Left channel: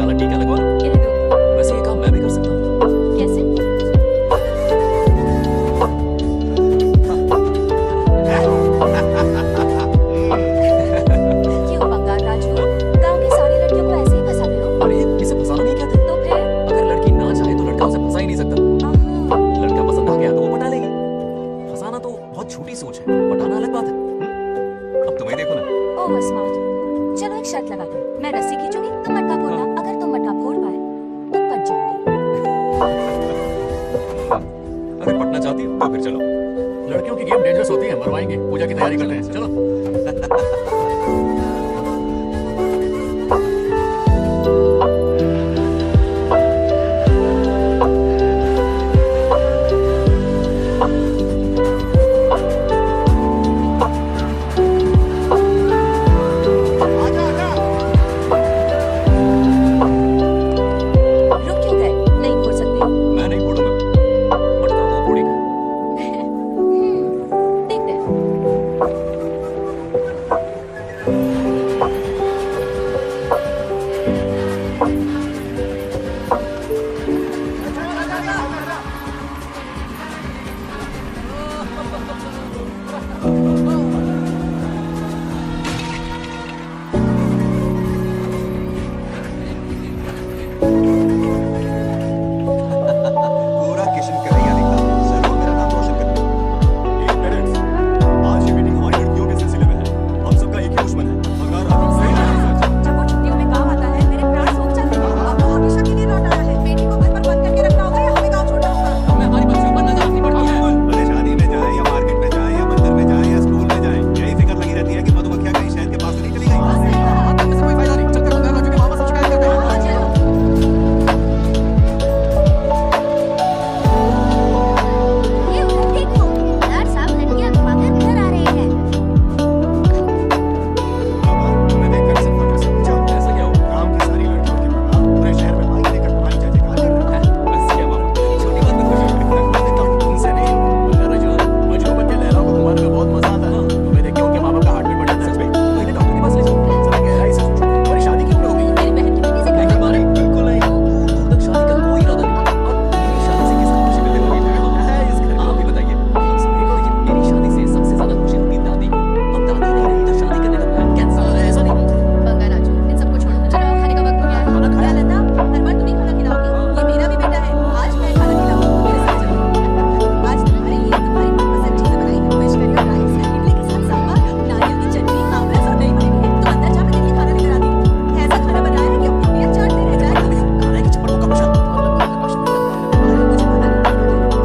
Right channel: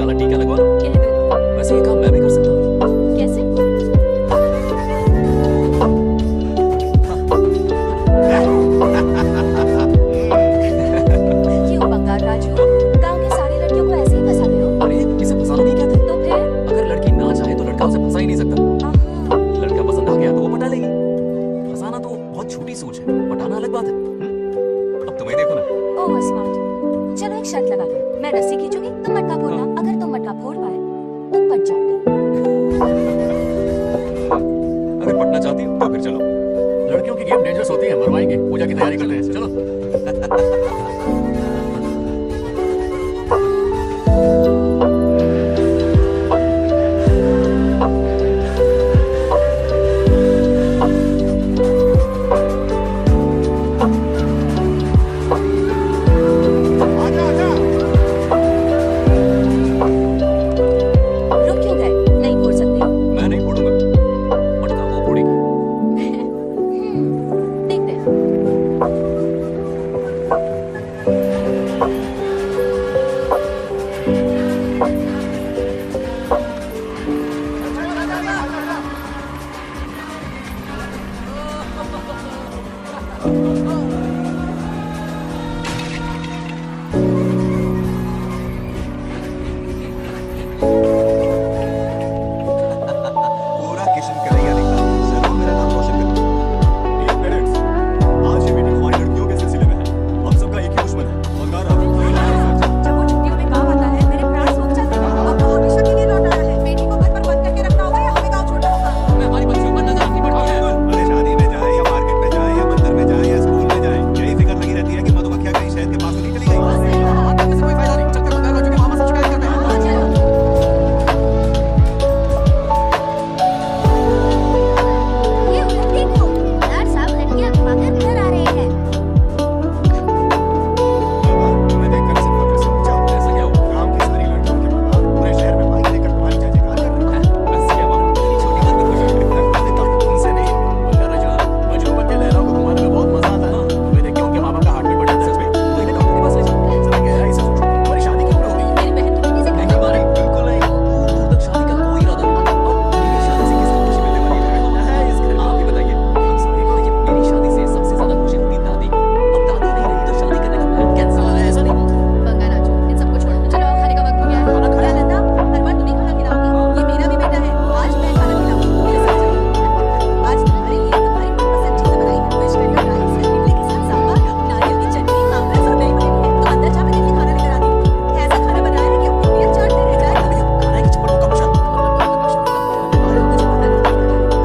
काला टीका लगवा लो। कह दूंगी। वैसे ये काम मैं भी कर सकता हूँ। कैसे? क्यों बंगाल राजू, गांव की सारी लड़कियों को ऐसे ही फंसाते हो? अरे इसे फंसाना नहीं कहते। तो फिर? अगर लड़की ना चाहे तो लड़का उसे फंसा ही नहीं सकता। आहा, लड़का पसंद आ गया तो वो पटा लेगी। फंसाना तो बहुत छोटी सोच है, पटाना अलग बात है। अब तुम्हें देखो ना। Over smart. चलो एक शर्त लगाते हैं, मैं रस्सी खींचूंगी, तुम मटका फोड़ना। अगर तुम मटका फोड़ पाए तो पट जाऊंगी। अगर पटना चाहती हो तो फिर चलो। लड़कियों की गेम डेंजरस होती है, मरवाएंगे। पूजा की तैयारी करते हैं, चलो। रुक क्यों गए? नहीं फोड़ सकते? मैं नहीं फोड़ूंगा, मटका वो फोड़ेगी। देखते हैं। पूरा किशन कन्हैया निकला। जरूर मेरा नाम रोशन कर। एक पेरेंट्स, आज ये मीटिंग हमारी लड़कियों के सिलसिले में है। हम सबका एक ही दुश्मन है, बंगाल राजू। जब वो छुट्टियों में गांव आता है, मेरे प्राण सूख जाते हैं। अब वो हमेशा के लिए लौट आया है। बेटी को घर पर बंद करके रखना होगा या हमें गांव छोड़ना होगा? मैं हमारी बच्चियों पर नजर रखनी पड़ती है। अरे शादी में जाए या मार्केट में जाए या मंदिर में जाए या स्कूल में जाए, यही फिक्र लगी रहती है कि मधुमक्खियां कहीं शहद के पास तो नहीं चली गई। बात करने से कोई फायदा नहीं। चलते बंगाल राजू के मामा से शिकायत करते हैं। हाँ, चलो। ये उधर देखो, यार सब लड़कियां घुमाकर घर आ रहे हैं। बाबा, तुम्हें देखकर सिर्फ फक्र से पूछा, ऐसा क्या हुआ? गांव की सारी लड़कियों के बाबा पूरे शहर में माइक लेकर तुम्हारी जय जयकार कर रहे हैं। बस क्या मानो, इतनी छोटी बात पे खुश हो गए। मैं खुद देखता हूं, तुमसे नहीं। बंगाल राजू, मजनू बन के लहराओं को घुमाने में बहुत मजा आता है। तुम्हें देख के उनके माँ बाप का हार्ट बीट बढ़ जाता है। सच में? तो इन्हें डॉक्टर के पास ले जाओ। जरा गहराई से सोचो, तुम्हारी शादी क्यों हो गई है? मेरी बहन की बेटी से नहीं माने, बिल्कुल नहीं। दूर दूर तक शादी का कोई इरादा नहीं। और मेरी शादी से किसको खुशी मिलने वाली है? है इस घर में। आप ही बताइए। हम सभी को। लेकिन मेरी शादी से सबसे ज्यादा खुशी होती दादी को। अब दादी नहीं रही तो शादी करने का प्लान कैंसिल। ऐसा नहीं। बंगाल राजू, इन सबको छोड़ो। चलो खाने का वक्त हो गया है। खाना क्या खाया? लता, हर बार तुम ही खाना खिलाओगी? ये मेरा भी बेटा है। आज मैं खाना खिलाऊंगी, तुम मेरे साथ चलो। आज तुम्हारे लिए तुम्हारी मनपसंद चीजें बनाई हैं। फिश करी और राइस, इडली के साथ सांभर, नारियल की चटनी, आमरस और दही बनी है। तो अंदर जा, मैं तेरे लिए खाना लेकर आती हूँ। ऐसा खाना बनाया है कि अपनी उंगलियां चाटते रह जाए। खाने की चप्पल को कब शर्त? अरे मुझे पता नहीं,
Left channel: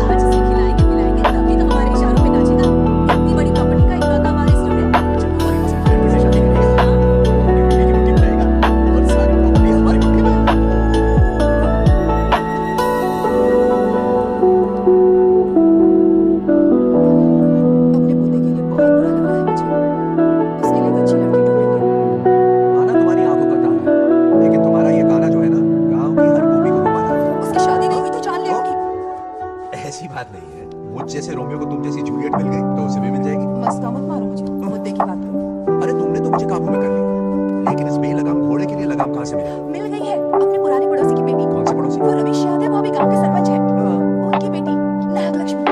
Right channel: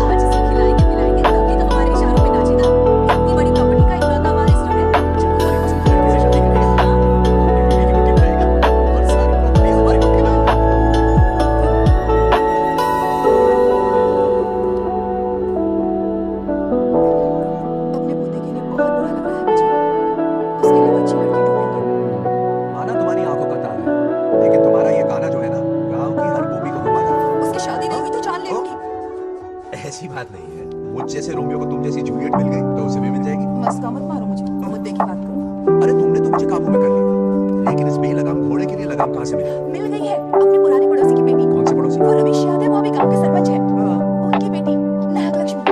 आज इसे खिलाएंगे पिलाएंगे तभी तो हमारे इशारों पे नाचेगा। इतनी बड़ी प्रॉपर्टी का इकलौता वारिस जो है। जब हमारी पसंद की लड़की से शादी करेगा, वो अपनी बीवी की मुट्ठी में रहेगा और सारी प्रॉपर्टी हमारी मुट्ठी में। अपने पोते के लिए बहुत बुरा लग रहा है मुझे। उसके लिए अच्छी लड़की ढूंढेंगे। माना तुम्हारी आंखों का ताना है, लेकिन तुम्हारा ये गाना जो है ना, गांव की हर गोपी को घुमाना है। उसकी शादी नहीं हुई तो जान ले होगी। ऐसी बात नहीं है। मुझ जैसे रोमियो को तुम जैसी जूलियट मिल गई तो उसे भी मिल जाएगी। मस्का मत मारो मुझे, मुद्दे की बात करो। अरे तुमने तो मुझे काबू में कर लिया, लेकिन इस बेलगाम घोड़े के लिए लगाम कहाँ से मिली? मिल गई है, अपने पुराने पड़ोसी की बेटी। कौन से पड़ोसी? वो रमेश यादव, वो अभी गांव के सरपंच है। हाँ। उनकी बेटी नागलक्ष्मी।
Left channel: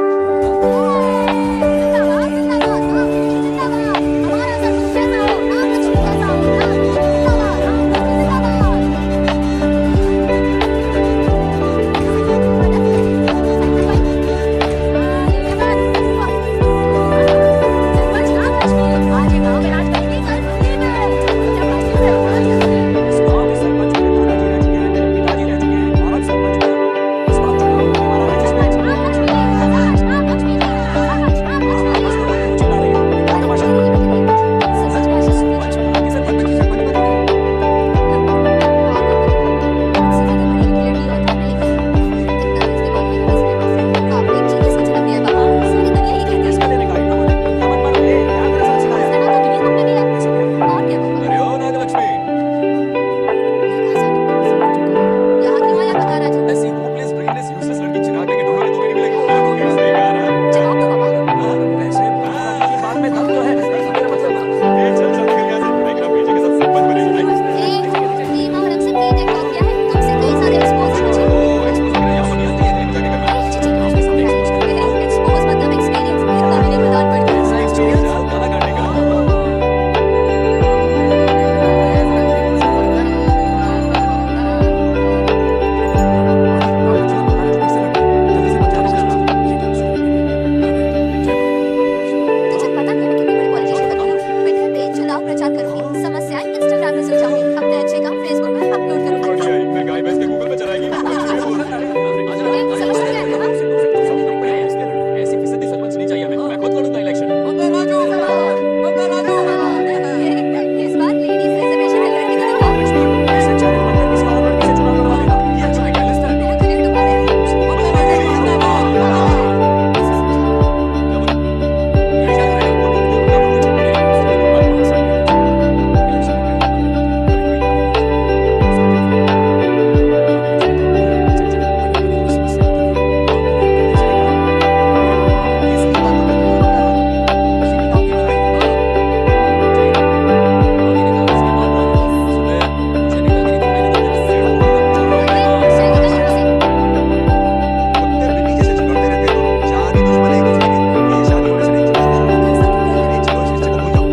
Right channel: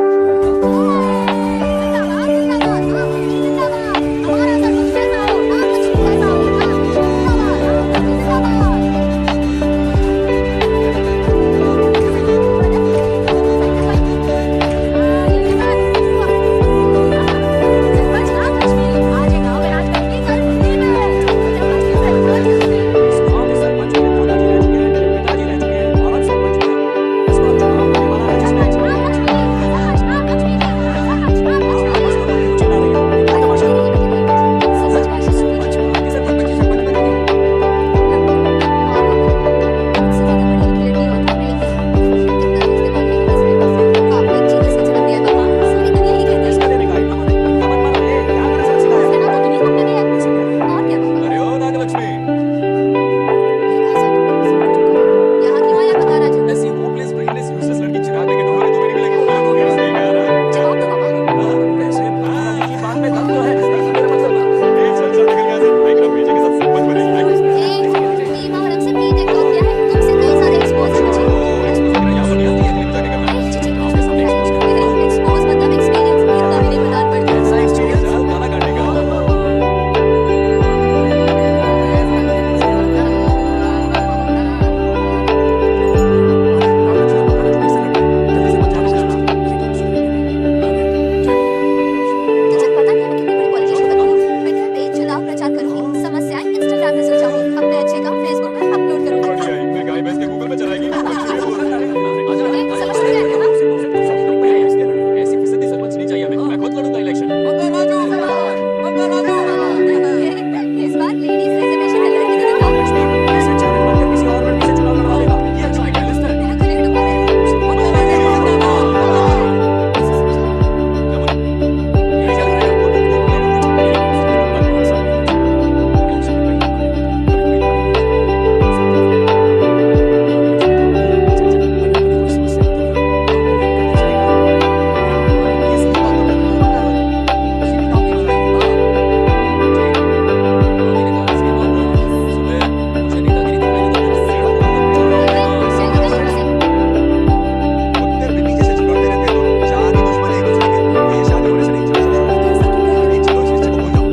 जिंदाबाद जिंदाबाद, नागलक्ष्मी जिंदाबाद। हमारा सरपंच कैसा हो, नागलक्ष्मी कैसा हो, नागलक्ष्मी जिंदाबाद, नागलक्ष्मी जिंदाबाद। सरपंच नागलक्ष्मी आज ये गांव में राज करेगी, कल दिल्ली में। जब राष्ट्रीय से उड़ान करती है। इस गांव के सरपंच मेरे दादाजी रह चुके हैं, मेरे पिताजी रह चुके हैं और अब सरपंच मैं। इस बार चुनाव होने वाला है जिसमें नागलक्ष्मी प्रचार करूंगी, समस्याएं इंस्टाग्राम में सुलझाऊंगी, अपने अच्छे काम फेसबुक पर अपलोड करूंगी। बढ़िया है, फिर गाय भैंस के गूगल पे चलाएगी। समझ रहे हैं ना? ऐसी फिसदी सरपंच नहीं चाहिए हमें। मैं खुद लड़ूंगा इलेक्शन। इस बार लेडीज रिजर्वेशन में लड़की को दिखाओ। ऐसे चैलेंज बनकर किसी और लड़की से चुनाव लड़वा देगा। ये अच्छा आइडिया लिस्ट है। मेरा करियर डुबा रहे हैं। इसे समझाओ। क्या बोले? ये क्या करेगा? हर 5 साल में इलेक्शन में कहीं खड़े होते हैं, कभी-कभी लड़ाई हो जाती है। चल, अगर कभी कोई समस्या आती है, करते जाएगा। ये सही बात तो कर रहे हैं किसी भी काम की लड़ाई। ठीक है। मोदी ने कहा इसलिए मान रहा हूँ। सुबह मुझे नेतागिरी दिखाई दे तो मेरा सिर फोड़ूंगा। कुत्ते बिल्ली जैसे झगड़ते रहते हैं दोनों। जानी दुश्मन है एक दूसरे के। ये शादी होने से नहीं चल सकता। ऐसा क्यों कह रहे अरे चलो इस रिश्ते को भूल जाओ।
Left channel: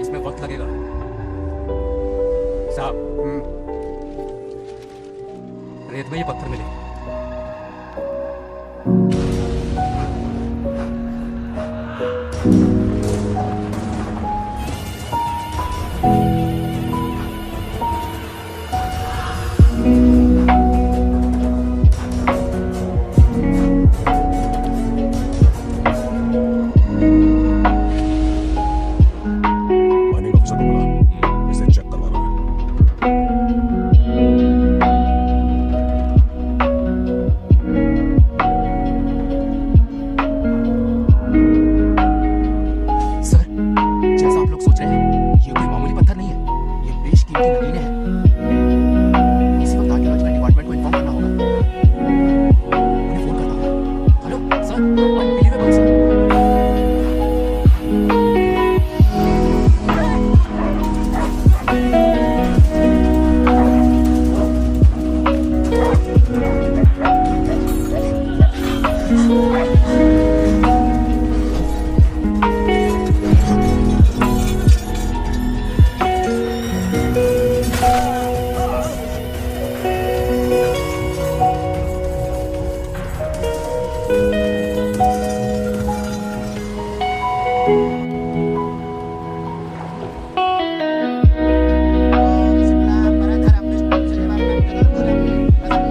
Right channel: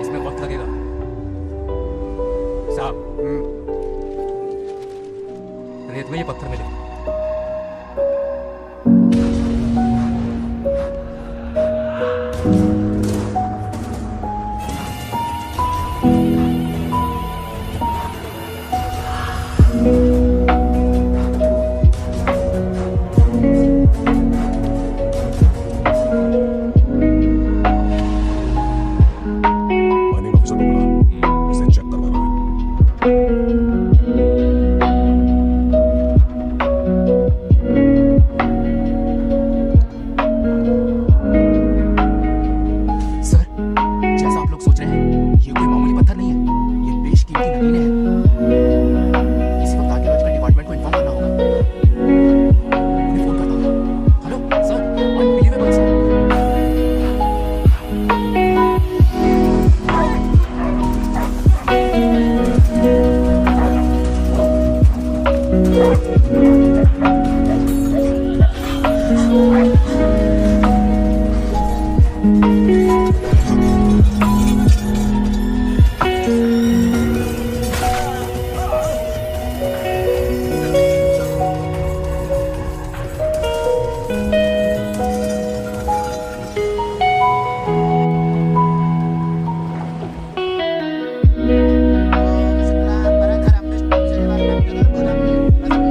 इसमें वक्त लगेगा साहब। रेत में ये पत्थर मिले। माइनिंग ऑफिसर को बुला, इसे चेक करवाना है। सर, जैसा आप लोग सोच रहे हैं, ये कोई मामूली पत्थर नहीं है। ये बेशकीमती नगीने हैं। इसी वक्त आर्कियोलॉजिकल डिपार्टमेंट को इन्फॉर्म करना होगा। उन्हें फोन करता हूँ। Hello sir, unbelievable sir.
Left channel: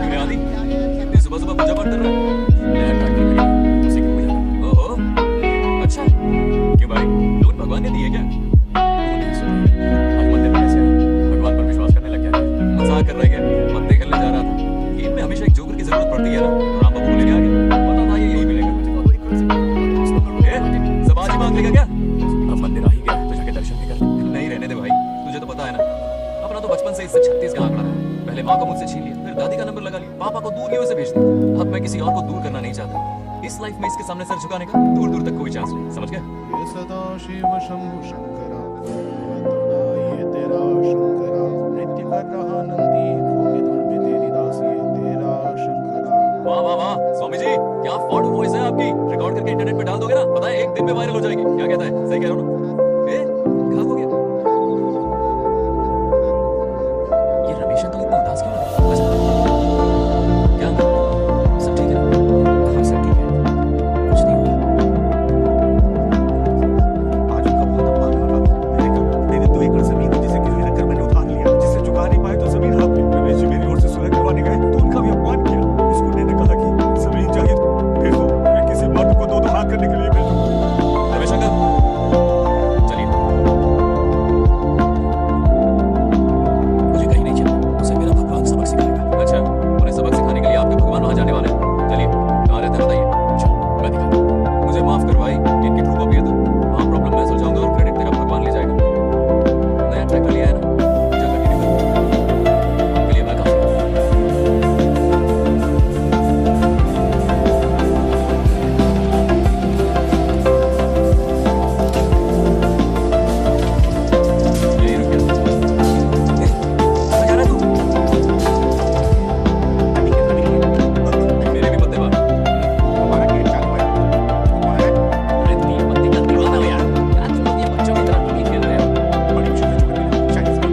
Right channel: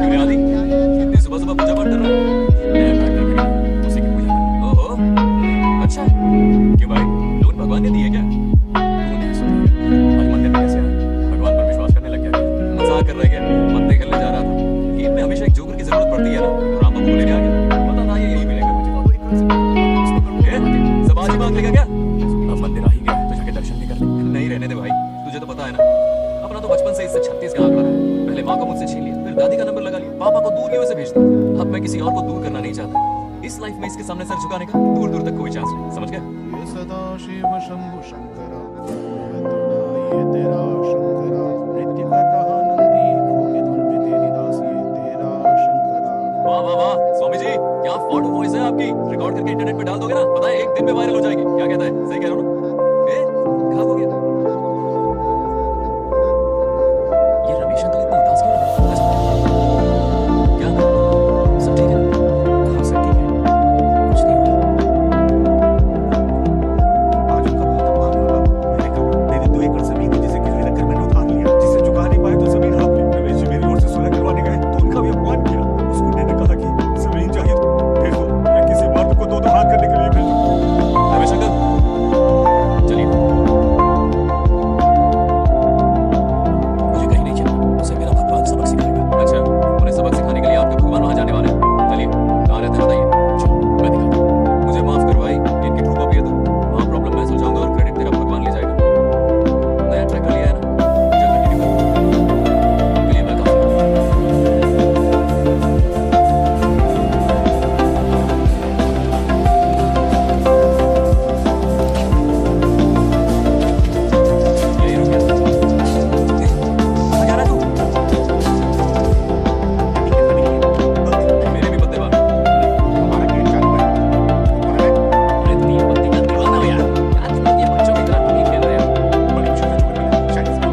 अरे आदि, इतनी सुबह सुबह पूजा पाठ कर रहा है। नया ट्रैक्टर खरीदा, उसी की पूजा कर। ओहो, अच्छा है। क्यों भाई, लोन भगवान ने दिए क्या? तू नहीं सुन। आज मंदिर में कैसे आया? भगवान पर विश्वास करने लग गया क्या? मजाक कर रहा है क्या? पत्ते खेलने जा रहा था। गेम में हमेशा एक जोकर की जरूरत पड़ती है ना, तो राम बाबू को लेने आ गया। पता था ये यही मिलेगा मुझे। सब आज ही मांग लेगा क्या? अब मंदिर आ ही गया तो जाके दर्शन भी कर ले। नहीं रहने दे भाई, तुझे तो पता है ना, अपना तो बचपन से इससे 36 का आंकड़ा रहा है। पहले माँ को मुझसे छीन लिया, फिर दादी का नंबर लगा लिया, पापा को दूर से भेज दिया। अब मैं किसी और को दूर करना नहीं चाहता। इस लाइफ में इसके सामने सर झुकाने का दूर दूर तक कोई चांस नहीं। समझ गए? ये सदा शिव शंभु शंकरा, ये तो ना ये तेरा शंकरा, नृत्य कर रहा नंदी, खोके धुन में तेरी दास, ये तेरा शंकरा। वाह वाह वाह, स्वामी जी क्या फाड़ू वॉइस है आपकी। रिकॉर्ड करके इंटरनेट पे डाल दोगे ना, पता है 1 दिन में वायरल हो जाएगी। क्या कहता है? सही कह रहा हूँ ना? ए, कहाँ हो गया? ये रमेश अंकल इतना उदास क्यों लग रहा है? अच्छा, क्या अंकल, सब ठीक है ना? हाँ सब ठीक है, कुछ नहीं हुआ। आज उनका बहुत अपमान हुआ बाबू। मैंने कहा मेरे 2 एकड़ जमीन है जिसे गिरवी रखकर मैंने उधार लिया, जिसे चुका नहीं पाए तो जमीन हाँप ली। रमेश जी मेरी ओर से सुलह करवाने गए तो उनका भी अपमान किया। उस गुंडे ने कहा कि जमीन चाहिए तो भेज दो, या किसी मर्द को 2 हाथ करने के लिए भेजो। रमेश अंकल चलिए। मुझे कहीं नहीं चलना, उसे मेरा भगवान सबक सिखाएगा। अच्छा, उन्हें सबक सिखाने के लिए आपके भगवान वहां जाने वाले हैं। चलिए, कहाँ रहते हैं बताइए। चल मैं दिखाता हूँ। मुझे माफ कर भाई, इनकी ट्रू कॉपी है तो वहाँ प्रॉब्लम मैं सुलझाऊंगा और क्रेडिट तेरा भगवान ले जाएगा। नया ट्रैक्टर लिया है ना, पूजा कंटिन्यू कर। उनके लिए मैं काफी हूँ। यही रुक गया। ए, कहाँ जा रहा है तू? तभी नहीं है। मेरे भी पत्ते बाहर। हमारा गेट चालू है, वो कौन है? अरे 3 पत्ती का दीवाना हो यार। क्या तुम लोग ये बच्चों की तरह रमी खेल रहे हो? बड़ी मुश्किल से जोकर मिला है, शायद इस बार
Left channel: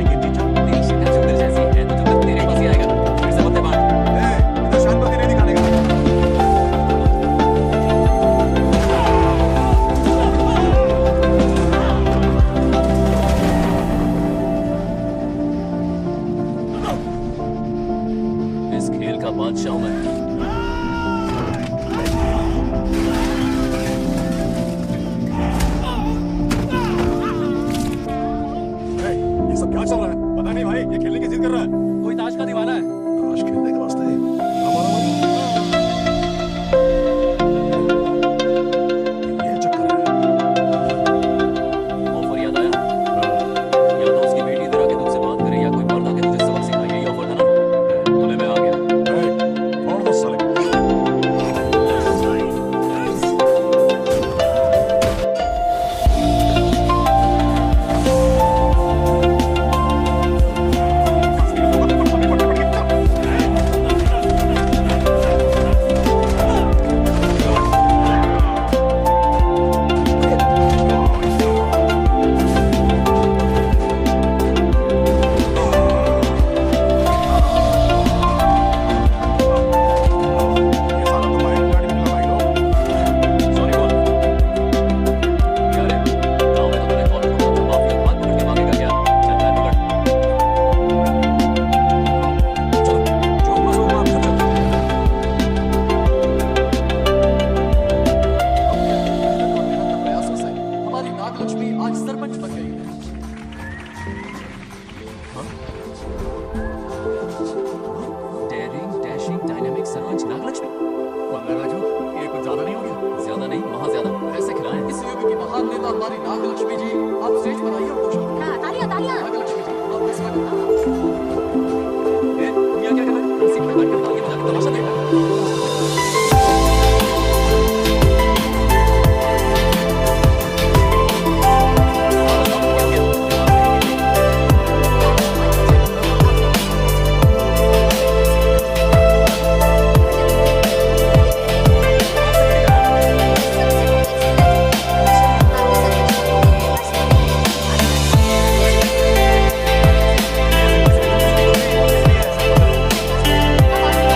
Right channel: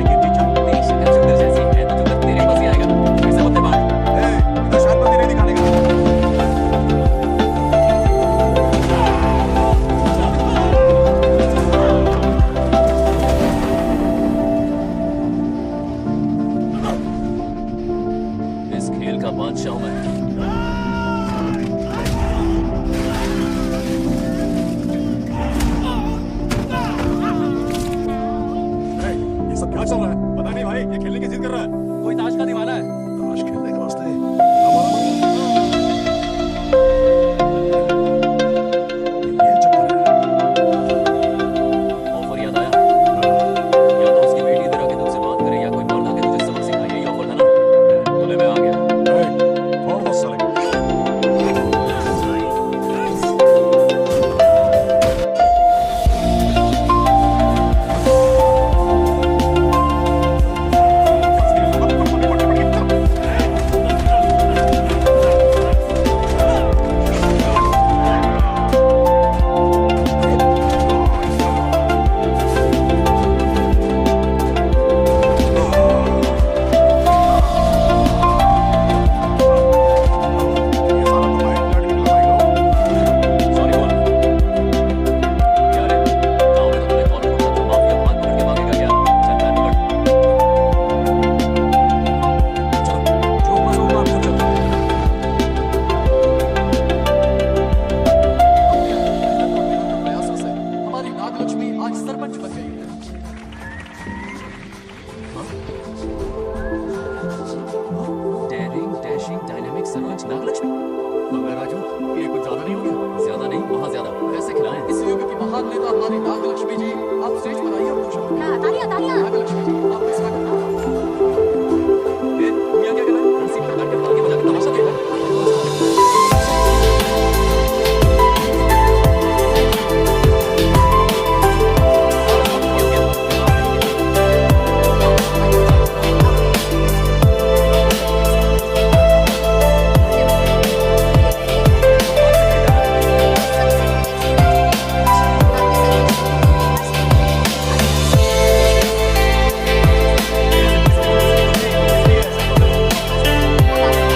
जाऊं मैं? ए, ये सब क्या चल रहा है? पता नहीं भाई, ये खेलने की जिद कर रहा है। कोई ताश का दीवाना है। ताश खेलने के वास्ते हमारा मारी ये चक्कर है। ऑफर याद आया? या तो उसकी बेटी इधर आके तुझसे बात करे या कोई मर्द आके तुझे सबक सिखाए, यही ऑफर था ना? तो ले मैं आ गया। ए, छोड़ दो साले को। ये साला तो माइक खिलाड़ी निकला भाई लोग। सॉरी बोल। क्या रे, गाँव में तो तूने कॉलर पकड़ा था, माफिया हाथ पकड़ के मांगेगा क्या? चल पैर पकड़। चलो, जो हुआ सो हुआ, घर चलो। अपनी अथक मेहनत और निरंतर प्रयासों से हमारी नागलक्ष्मी आज सरपंच बन गई है। Daring, dashing, dynamic sarpanch Nagalakshmi. Raju, ये कुछ ज्यादा नहीं हो गया? ज्यादा नहीं, वहाँ ज्यादा। पैसे खिलाएं। इस युग की महान नेता हमारी नागलक्ष्मी जी, आप स्टेज पर आइए और दो शब्द कहिए। हाँ, तालियां तालियां। नागलक्ष्मी जी, आपका स्वागत है। ए, तू यहाँ क्या कर रहा है? कुर्सी पर बैठ कर तालियां बजा के तमाशा देख रहा है? सबसे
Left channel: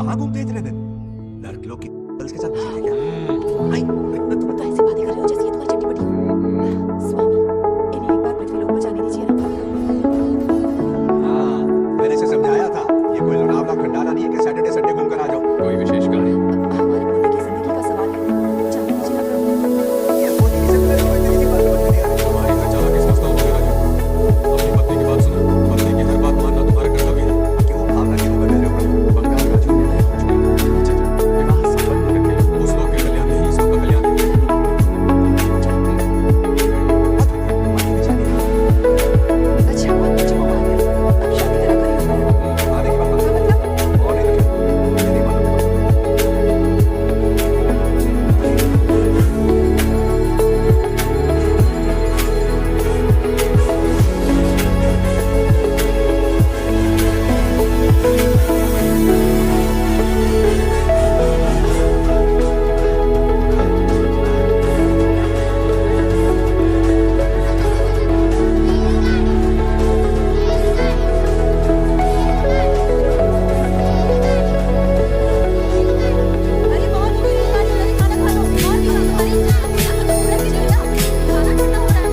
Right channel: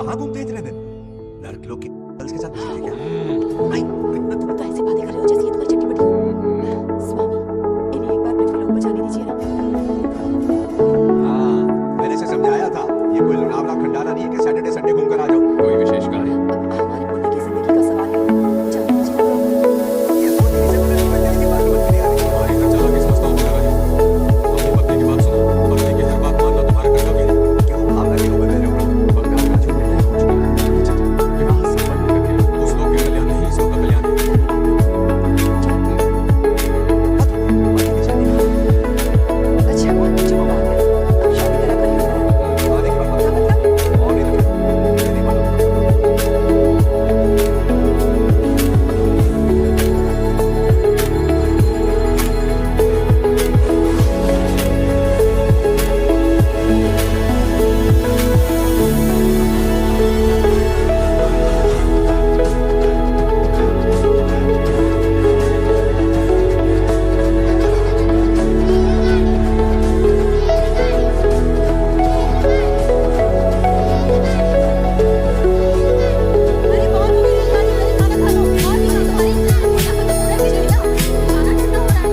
कहाँ घूमते इतने दिन? लड़के लोग के गर्ल्स के साथ बिजी थे क्या? तुम तो ऐसी बातें कर रहे हो जैसे ये तुम्हारी चट्टी बटी हो। स्वामी, इन्हें एक बार पृथ्वी लोक पर जाने दीजिए ना। हाँ, मैंने इसे समझाया था। ये कोई लोनावला खंडाला नहीं है कि सैटरडे संडे घूम कर आ जाओ। कोई विशेष कार्य? हमारे पोते की जिंदगी का सवाल है, जाने दीजिए ना प्रभु। ये पोती भी से बोले तो इतनी सी बात समझ में नहीं आ रही। तुम्हारी हर चालाकी समझता हूँ मगर राजू, अपनी पत्नी की बात सुनो। पत्नी की हर बात मानना तुम्हारा कर्तव्य है। क्यों भावना के रूप में बह रहे हो प्रभु? बंगाल राजू निर्णय हो चुका है। नीचे जाओ, विवाह संपन्न करके लो। उस लोग के कल्याण नहीं, इस लोग का कल्याण है। बात हो गई, बाकी भी चली गई। अच्छा हुआ जो वो मान गए। अब शादी करा कर ही ऊपर आए। आने की बात मत क्या करो। मतलब? और नहीं तो क्या? मुझे नहीं मालूम कब करोगे। अरे बहुत हो गई रेलगाड़ी, पहले खाना खा लो। और भी काम तुम्हारे खाना खत्म हो रहा है कि नहीं? खाना ठंडा हो रहा है।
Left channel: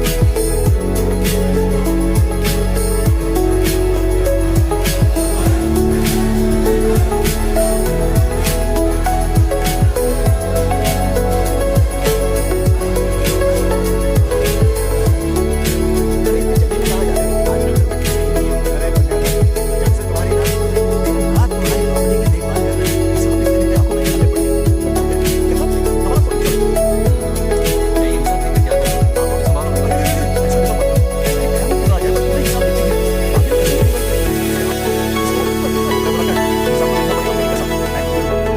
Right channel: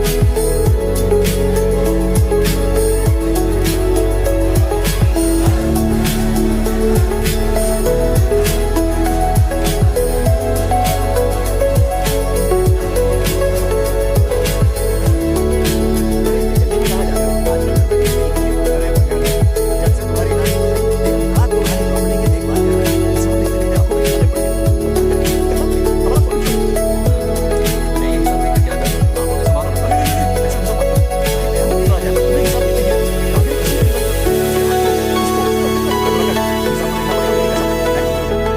अरे इतनी जल्दी में कहाँ जा रहे हो? आजकल घर में किसी नहीं है। अरे बंगाल है, जब से तुम्हारी नानी दिन रात तुम्हारी प्रॉपर्टी की देखभाल कर रही है, हिसाब लिखते लिखते आंखों में छाले पड़ गए। बता करके करना पड़ेगा। हमारा फोन छोड़ो। मैं ये हिसाब देकर क्या करूँ? आप लोग ही संभालो ना। अरे ऐसा हिसाब मत करो। अरे मैं क्यों आ जाए पर तुम्हें हिसाब देते हैं। बाकी ने कसम खिलाई है। इसे आपको इसको बराबर कर हिसाब तो देखना पड़ेगा। मेरी कसम मैं कुछ नहीं जानता।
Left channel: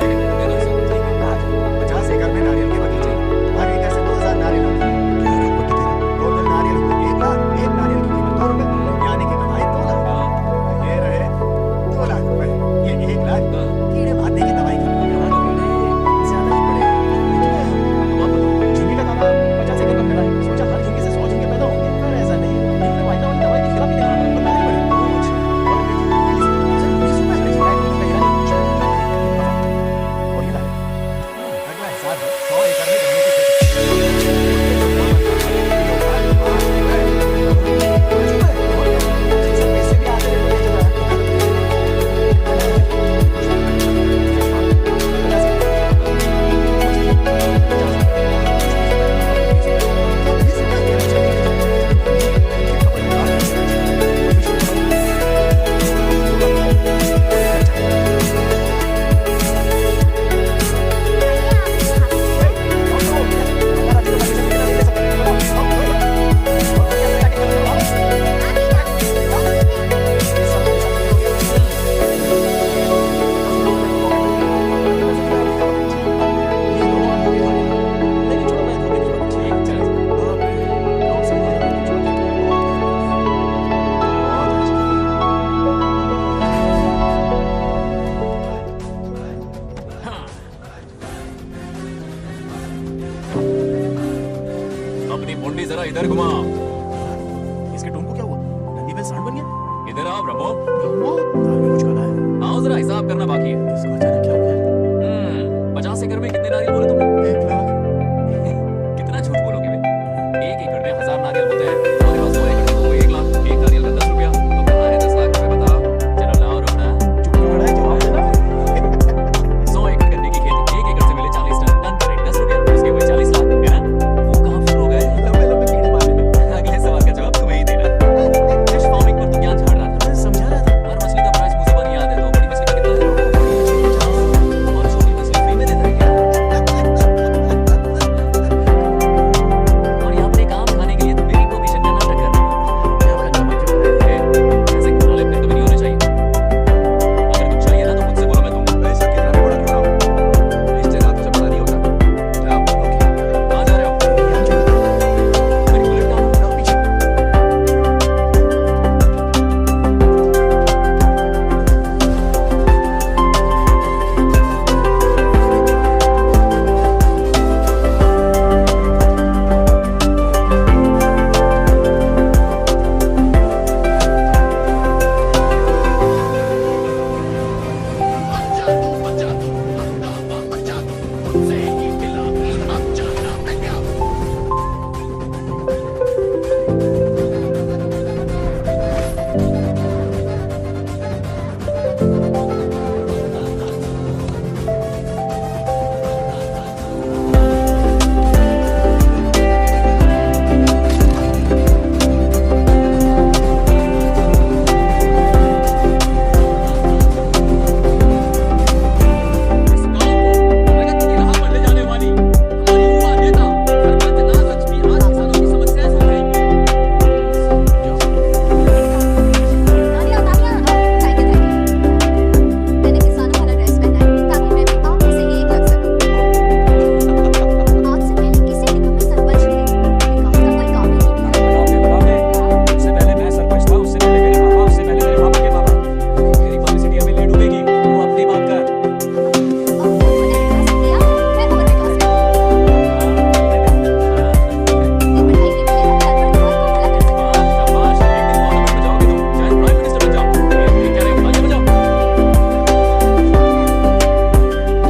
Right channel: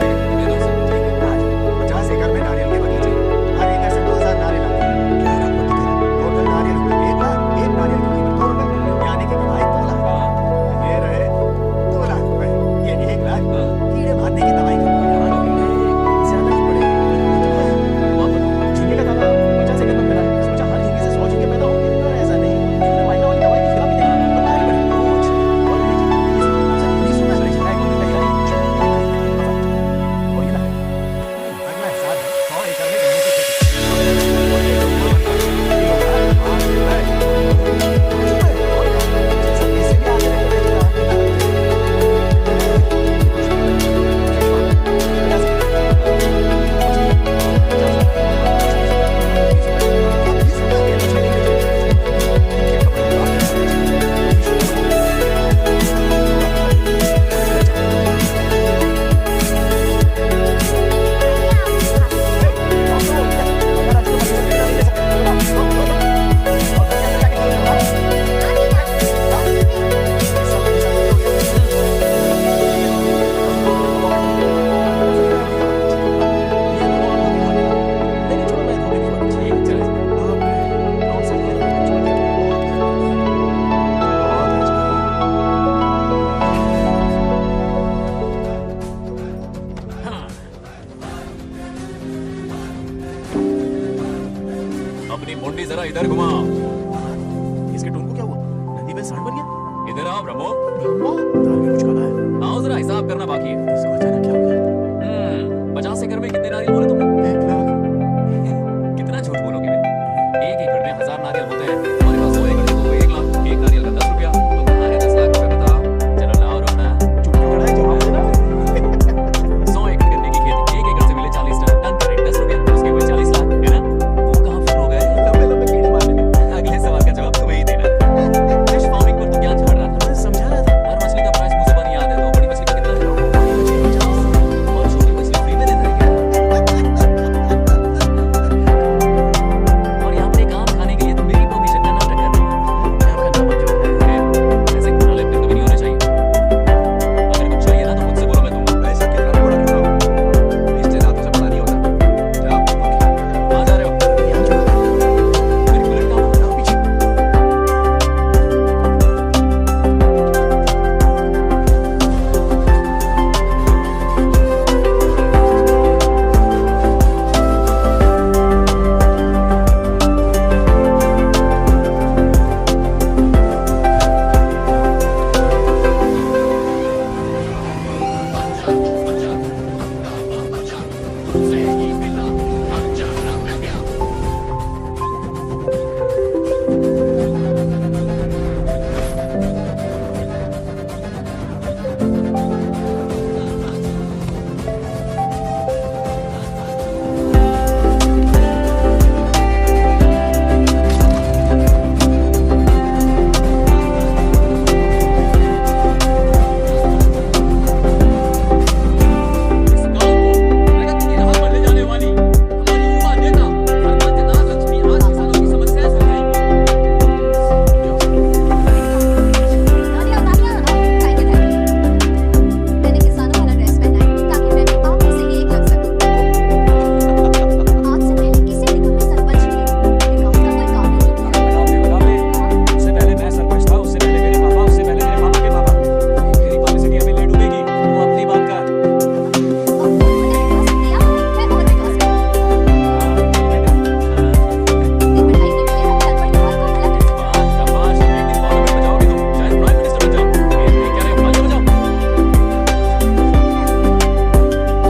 ठीक है, दे दो हिसाब। ठीक है, आ जाओ। 50 एकड़ में नारियल के बगीचे, हर एकड़ से 2000 नारियल आते हैं। क्या रात पट्टी दे रहा? टोटल नारियल हुए 1 लाख। एक नारियल की कीमत 2 रुपए, यानी कि कमाई 2 लाख। हाँ, ये रहे 2 लाख रुपए। ये 1 लाख हाँ। कीड़े मारने की दवाई की। यहाँ कीड़े ज्यादा ही पड़े हैं। अब आप बताओ। झींगे का तालाब 50 एकड़ में फैला है। सोचा हर झींगे से 100 झींगे पैदा होंगे, पर ऐसा नहीं हुआ। इन्होंने वाइना वाली दवाई भी खिला के देखी, पर मारा ही बढ़ी। ओह अच्छा। और ये जी 20 रुपए, सिर्फ 20 रुपए। अरे झींगा एक महीने का हीरा नहीं। चलो क्या करें, करिए मुनाफा। और ये ला ले। अगला हिसाब है 100 एकड़ में गन्ने की खेती। उससे जो गुड़ बनता है, किलो का 5 रुपए। 5 रुपए और क्या? ये सब पैसे भी आधे रेट में बेच रहा है। कितना लगते हैं? फिश फार्म 50 मछलियाँ 50 रुपए। 20 रुपए, और 20 रुपए। क्या 20 रुपए? ये मछली नहीं बेच रहे। इनके कपड़े उतार के तो फिश की कमाई 2 लाख रुपए और ये खर्चा। आइए आप खाते हैं। लो तो क्या? अगर आज के परमिशन के बिना नहीं ले सकते। लो लो लो। और घर के अंदर जाके खर्च करो भागो। अभी ना खाते हैं। 20 साल का हिसाब क्लियर हो गया। ठीक है, 50 रुपए का मौके मिल गए। बाकी पैसे की मैं क्या ठीक है। ये दोनों हम धोखे खा लेना। नहीं छोड़ो, मैं धोखे भी मत। ठीक है, चले। बाप रे, गाँव से हमारा तो छोड़ के बहुत अच्छी बात है। अपनी मुंडी जरा इधर घुमा। इसके टोन को क्या हुआ? नंदी बैल सांड बन गया? इधर आओ ब्रह्मो। ब्रह्मो, दाल में कुछ काला है। आओ जरा हिसाब करना बाकी है। इसको अचानक क्या हो गया? 50 एकड़ में कितने नारियल बोले तुमने? 1 लाख। कितना झूठ बोलोगे बे? 1 एकड़ में 1000 नारियल होते हैं। हमारे पास 100 एकड़ के तो हुए 1 लाख। एक नारियल का 10 रुपया। तो कहाँ है 10 लाख रुपए बताओ? चलो लाओ रोकड़ा। चुप क्यों खड़ा है? जवाब देना। 100 एकड़ गन्ने की खेती, 1 एकड़ से मिले 40 टन। टन का रेट 10 रुपया, उसके हुए 40 लाख, है ना? वो कहाँ फिर हो गए? लंबे लंबे कीड़े मारने में। अगले सवाल का जवाब तुम्हें ही देना। फिश फार्मिंग पर तू ज्ञान झाड़ रहा था। मैं समझा रहा था। हर मछली का प्राइस मुझे बनी याद है, तो बड़ी मछली का कितना है? बड़ी मछली 50। और छोटी मछली फ्री में देता है क्या? और यहाँ पर एक आम खाने के लिए तुम मेरी परमिशन का नाटक कर रहे हो। हमने आपका नमक जो खाया है, इस गांव को प्रगति की राह पर ले जाने वाली हमारी युवा नेता सरपंच नागलक्ष्मी आज किसानों की समस्याएं सुलझाएंगी। तालियां तालियां थैंक यू मैंने किसानों वाला ड्रेस पहना है ताकि मैं भी आप में से ही एक लग सकूं आज से पहले किसी निगम में सरपंच नहीं विकास का कोई काम ही नहीं किया लगा ले उससे पहले मैं सरपंच था, उससे पहले मेरे पापा, उससे पहले मेरे पापा के पापा। मेरी पब्लिसिटी हमें ले डूबेगी, तू अपनी बात कर। अब उन्होंने विकास किया मैं और विकास करूं अपनी पढ़ाई की वजह से घर पर दुआर को भला कर सकूं शाबाश, एक दिन पार्लियामेंट में जाओगे तुम, शायद प्राइम मिनिस्टर बन जाओ। ये क्या रहे हो, आगे बजाओ।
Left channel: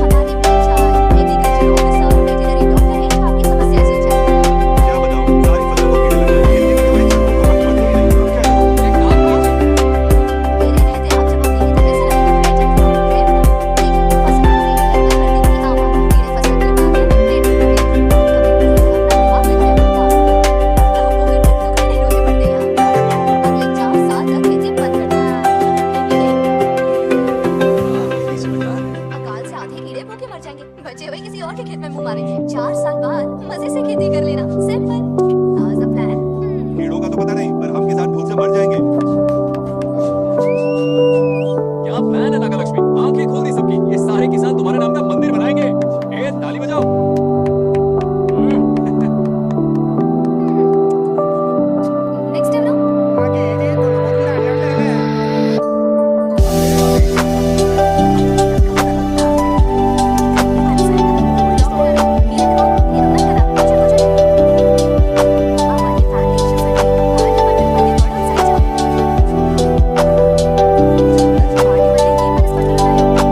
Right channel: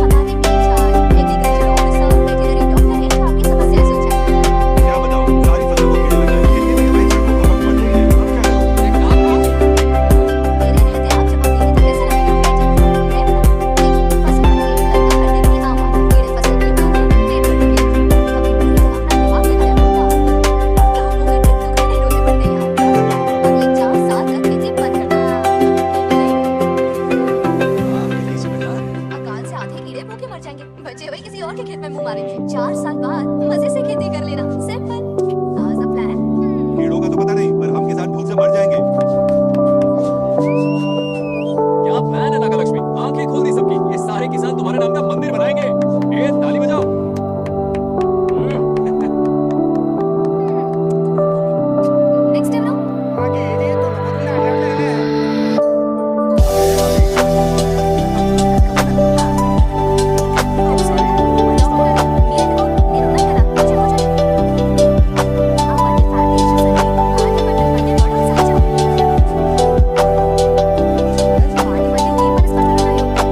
हमारे बीच आज एग्रीकल्चर ऑफिसर वेटरनरी डॉक्टर हैं जो आपकी समस्याएं सुलझाएंगे क्या बताऊं, सारी फसलों को कीड़े लगे हैं। कितनी भी दवाई छिड़को, कवक मरते ही नहीं। अब क्या करूं? एक काम कीजिए, मेरे रहते आप जवाब देंगे तो कैसा लगेगा बैठ जाइए मैं बता देखिए फसल पर कीड़े लगना हर दिन की आम बात है कीड़े फसल की खाते हैं पेट पर लगे कभी भी अगर अपना दिमाग लगाया होता तो वो फिर दुख नहीं रोने पड़ते यार करना होगा। अगले 4 साल तक खेती बंद करना खेती नहीं हाँ, खेती समझदार है। अकाल से आधे कीड़े भूखे मर जाएंगे बचे हुए किसी और के खेत में मुंह मारेंगे 4 साल बाद मजे से खेती कर लेना सिंपल हाउ द प्लान कीड़ों का तो पता नहीं, पर हम किसान भूख से मर जाएंगे। क्या प्लान है नागलक्ष्मी? आंखें खोल दी सबकी, ये सारे किसान तुम्हारे नाम का मंदिर बनाएंगे। ए ताली बजाओ। नेक्स्ट टाइम नो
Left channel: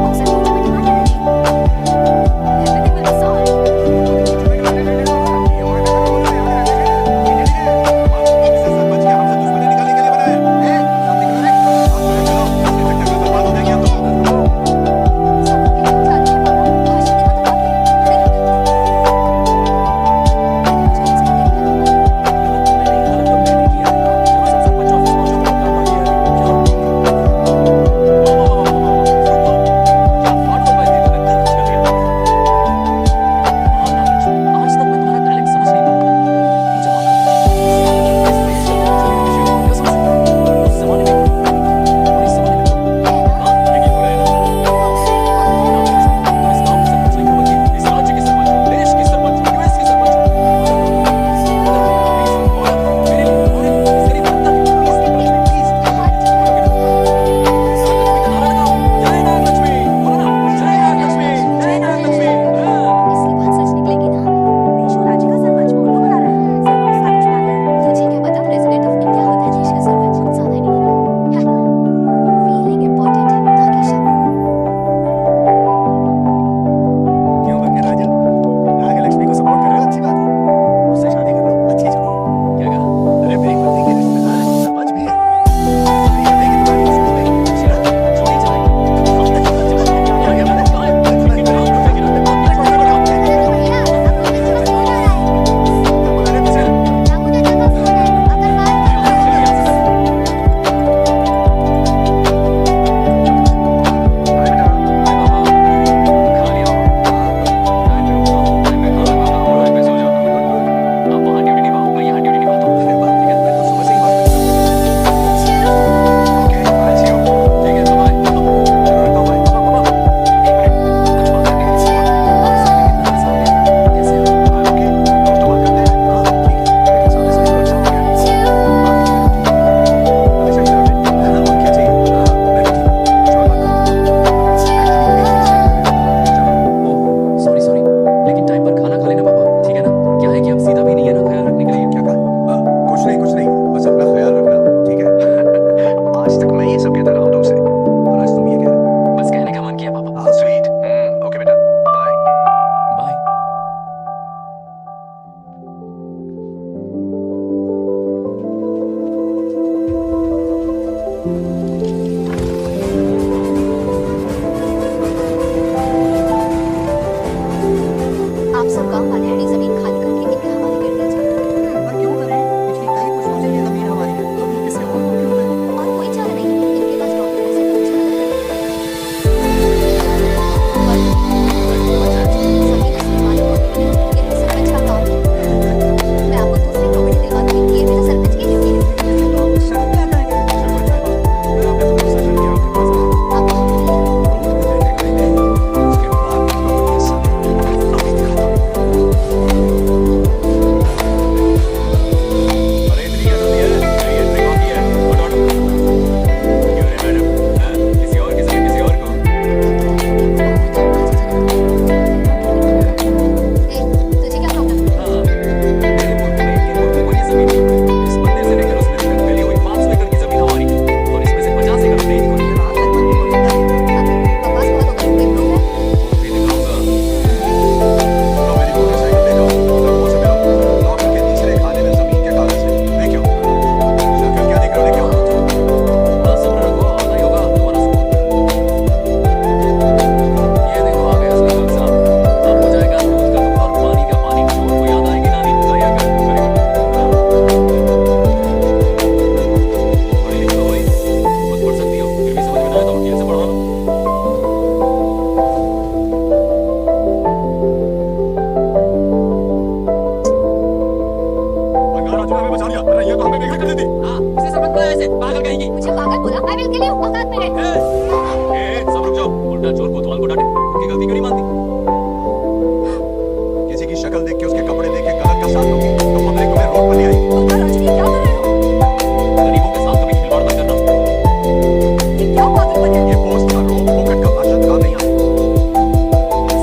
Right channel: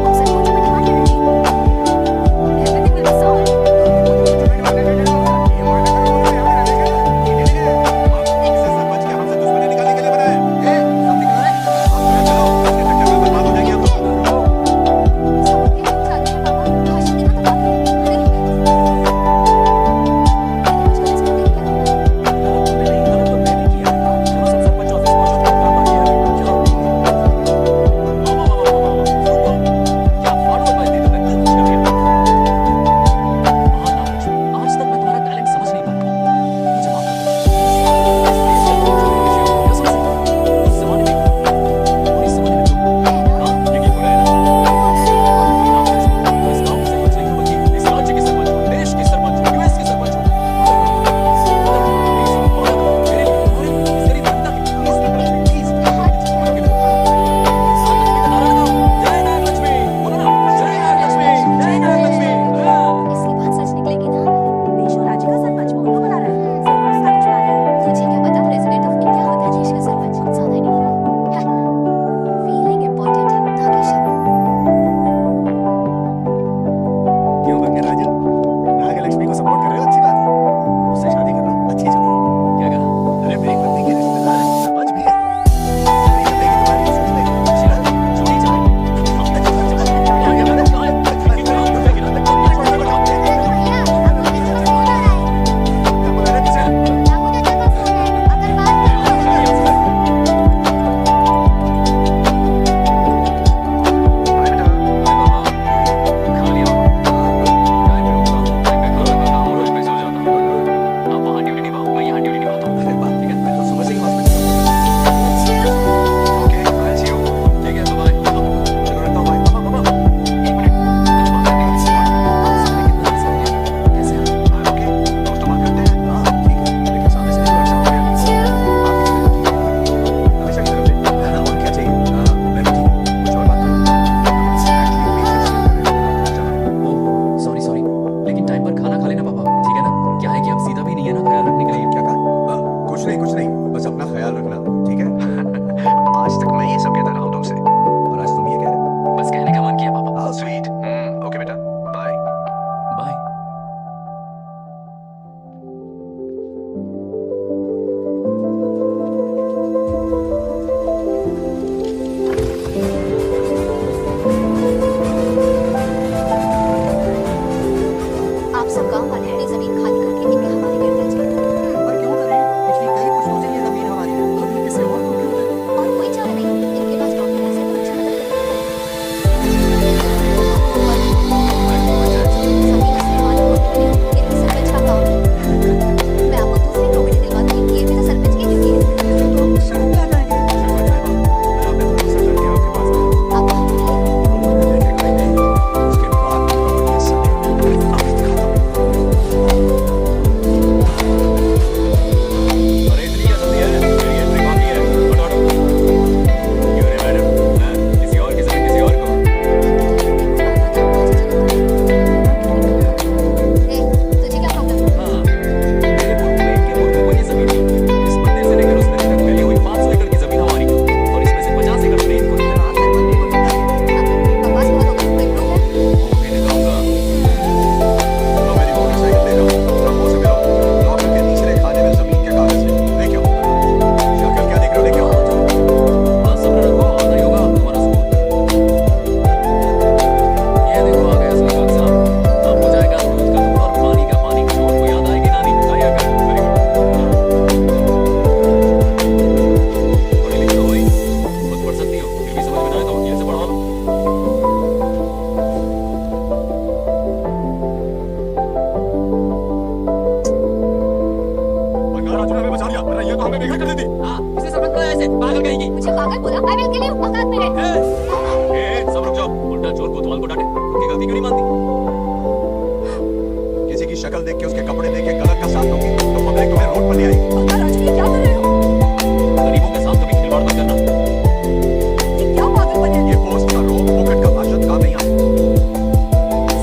ఒకసారి रही है तो हमें बेघर कर देती। हाँ, इसे सरपंच बनाया ऐसे पागल कहेगी। मुझे पागल बोला, आई विल किल यू, औकात में रहे। सब रुक जाओ। उल्टा चोर कोतवाल को डांटे, खुद की गलती क्यों नहीं मानती? किसी की शक्ल देख के, उसके कपड़े देख के गलत का साथ दोगी तो पब्लिक तुम्हें रोड पर ले आएगी। पक्का राजू, ये क्या कर रहे हो? गरीबों के साथ कभी खिलवाड़ मत करना। ये क्या पागलपन है? ये पोस्ट का रोब फोकट का भाषण काम नहीं आए।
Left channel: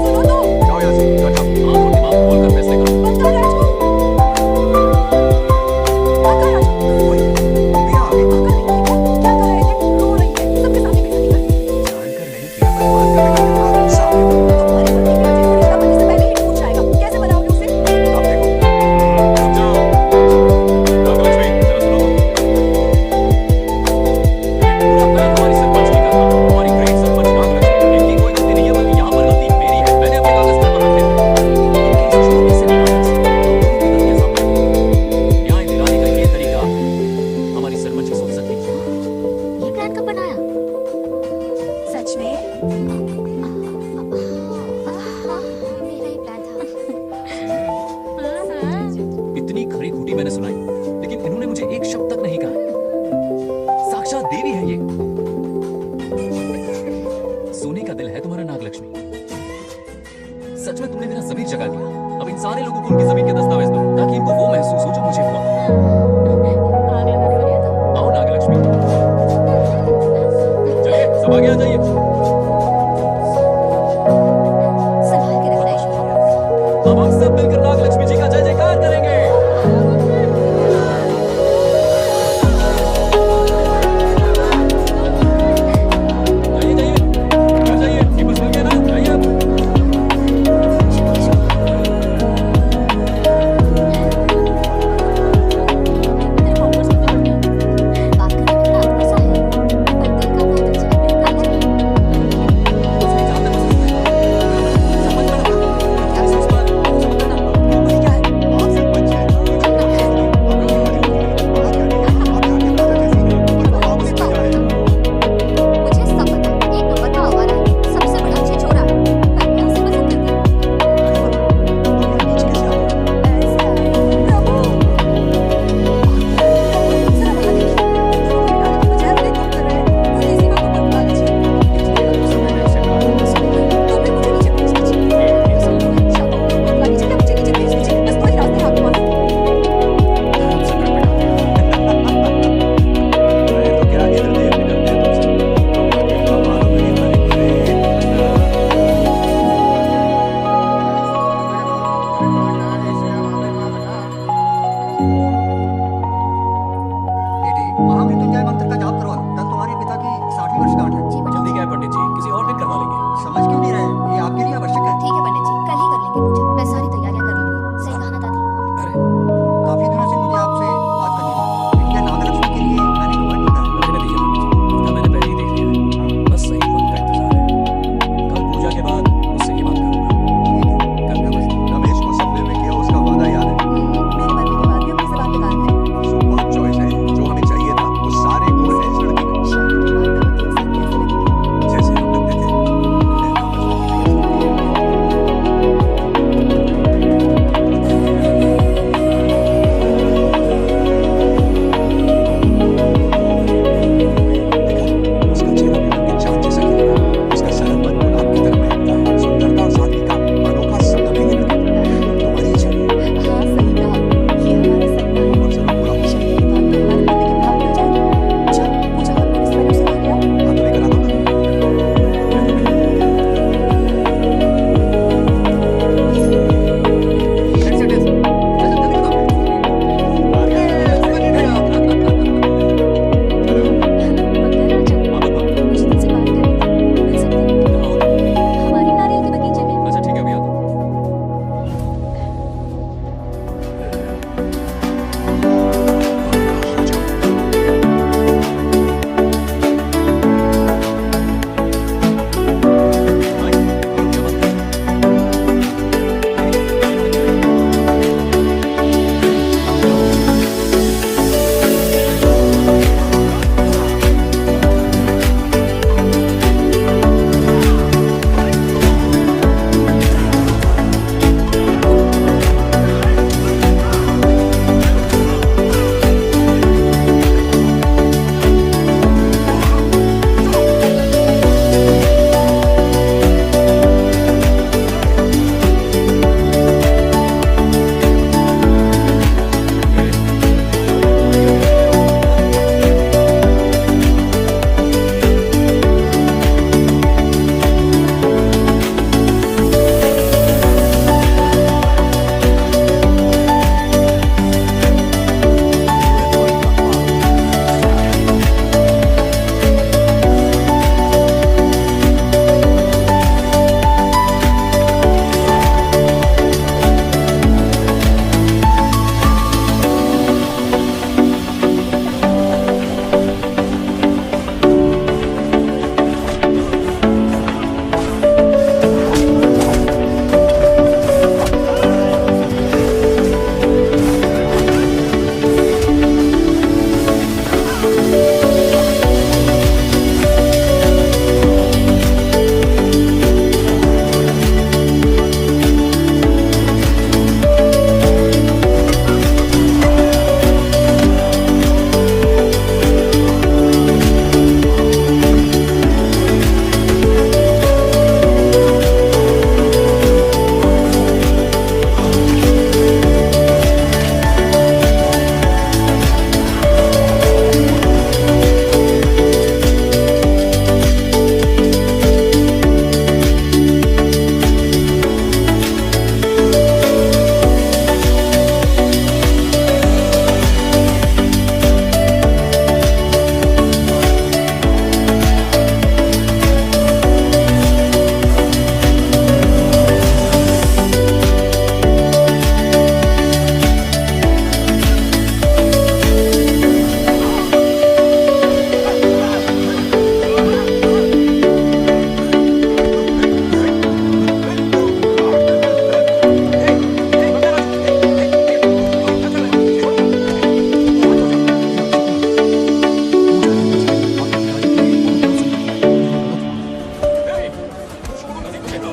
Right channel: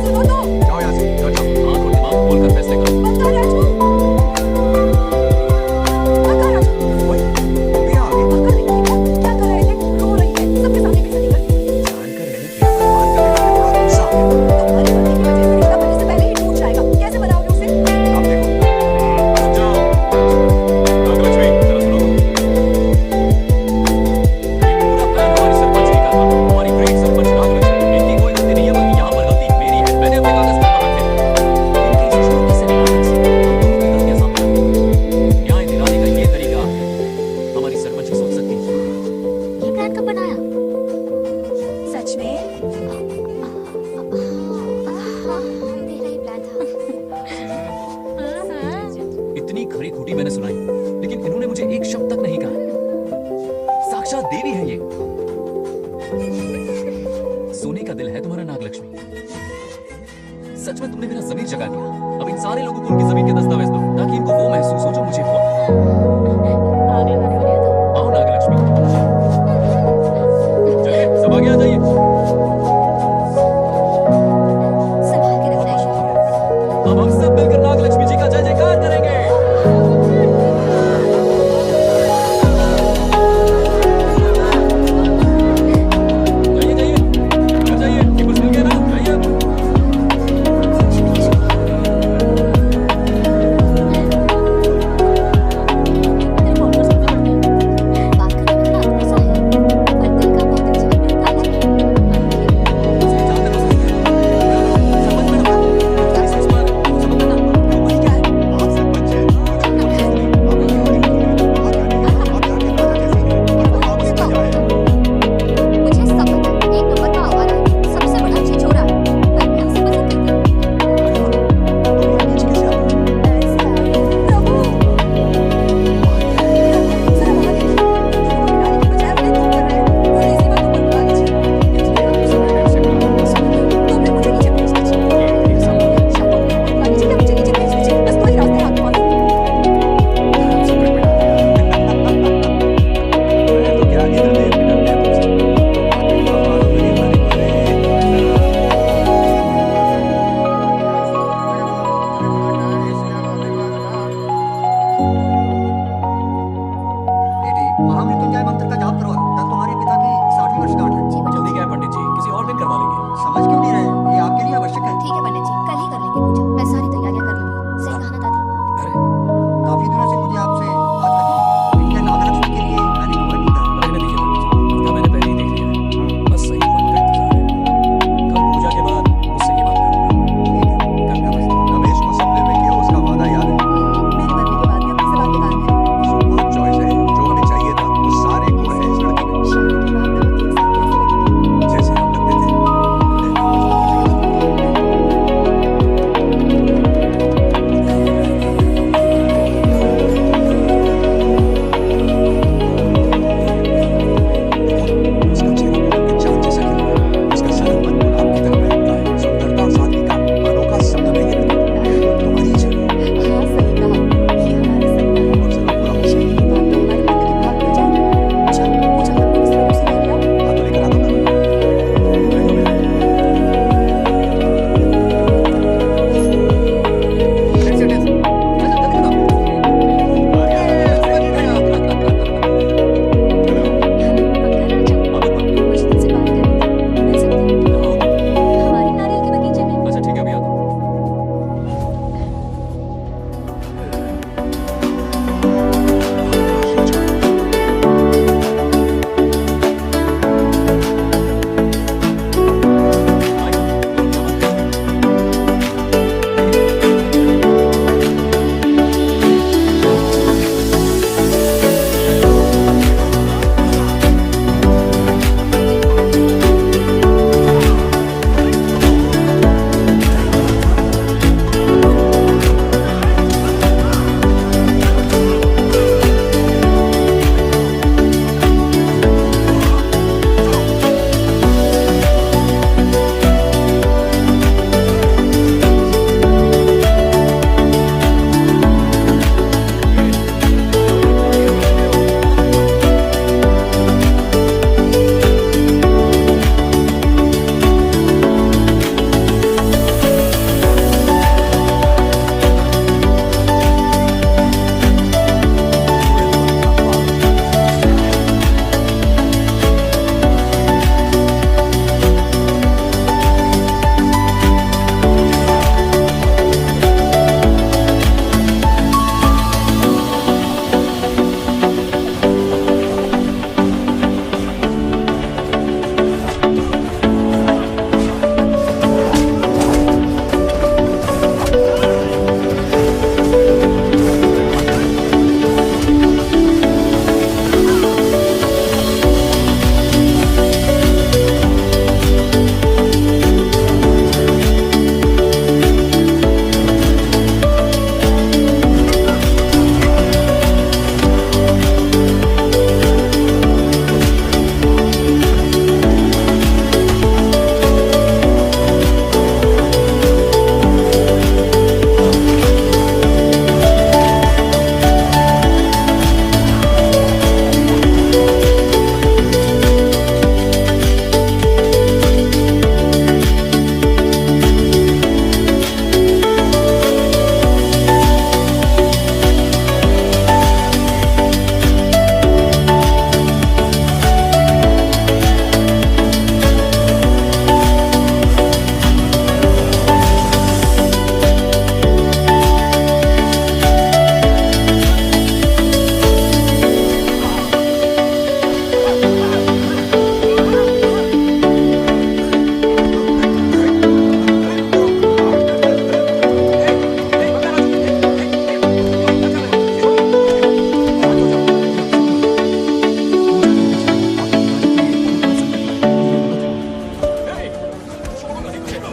सुनो तो, जाओ यहाँ से, घर जाओ। आंख और दिमाग खोल कर फैसले करो। पक्का राजू, पक्का राजू, ओए, तुम भी यहाँ आ गई। पक्का नहीं है क्या कर रहे थे? रो रही है, सबके सामने बेइज्जती कर दी। जानकर नहीं किया, बस बात करते करते थोड़ा गुस्सा आ गया। तुम्हारी गलती की वजह से रिश्ता बनने से पहले ही टूट जाएगा। कैसे बनाओगे उसे? अब देखो, रुक जाओ। नागलक्ष्मी, जरा सुनो तो। ये पूरा प्लान हमारी सरपंच जी का था, हमारी ग्रेट सरपंच नागलक्ष्मी। इनकी कोई गलती नहीं है, बल्कि यहाँ पर गलती मेरी है। मैंने अपने कागज पर रखे थे। इनके इस छोटे से नाटक से हम दोनों की गलतियां सामने आ गई। न्याय दिलाने का ये तरीका हमारी सरपंच ही सोच सकती है। ये प्लान कब बनाया? सच में? हाँ, मेरा ही प्लान था। इतनी खरी खूटी मैंने सुनाई, लेकिन इन्होंने मुझे एक शब्द तक नहीं कहा। साक्षात देवी है ये। सोने का दिल है तुम्हारा नागलक्ष्मी। सच में तुमने मेरा जमीर जगा दिया। अब इन सारे लोगों को उनकी जमीन के दस्तावेज दो, ताकि इनको वो महसूस हो जो मुझे हुआ। आग लगाने वाली है तो। आओ नागलक्ष्मी, चलिए सब आगे आ जाइए। संभाल के रखना है। अब हम सब मिलकर नागलक्ष्मी जी का जय जयकार करेंगे। जाइए जाइए, घर जाइए। ये कुछ मिल गया ना? जाइए अब। मेरे followers कितने बढ़ गए? बात करने में थोड़ा गुस्सा है, पर दिल का बहुत अच्छा है। I like it. असली जान में बस रही है। सरपंच मैडम, इस पर भरोसा मत करना। क्यों वही क्या है? आप सरपंच हैं, कुछ और चीज़ नहीं। आप इतनी पढ़ी लिखी हैं, वहाँ क्या नहीं है। आप यहाँ के राजा जैसी हैं, और वो मामूली प्रजा है। मुझे सब पता है, एक नंबर का आवारा है, सबसे बड़ा छिछोरा है, पर मैं उसे पसंद करती हूँ। अरे वाह, तुम यहाँ नीचे कैसे आ गई? ऐसे आ गई। प्रभु, प्रभु, जरा वहाँ देखिए। दोनों को मिलाने की बजाय उन्हें दूर कर रहे हैं। उन्हें इसी वक्त ऊपर बुला लीजिए। इतने कम समय में उसे बुलाना पसंद है। तो फिर मुझे नीचे भेज दीजिए। ये संभव है। या तो उन्हें ऊपर बुला लीजिए या मुझे नीचे भेज दीजिए। बस दो ही रास्ते हैं आपके पास। धर्म संकट में डाल दिया। मैं तो क्या इधर देव भी डरते हैं तुमसे। तुम आगे का मारो मेरी हरी भरी। बेटी, महामृत्युंजय मंत्र का जाप करवा लो। कल तुम्हारे पिता की 60वीं वर्षगांठ है। जी पंडित जल्दी जी। क्या है पंडित जी, किसी और दिन करवा लेंगे। समझ क्यों नहीं रहे? ये आपके लिए आवश्यक है। ठीक है पंडित जी, कल ही कर लेंगे पूजा। मैं सारी तैयारियां कर लूंगी। सही कहा ना दादी? अरे काफी दिनों से मुझे आपसे बात करनी थी। इंडिया नागलक्ष्मी के लिए मैंने एक वर्ड ढूंढा है। रहने दीजिए पंडित जी, उनका मैंने पहले ही देख लिया है। बस सही वक्त का इंतजार है। कल पूजा के बाद उससे ये बात करूंगा। ठीक है, नमस्ते। रमेश को सपने में किया उसका वादा याद है। मेरे मरने के बाद भी अपनी जबान पे कायम है। सुपर चॉइस है, जो हमें चाहिए था वो सारे गुण हैं इस लड़की में। शादी के बाद दोनों एक साथ कैसे लगेंगे? जैसे हम लगते थे, लैला मजनू की जोड़ी।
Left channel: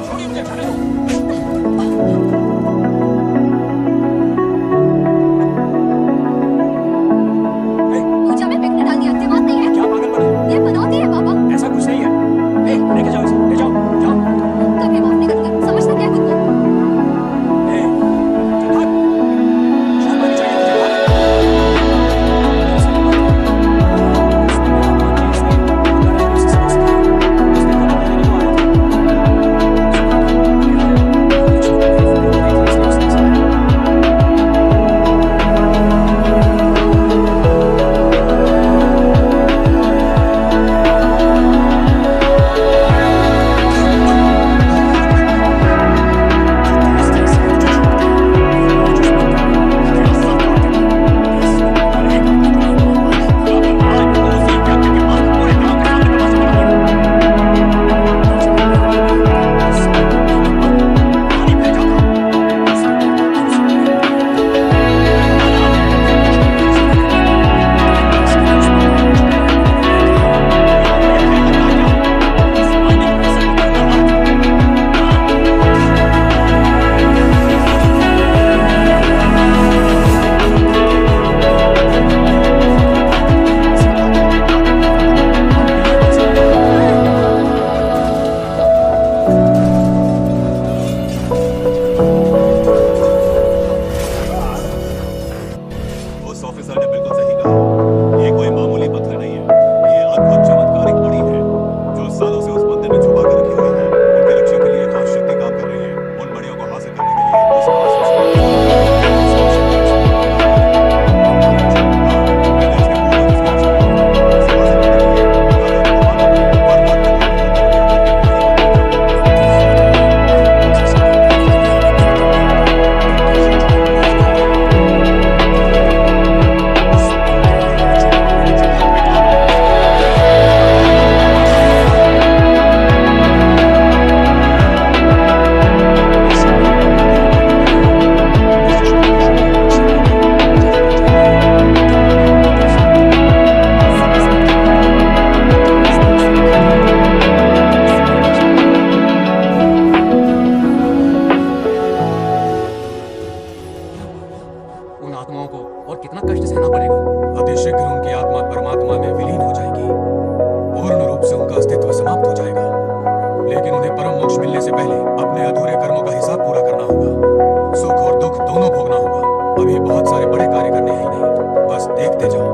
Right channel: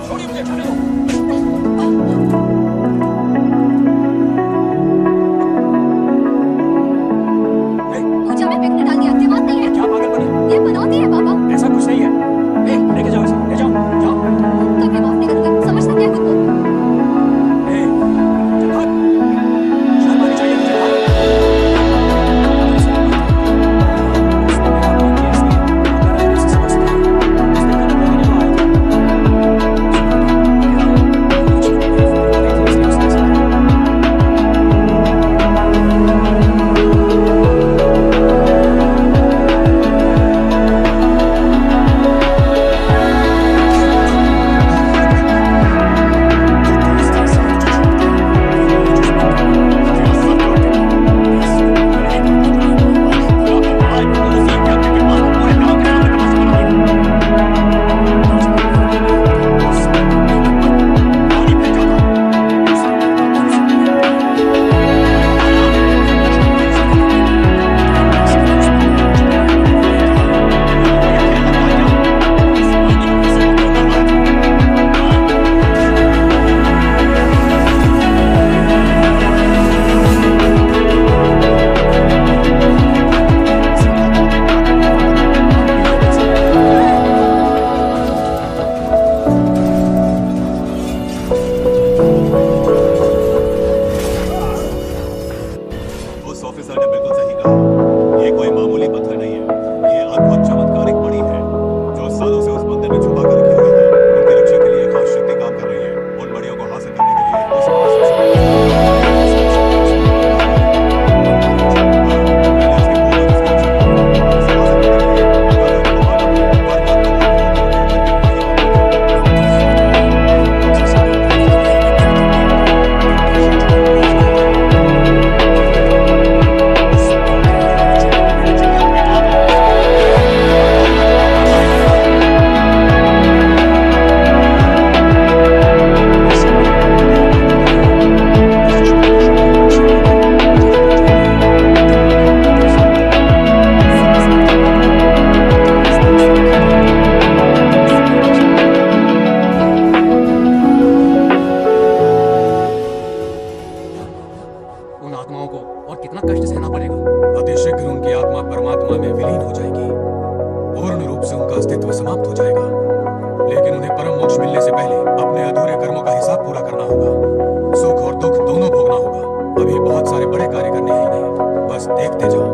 छोड़िए मुझे, जाने दो। पूजा में बिकने डाल दिया, दिमाग नहीं है। क्या पागलपन है? ये बनौती है पापा। ऐसा कुछ नहीं है। लेके जाओ इसे, ले जाओ, जाओ। कभी माफ नहीं करूंगी, समझता क्या है खुद को? चल भाग। शर्म आनी चाहिए तुझे, भाग। दरअसल बात यह है कि उसने मेरा अपमान किया, इसलिए अंगारा ने उसे सबक सिखाया। उस दिन का बदला लेने वो आया था। क्या है? लक्ष्मी को मेरी फिक्र हो रही थी, इसलिए उसने ऐसा किया। उस ऑफिसर ने बिल्कुल सही कहा। ये कोई मामूली पत्थर नहीं है, ये अद्भुत चमत्कारिक मणि है जो सालों से उस मंदिर में छुपा कर रखी हुई है। उनकी रक्षा के लिए एक खास शक्ति काम कर रही है। उन मणियों को हासिल करने के लिए उस खास शख्स को पहले उसके पूर्वज उसकी रक्षा करेंगे और उसे हासिल करने के लिए बंगाल राजा को मारना पड़ेगा, वरना तुम भूत हत्या करके वही बनना उन आत्माओं को और कितना कष्ट सहना पड़ेगा। अतिशीघ्र उनकी आत्मा परमात्मा में विलीन हो जाएगी, पूर्ण रूप से उनका अस्तित्व समाप्त हो जाएगा। लेकिन उन्हें परम मोक्ष मिलने से पहले अपने अधूरे कर्मों का हिसाब पूरा करना होगा। सुख और दुख दोनों भोगना होगा। अभी बहुत सारे बड़े कार्य करने हैं ही नहीं, बस देखते जाओ।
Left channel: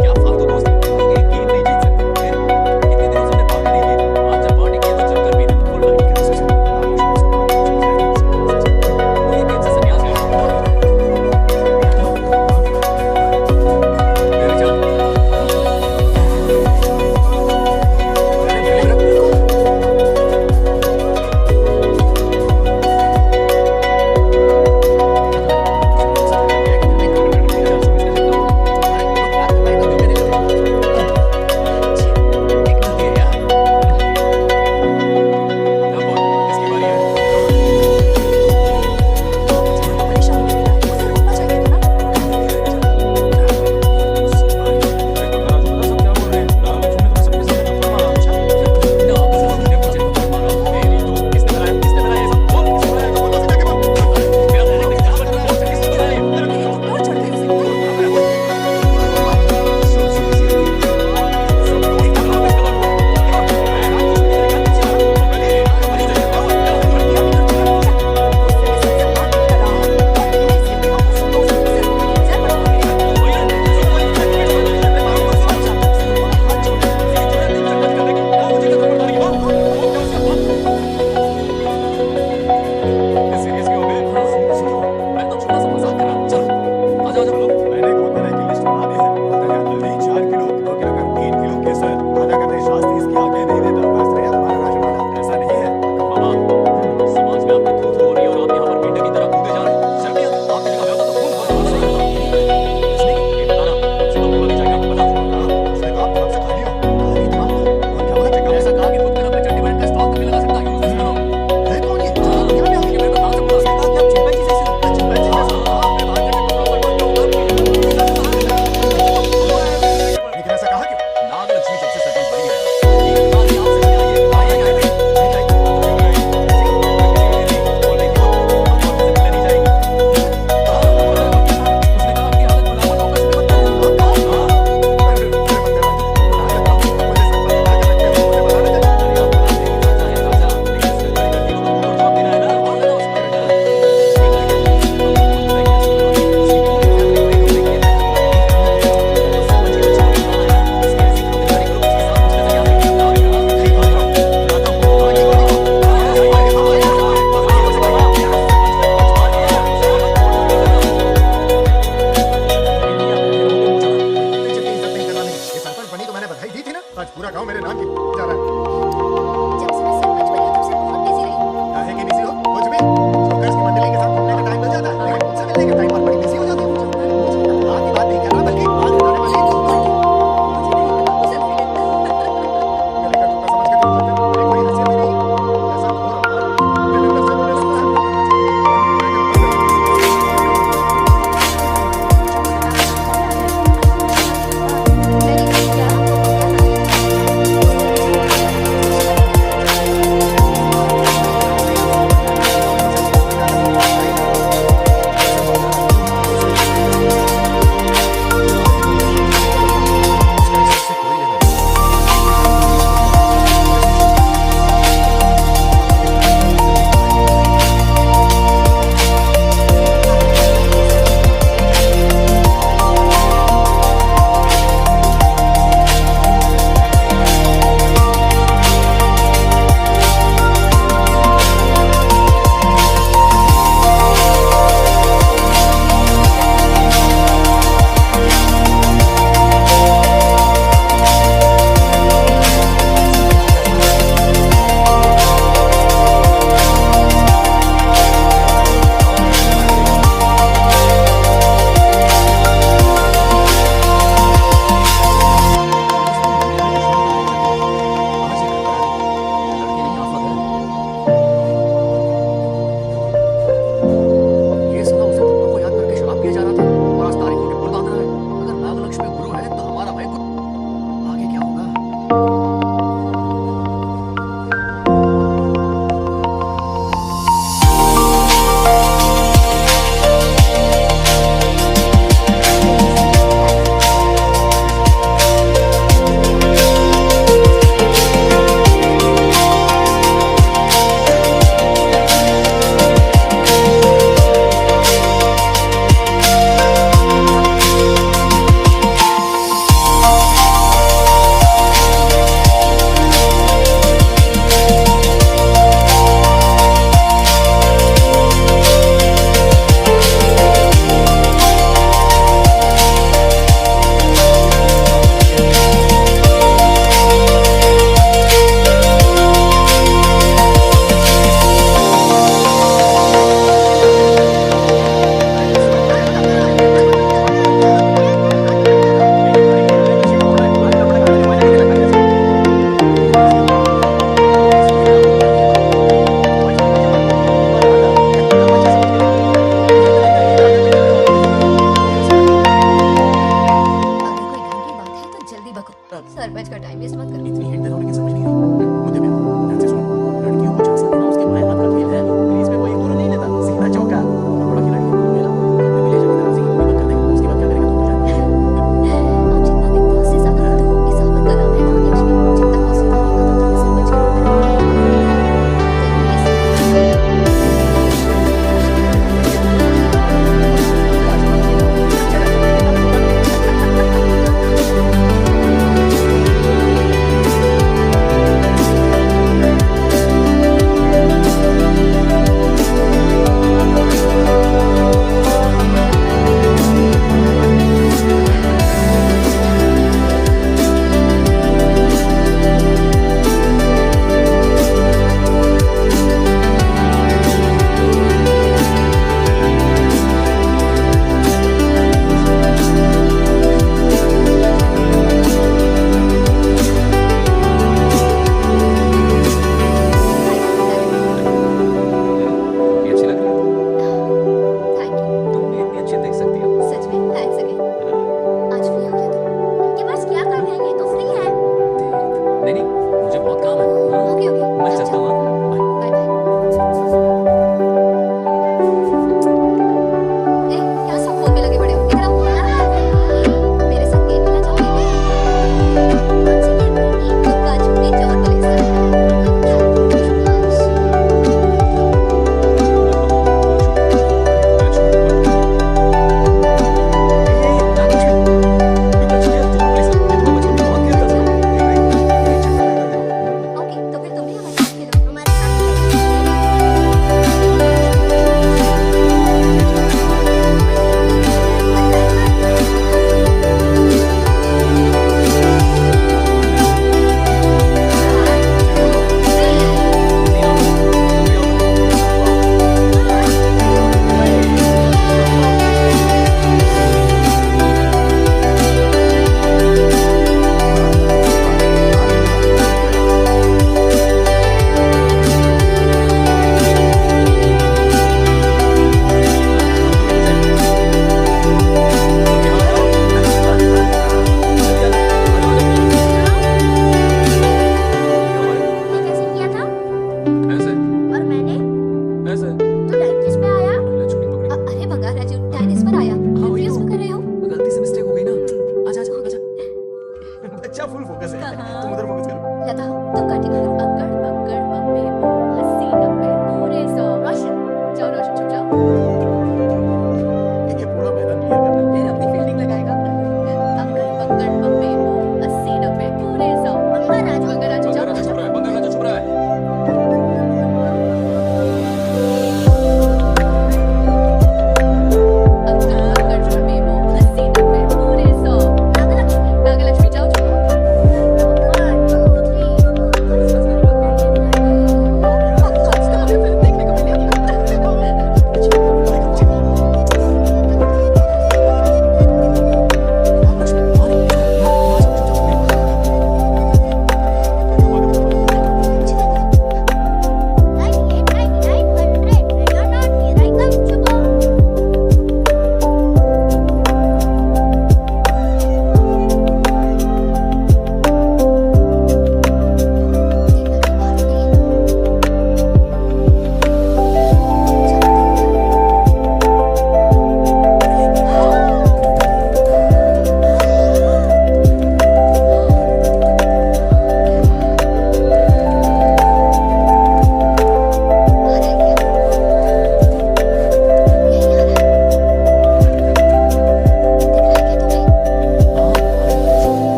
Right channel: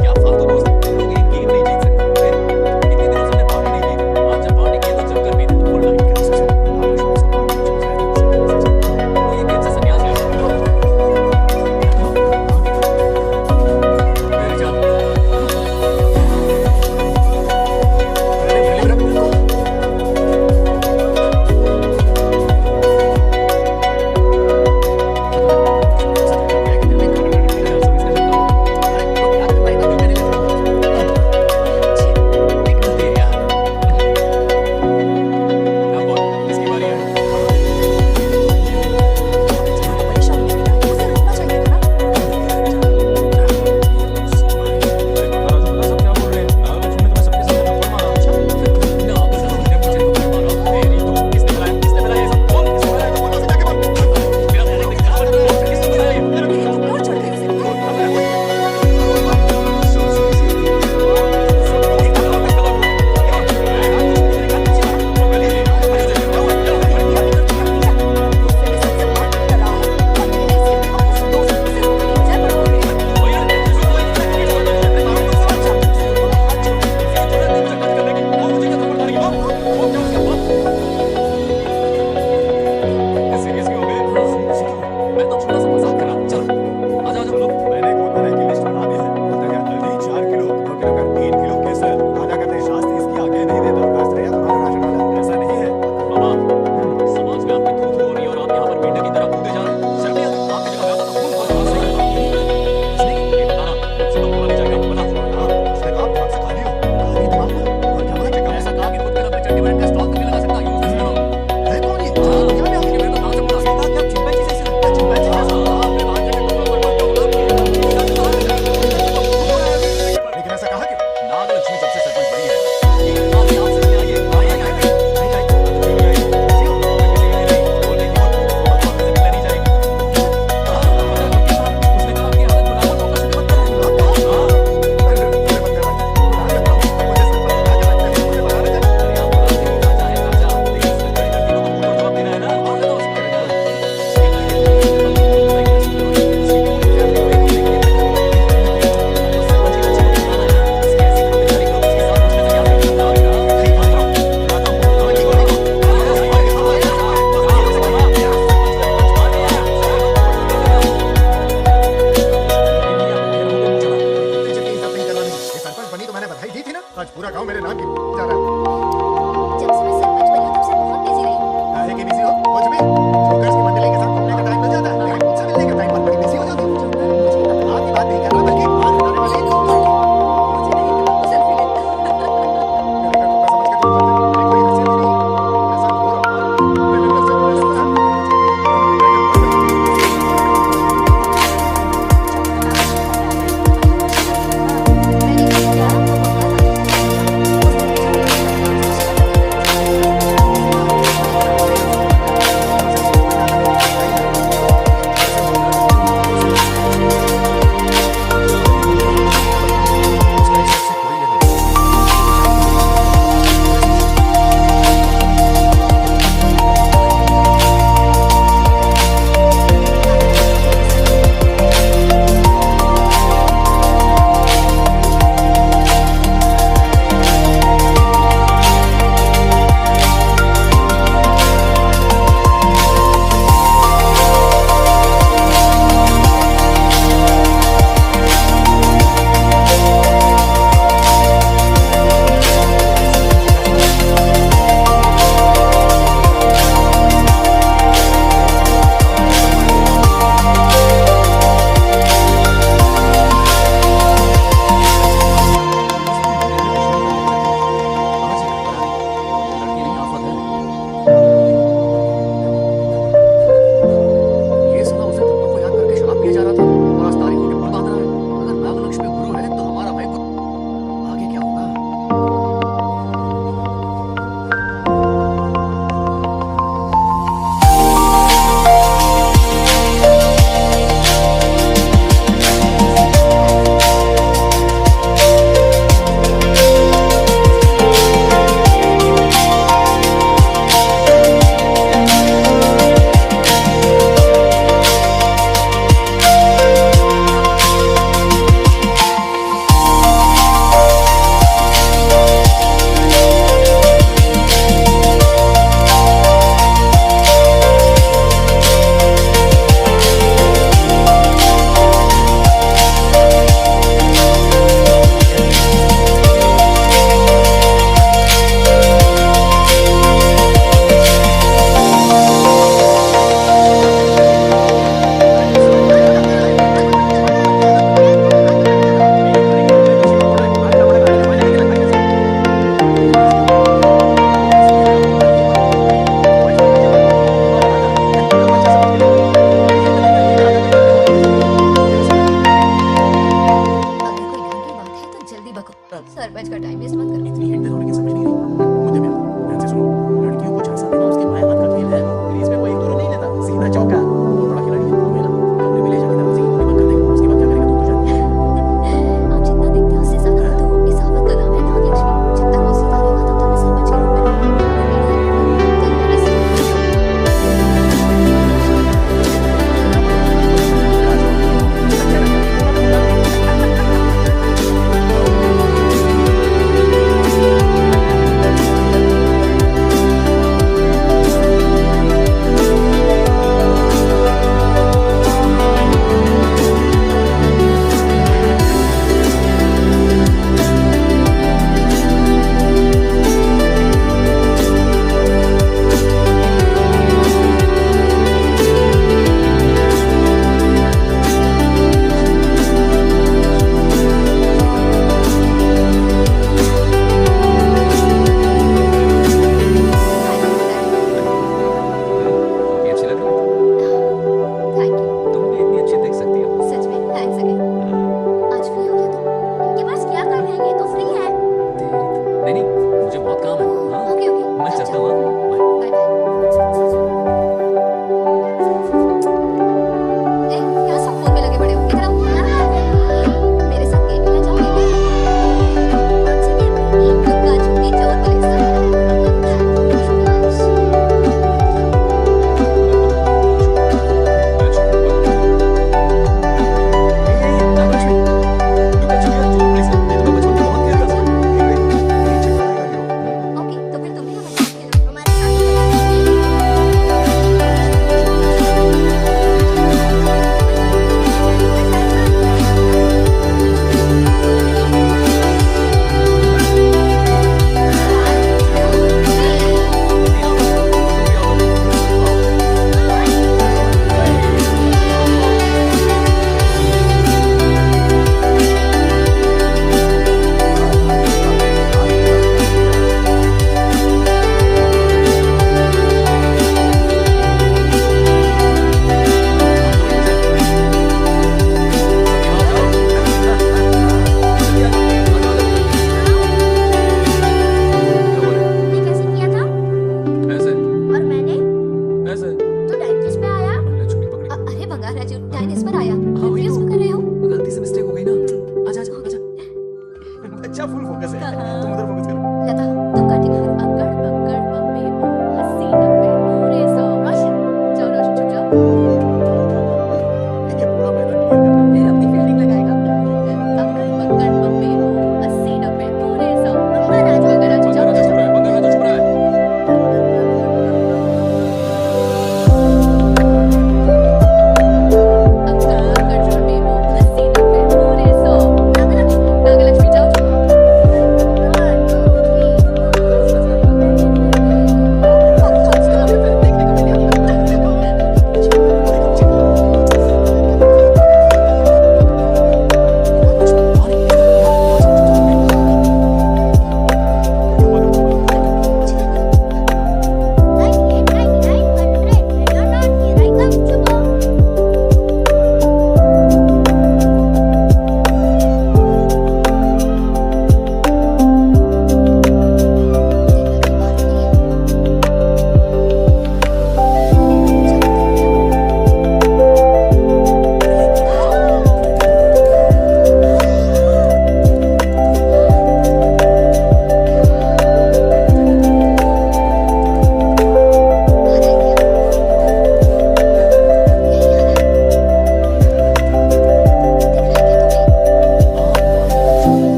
क्या फालतू दोस्त, तुम लोग एक गेम नहीं जीत सकते। कितने दिनों से हमने पार्टी नहीं की थी। आज जब पार्टी की है तो जमकर पीते। फुल नाइट का सच है। नागलक्ष्मी इसको पानी में चुप जाएगा। तुम लोग ये गेम से संन्यास ले लो। मेरी जान। अरे मेरे लिए रुको। तो परेशानी में पीता है, उसे रोकना चाहिए था ना। क्या बोल रहे हैं? नागलक्ष्मी ने तुम्हें सबके सामने थप्पड़ मारा। और चढ़ गई उसे। सुनी सी होती है। दुनिया की दुर्दशा का नतीजा। गुस्से में सबसे मारपीट कर रहा है और यह इसके बेवकूफ दोस्त उसे रोकने की बजाय बढ़ावा दे रहे हैं। उसे रोको, मैं हाथ जोड़ती हूँ। सीरियस क्यों हो गए? मैं तो छोटा सा मजाक कर रहा हूं। चलो आ जाओ, चलो। मैंने एक बहुत बड़ा की लिस्ट बना दी है। बोलता क्या, हल्दी 4 किलो, 2 किलो का 3 किलो केसर, आधा कर दे। शास्त्र इसकी आगे नहीं देता। शास्त्र है तुम्हारा राशन वाला, ऐसा नहीं है। मामा, समाज में आपकी थू-थू हो रही है और आप यहाँ पर मेंढक की तरह कूदे जा रहे हैं। शर्म नहीं आती? आपकी जगह मैं होता तो खून खौल जाता। सही करता। इसने ये बताना मुझसे तो बोला नहीं जाएगा। बता। उसने कहा दिमाग से खाली हो। खाली दिमाग पर? और क्या बोला? चेकअप ऐसा कहा कि खुद कर अपने चड्डी बटन का स्टॉक नहीं लगा सकता। यूज करो। है कौन ये? यहाँ पे आ गया। मैं तो कहां से बोला? उसने कहा कि आप चिंपैंजी जैसे हो। चिंपैंजी जैसे हो? अपने भांजे के टुकड़ों पर मत जाओ। आज पूरा गांव मेरे नाम की जा रहा है। जब से मैं सरपंच बनी हूँ तब से बहुत बिजी रही हूँ। काहे की बिजी हो? कुछ भी। जोकर्स की मंडली के साथ घूमने का टाइम मिल जाता है, लेकिन मुझसे मिलने के टाइम पर बड़ी बिजी हो जाती हूँ। जोकर मुझे कहा, हाँ की बात नहीं कर रहा, बल्कि आज बताने वाली जोकर की। मुझे नहीं कहा तो सेल्फी ले। गले का कुत्ता समझ के तुम खाते, मेरी कोई हैसियत ही नहीं है। ऐसा घोर अपमान दिल अंदर से रोने लगता है। मन करता है कि मर जाऊं। मैंने कहा क्या वो बंगाल आ जाए उसने मुझे भी डाला उसे पता नहीं उसका इस सब से कोई लेना नहीं। वो बेचारा तो मेरी इज्जत करता था, अपनी फॉरेस्ट मिशन बता देता है, कभी दिखाई नहीं देता। उस दिन मंदिर में दुश्मनी पर लेक्चर दिया था, आज ये घर पर आ गई। ये लड़की नहीं आफत है। ये साला उस दिन थप्पड़ को याद करके शराब पिए जा रहा था और आज तारीखों के पुल बांध रहा है। अगर नागलक्ष्मी गुरु है तो हमारा भाई आगे क्या होगा? अगर कोई ढंग की बात है तो जल्दी बको, सरपंच का टाइम वेस्ट मत करो। इतनी हिंट दे रहा हूं लेकिन समझ नहीं रही। मुद्दे पे आओ। ध्यान से सुनो, लड़कियों को झांसा देना उसके बाएं हाथ का खेल है। क्रीज में वो एक दो नहीं लेता, सीधा चौका। बहुत बड़ा खिलाड़ी है। तुम्हें ना कमरे में ले जाके दरवाजे की दूरी बंद कर देगा, उसके बाद क्या करेगा तुम तो जानती हो। आप जितना दिखते हो उससे ज्यादा तो इस आफत का नाम है नागलक्ष्मी। जब तक वो जिंदा रहेगा तब तक मैं सरपंच के रूप में रहूंगा। तो मेरे से हाँ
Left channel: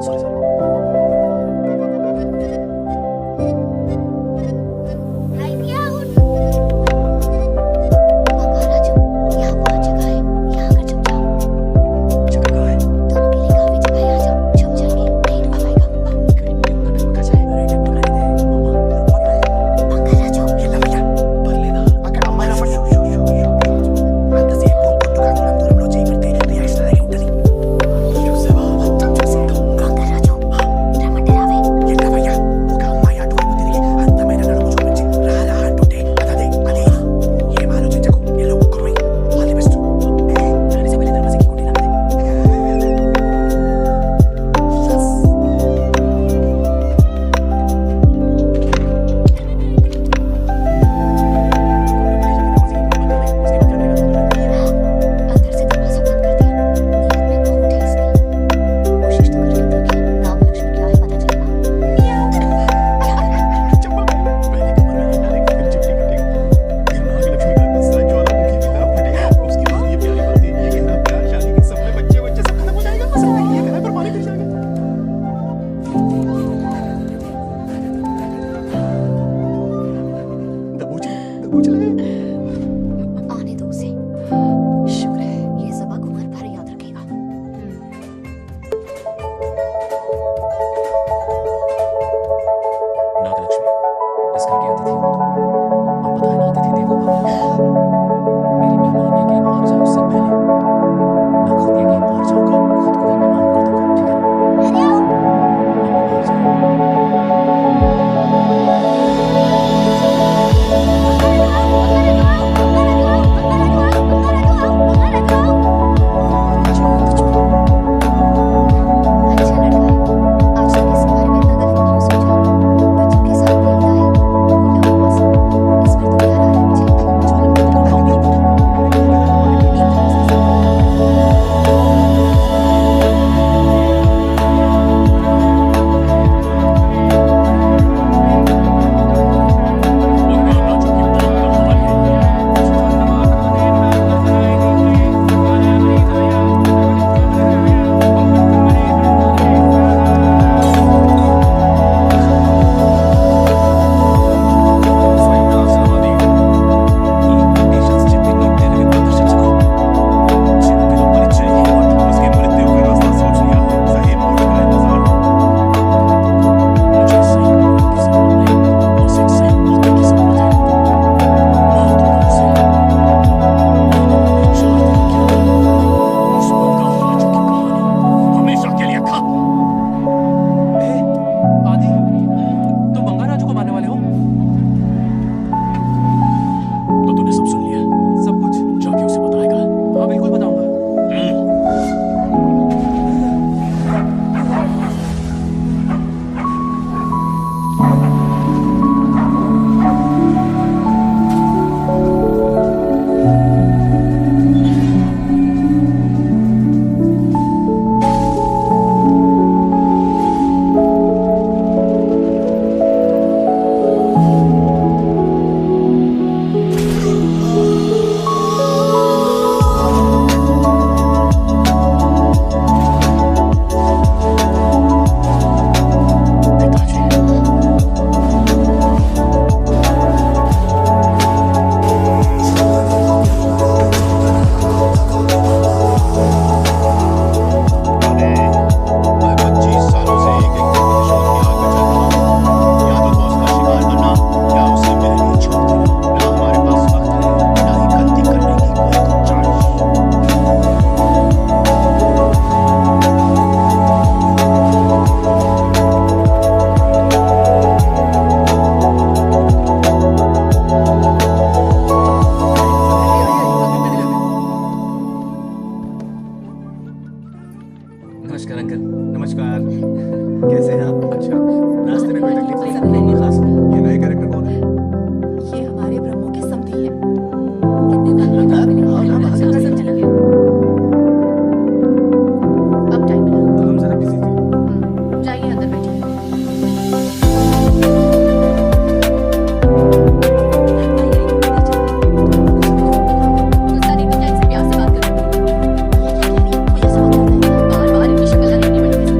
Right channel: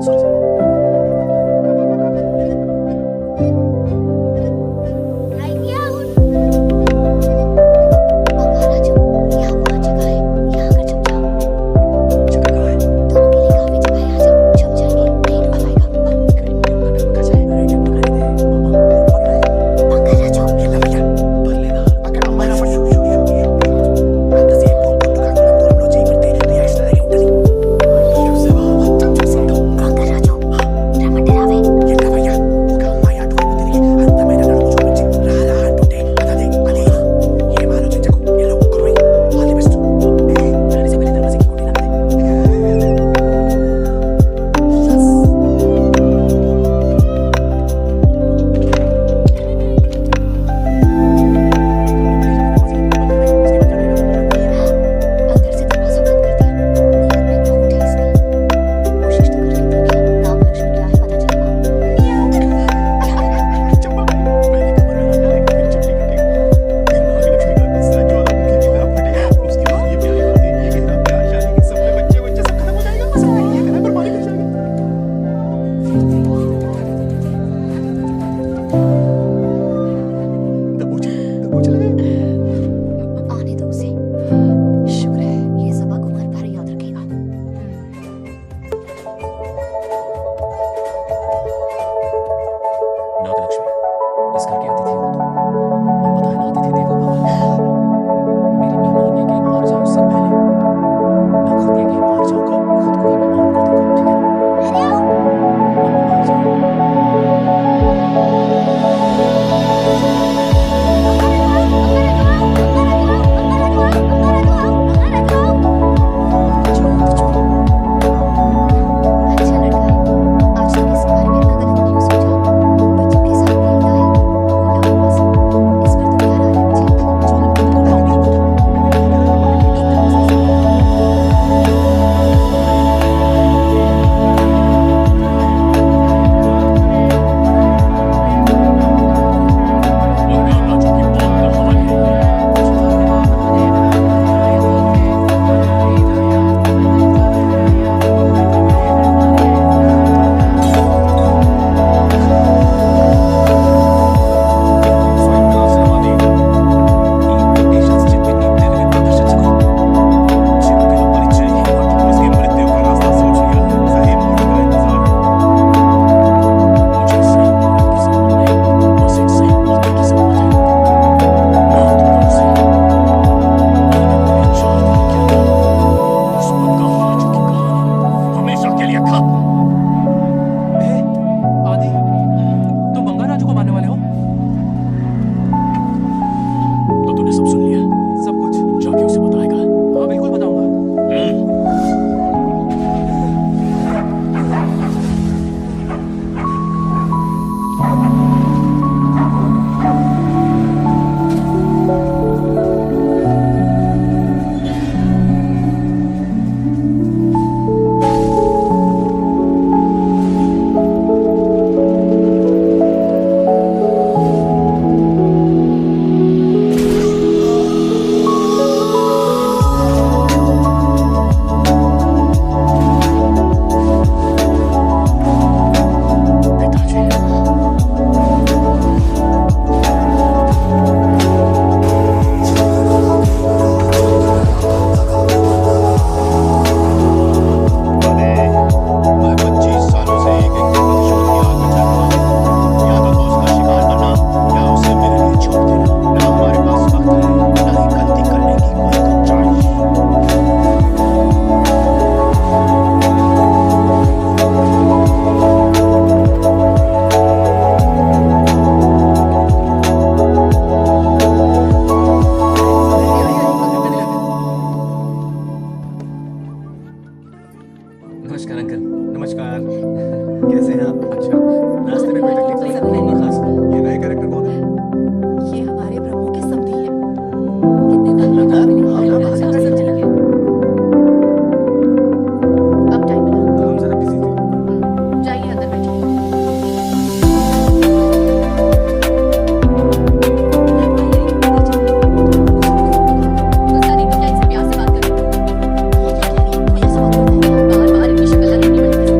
बंगाराजू, यहाँ बहुत जगह है, यहाँ आकर छुप जाओ। जगह कहाँ है? दोनों के लिए काफी जगह है, आ जाओ, छुप जाएंगे, नहीं ढूंढ पाएगा। कहीं मुझे इतना डर जाए। अरे डर पकड़ा नहीं दे मामा। बंगाराजू, भर लेना। అక్కడ అమ్మాయి రాబట్టి అంతసేపు పుట్టుకాకులం దూరంలో చేయబడితే రియాక్షన్ అలాగే ఉంటుంది చూసావా మొత్తం చూసేద్దాం बंगाराजू, రమ్మంటే రావే। ఎట్లవయ్యా ఒక అమ్మాయి అటువైపు తిరిగి అందమైన నడుము చూపించి రారా అంటుంటే అదే అదే ఏం ఆలోచించకు ఎల్లో కుర్రోయ్ ఆల్ ది బెస్ట్ దాని చెప్పలే దర్వాజకి కొట్టి లాగదే अंदर से दरवाजा बंद कर दिया। नीयत में खोट है इसकी। कोशिश तो करके देखे, नाम लक्ष्मी क्या है पता चलेगा। चप्पल पहले कमर में हाथ डालेंगे फिर चिमटी कटेंगे फिर नाग लक्ष्मी का गुस्सा ज्वालामुखी की तरह फटेगा उसके बाद ये प्यारी बातें ये गहरा प्यार शादी के सपने बच्चे सब खत्म हो जाएगा सब ये कहना पर पानी फिर जाएगा दबोच लगे आने दो उसे। शुक्र है ये सबक उम्र भर याद रखेगा। नागलक्ष्मी, इस घर की अतिथि हो तुम। और पता है ना, अतिथि देवो भव। मेरी मेहमान ये गेम हार जाए उससे पहले मैं खुद ये गेम हार जाऊंगा, खुद को ही मेहमान कर दूंगा, ठीक है ना? मम्मी बाहर जाओ। अच्छा लड़का है। आज तक इसके बारे में इतना गलत क्यों सोचा? बच्चों के साथ खेलता है, बोला बस। इस पर तो प्यार आ रहा है मुझे। एकदम उसके साथ। बंगाराजू की मौत का हवन है। స్వయంవిలాసనవాది ఈ కండిషన్స్ చెప్పి నీ తెలివి ప్రదర్శించుకో। చెప్పిన పని చేయి। उसकी मृत्यु का रास्ता सोच लिया है सही मोड़ का इंतजार मुझे सही मोड़ की जरूरत नहीं, बस एक सही मौके की जरूरत है। रात को उसे आने वाले 4 दिन के अंदर उस बंगाराजू की कहानी हमेशा के लिए खत्म। आदि, तुम बंगाराजू को मारने वाले हो? तो तूने सब सुन लिया? सब कुछ? जाके उसे बताएगा। हाँ बिल्कुल बताऊंगा। नमस्कार अंकल। नमस्कार कैसे हैं आप अच्छा रास्ते में कोई तकलीफ तो नहीं खास ये नए कैरेक्टर कौन है ये हमारे ब्रह्मों के समधी हैं। कितने वक्त की बात मिली। हाँ, हाँ, अच्छा, सब ठीक है। ठीक है। अब टाइम मिला, हम जरा बिजी थे जाइए अंदर बैठिए। आइए, अंदर चलिए। गुस्सा नहीं तो क्या इनसे प्यार से बात करूं? ये क्या कह रही है? कोई ऐसा बात करता है क्या? बार-बार इनकी शक्ल ना लेनी पड़ती है।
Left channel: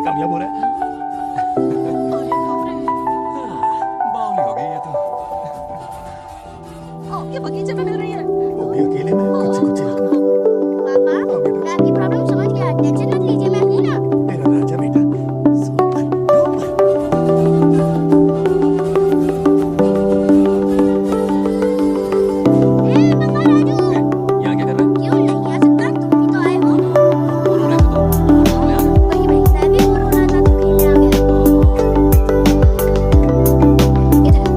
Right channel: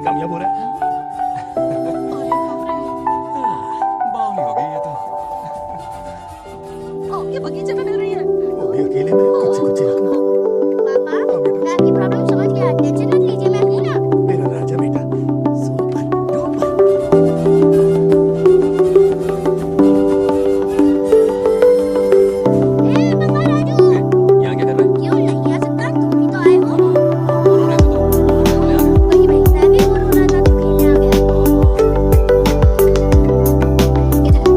प्लान कामयाब हो रहा है। अरे बाप रे, बावली हो गई ये तो। आम के बगीचे में मिल रही है। वो भी अकेले में, कुछ से कुछ ही रखना। पापा हाँ बेटा, मैं आपकी प्रॉब्लम समझ गया, टेंशन मत लीजिए, मैं हूं ना। मेरा राजा बेटा, सुपर डुपर। ए पापा राजू, यहाँ क्या कर रहा है? क्यों नहीं आ सकता, तुम भी तो आए हो। हम बोर हो रहे थे तो यहाँ खेलने आ गए। वही वही, मैं भी बोर हो रहा था तो खेलने आ गया। इधर आओ,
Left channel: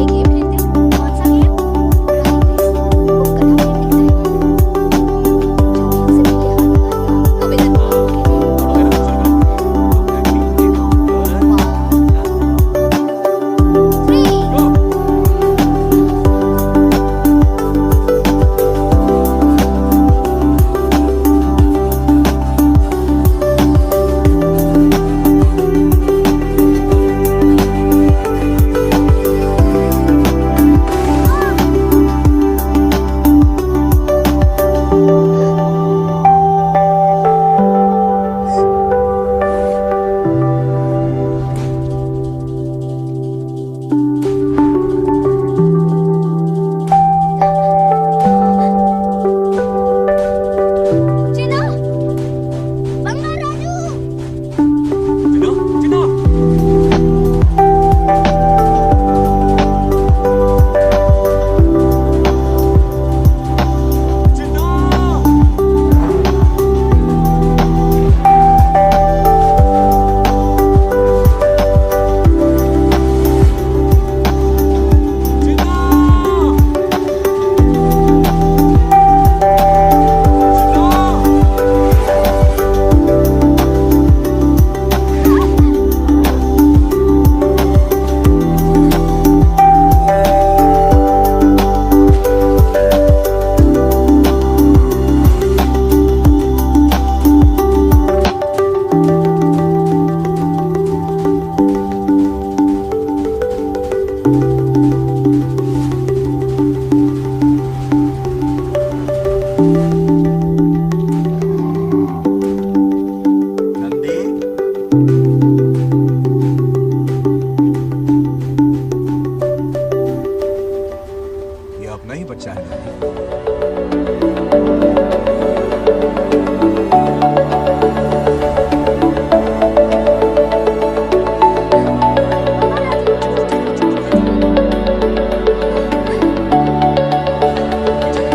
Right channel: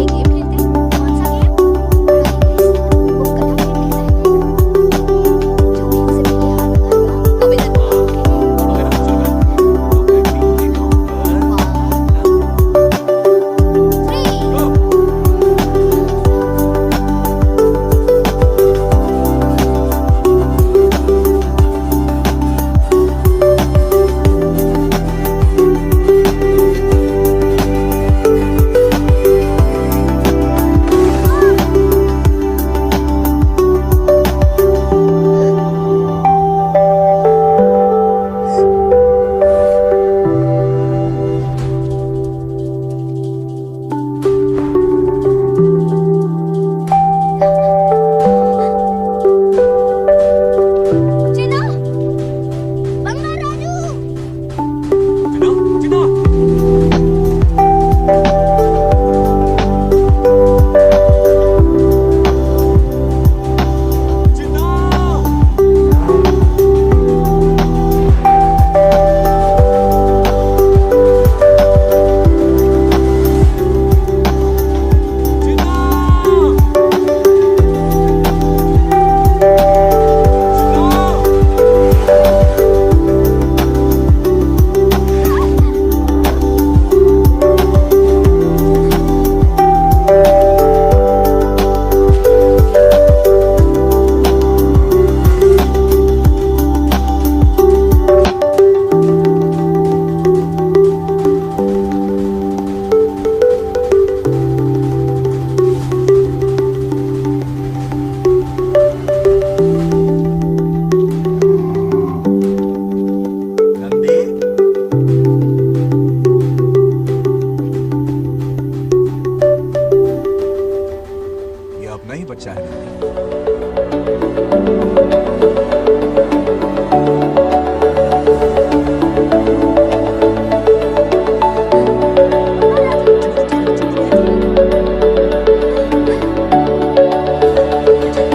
एक गेम खेलते हैं। कौन सा गेम? Running race. वो कटा हुआ दिखता है, जो भी उसे पहले हाथ लगाएगा वो विनर होगा। ओके दौड़ोगे ना? शुरू करें। तो फिर 3 के काउंट पर 1 3 गो। चिन्ना, बंगा राजू। चिन्ना, चिन्ना। चिन्ना। चिन्ना। चिन्ना। नंदी, ये अपना ही बच्चा है नंदी। चिन्ना।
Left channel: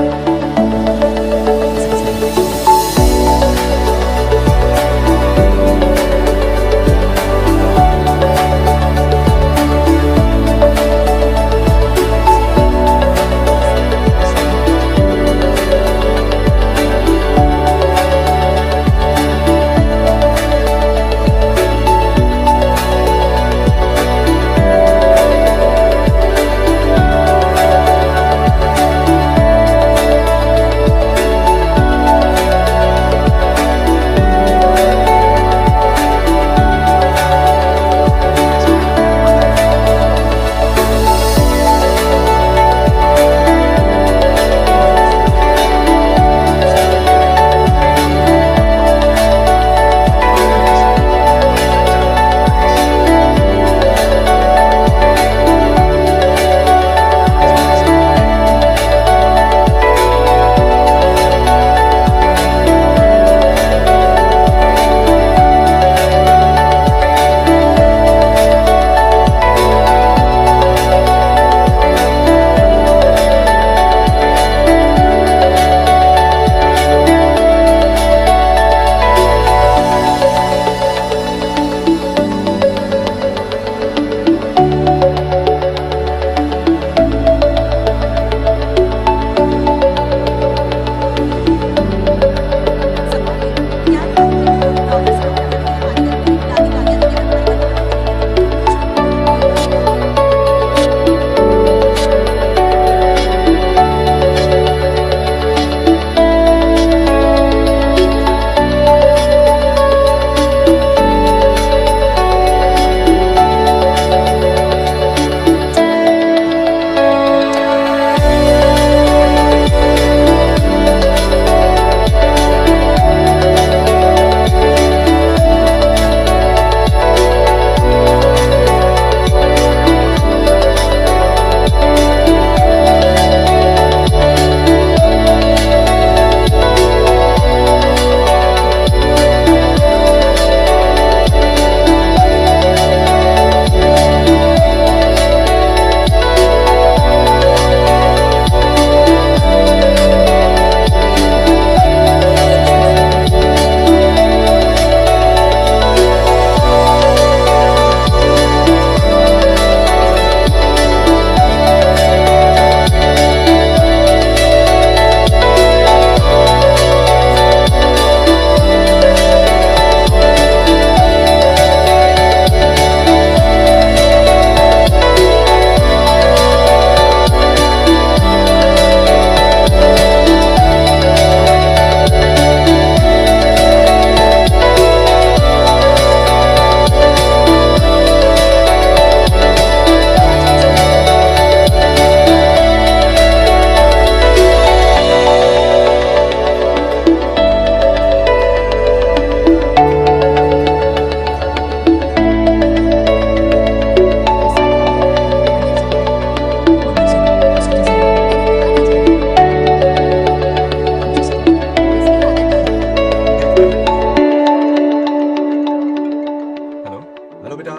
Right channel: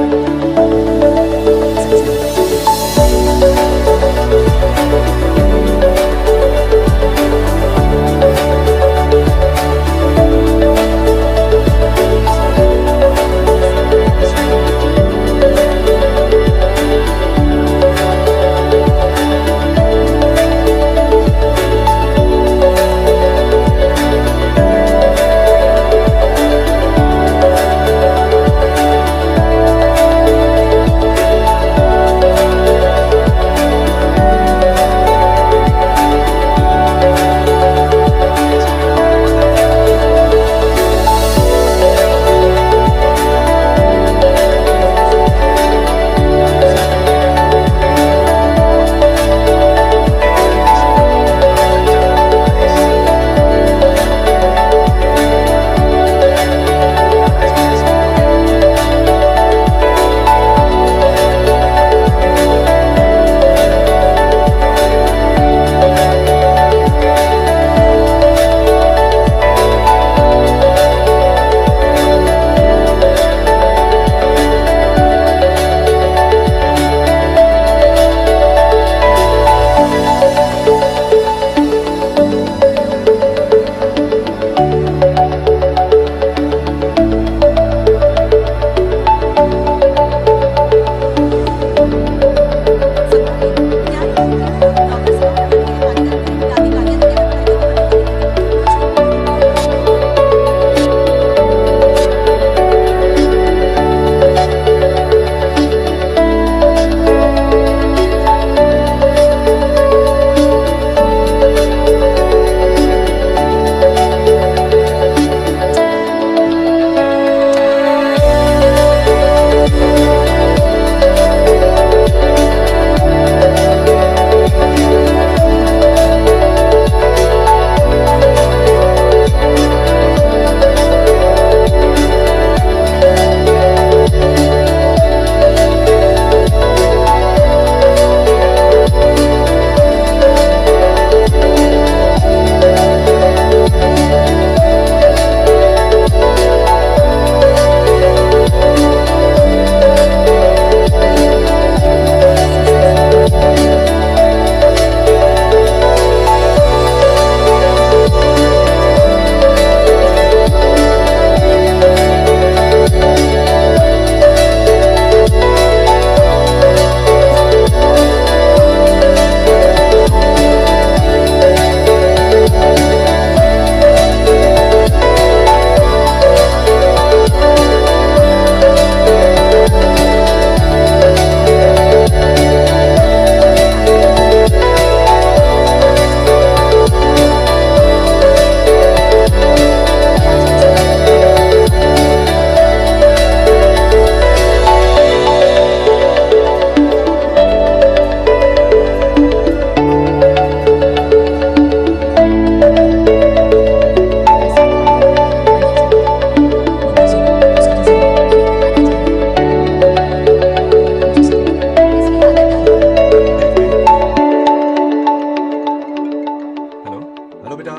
हेलो बेटा,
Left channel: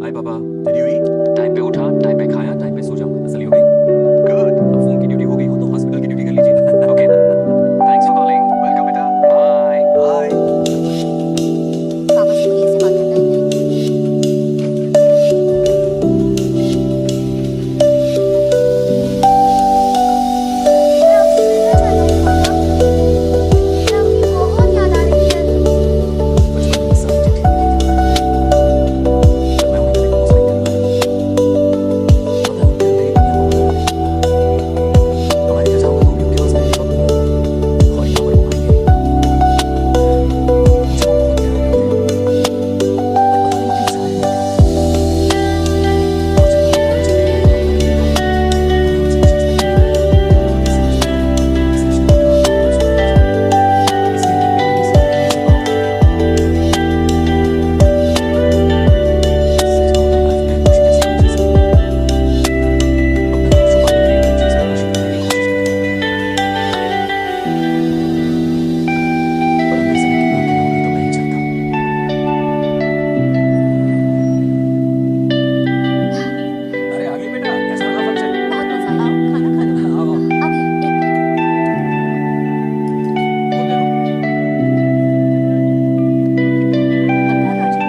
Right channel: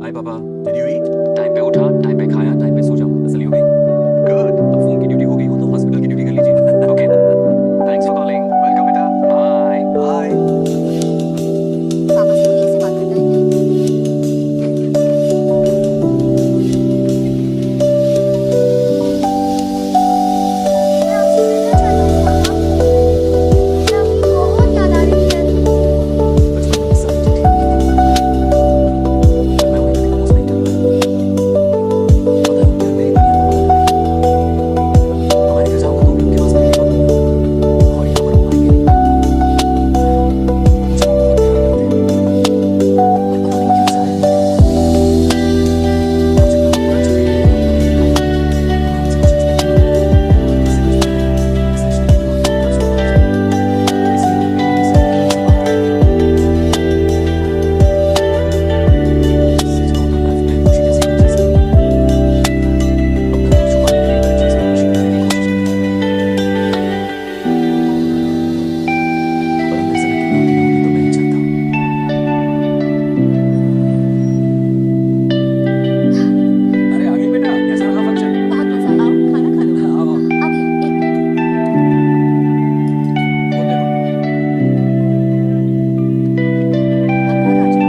हाय पापा। Did you eat? टाइम पे उठा, टाइम पे खाया, टाइम पे सो जाऊंगा। तसल्ली हो गई? गुड। अब फोन की ड्यूटी हो गई हो तो हॉस्पिटल की ड्यूटी कर लीजिए। Okay, thanks for calling. Welcome बेटा। बाय। बाय। पापा से कोई ऐसे बात करता है क्या? मैं आपसे मिलना चाहता हूँ पापा। मुझे आपकी बहुत याद आ रही है। बचपन में ये सारी चिट्ठी लिखी थी, पर मैं उन्हें कभी पोस्ट नहीं कर पाया। पता है उनकी और मेरी दुनिया बहुत अलग है। अमेरिका जाऊंगा तो भी उनके पास मेरे लिए वक्त नहीं होगा, और यहाँ पर वो आएंगे नहीं। मुझे वो बहुत प्यार करते हैं, पर पता नहीं क्यों जाहिर नहीं करते। और जब वो मुझे ले गए अपना मेरी गाड़ी में, तो मैं उनसे कुछ एक्सपेक्ट नहीं करता कि किसी कुछ पहले इस रिश्ते की डोर तोड़ कर छोड़ जाए। इसलिए मैं भी नहीं सकती कि उनसे बात कर रहा हूँ। सच कहूँ तो लाइफ में खुशी जैसी कोई चीज़ नहीं है। अपना दुख छुपाने के लिए हर चीज़ में खुशी ढूंढने की कोशिश करता हूँ, पर अंदर से मैं कितना अकेला हूँ ये तो मैं ही जानता हूँ। अरे आ गई बेटा, कैसा रहा फंक्शन? बहुत मजा आया। आओ खाना खा लो। आओ आओ, अभी एक मिनट। वो देखो। अंकल आ जाओ।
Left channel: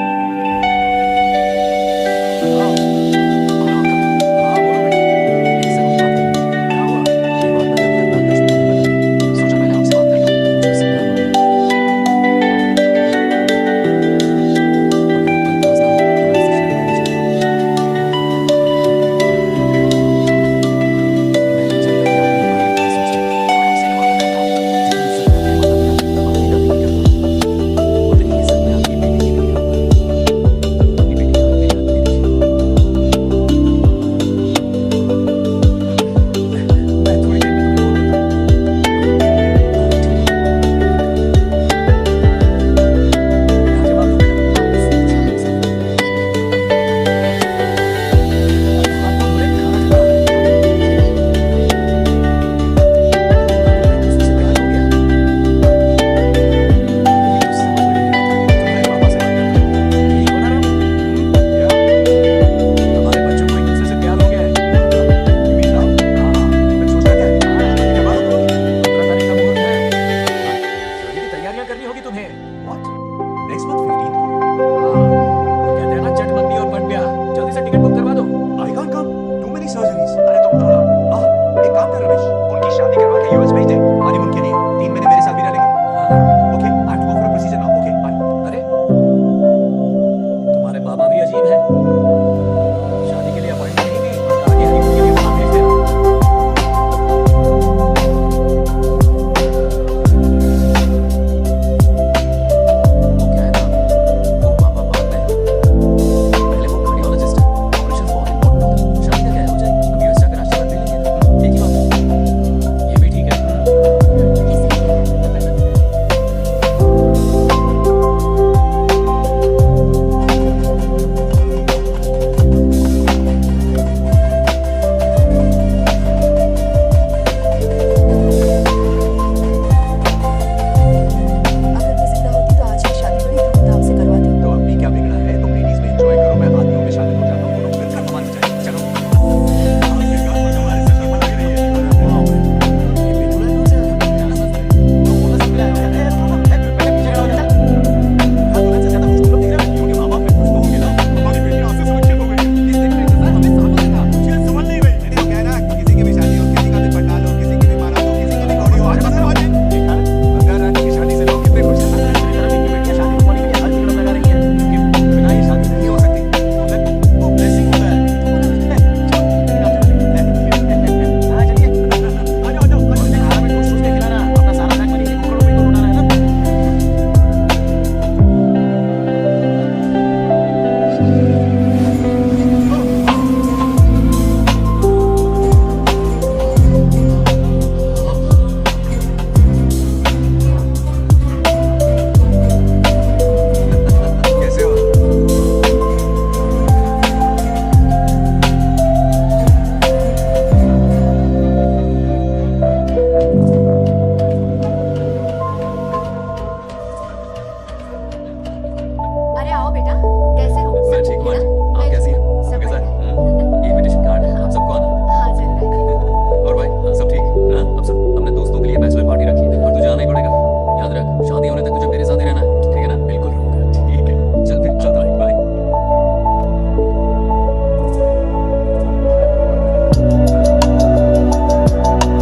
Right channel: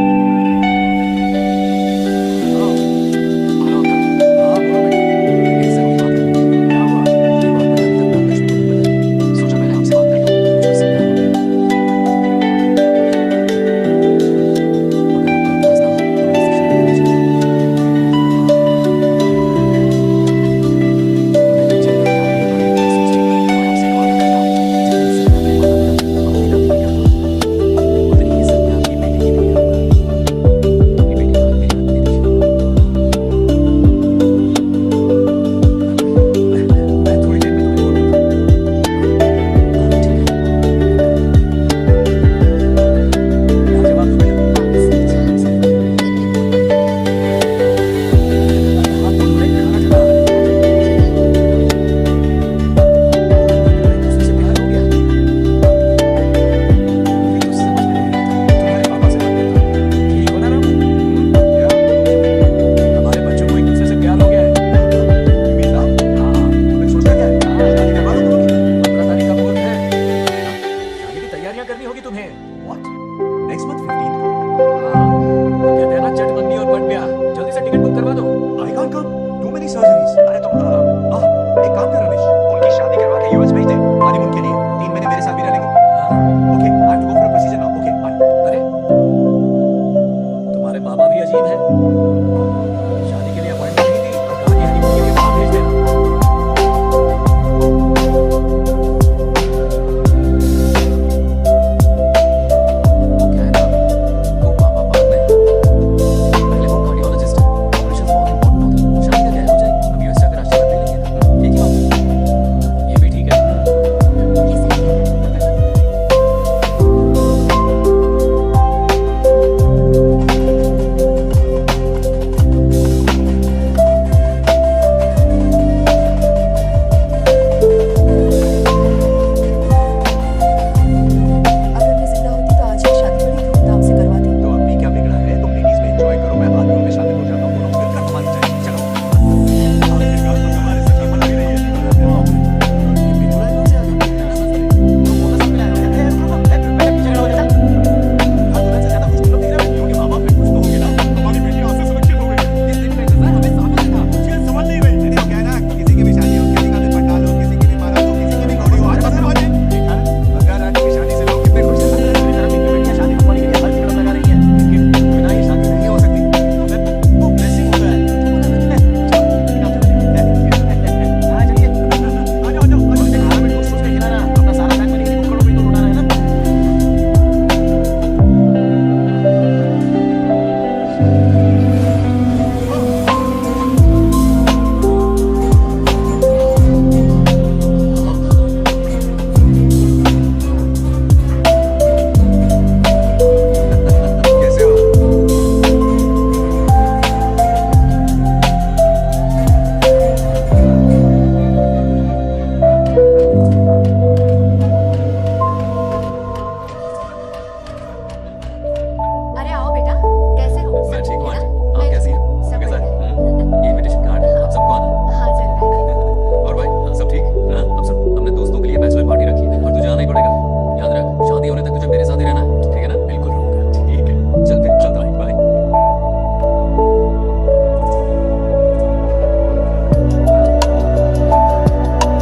Hello uncle. हाँ बोलो बेटा। एक जरूरी बात करनी थी। क्या हुआ? ये बात मैंने अभी तक नागलक्ष्मी को नहीं बताई। सोचा पहले आपसे बात कर लूं। मुझे उससे प्यार हो गया। अगर आपका इतराज ना हो तो मैं उससे शादी करना चाहता हूँ। मैं नहीं चाहता कि आप मेरे बारे में क्या सोचें, पर मैं आपसे एक वादा करता हूँ। जितनी इज्जत मैं अपने माता पिता की, अपनी दादी की करता हूँ, उतनी ही इज्जत मैं आपकी बेटी की भी करूँगा। अपनी बेटी का हाथ मेरे हाथ में दे दीजिए। मैं थोड़ी देर में तुम्हें फोन करता हूँ। हाँ ठीक है। क्या जवाब दूँ बेटा? आपसे अच्छा हम सफर हाथ तो धो रहे, खाना ठंडा हो रहा है। तुम्हें एक दूसरे से प्यार हो गया? मेरी तो समझ में नहीं आता। तुम्हारे पापा से बात करता हूँ। ठीक हो ना रामू? क्या? हमारे बच्चों को एक दूसरे से प्यार हो गया है। You mean love? हाँ, तो फिर सोचना क्या है? हाँ। शादी करवा दो दोनों की। 15 तारीख का मुहूर्त है। शादी की तैयारियां करनी होगी तुम्हें। What? Next month 15th को? हाँ, वो कहते हैं ना चट मंगनी और पट ब्याह। जल्दी से टिकट बुक करवा दो। I can't come. Too many surgeries. अरे तुम एक काम कर रमेश, उनकी शादी करवा के यूएस भेज दे हनीमून के लिए। 3 महीने मेरे साथ भी रह लेंगे। हाँ, Okay, I have to go for a procedure now. Okay, bye. अरे तुम्हारे बाबा भी अजीब हैं। शादी के लिए अपॉइंटमेंट नहीं दी और कहा कि हनीमून के लिए वहां भेज देना। वो क्या है ना, वो पापा बाद में। पहले वो कार्डियोलॉजिस्ट है, ऑपरेशंस बहुत इंपॉर्टेंट होते हैं। शादी का क्या है, हो जाएगी। हम यूएस जाकर आशीर्वाद ले लेंगे ना। एक ही बात है। ये भी ठीक है। ये सही है। वालेकुम है ना? आंटी, आप मैं कैसी हैं? सब कैसा है? बढ़िया है। ये इनविटेशन कार्ड है, आप सबको आना। हाँ जरूर आएंगे। और भाई सब ठीक? हाँ, अब सुन, हमने दोस्तों के लिए बैचलर पार्टी रखी है और तुझे आना ही पड़ेगा। याद रख, शादी होने तक तुझे मेरे साथ ही रहना है, ठीक है ना? बिल्कुल रहूंगा। ठीक है, चल फिर चलता हूँ, बाय।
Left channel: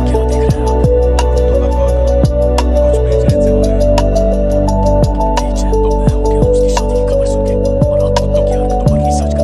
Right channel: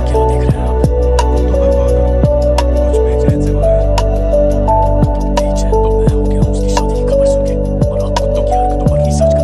क्या देख रहे हैं आप? कुत्तों पर गौर करो, कुछ बेचैन से हो रहे हैं। बेचैन तो मैं हो गया हूँ उसकी शादी की खबर सुन के, और आप कुत्तों की हरकतों पर रिसर्च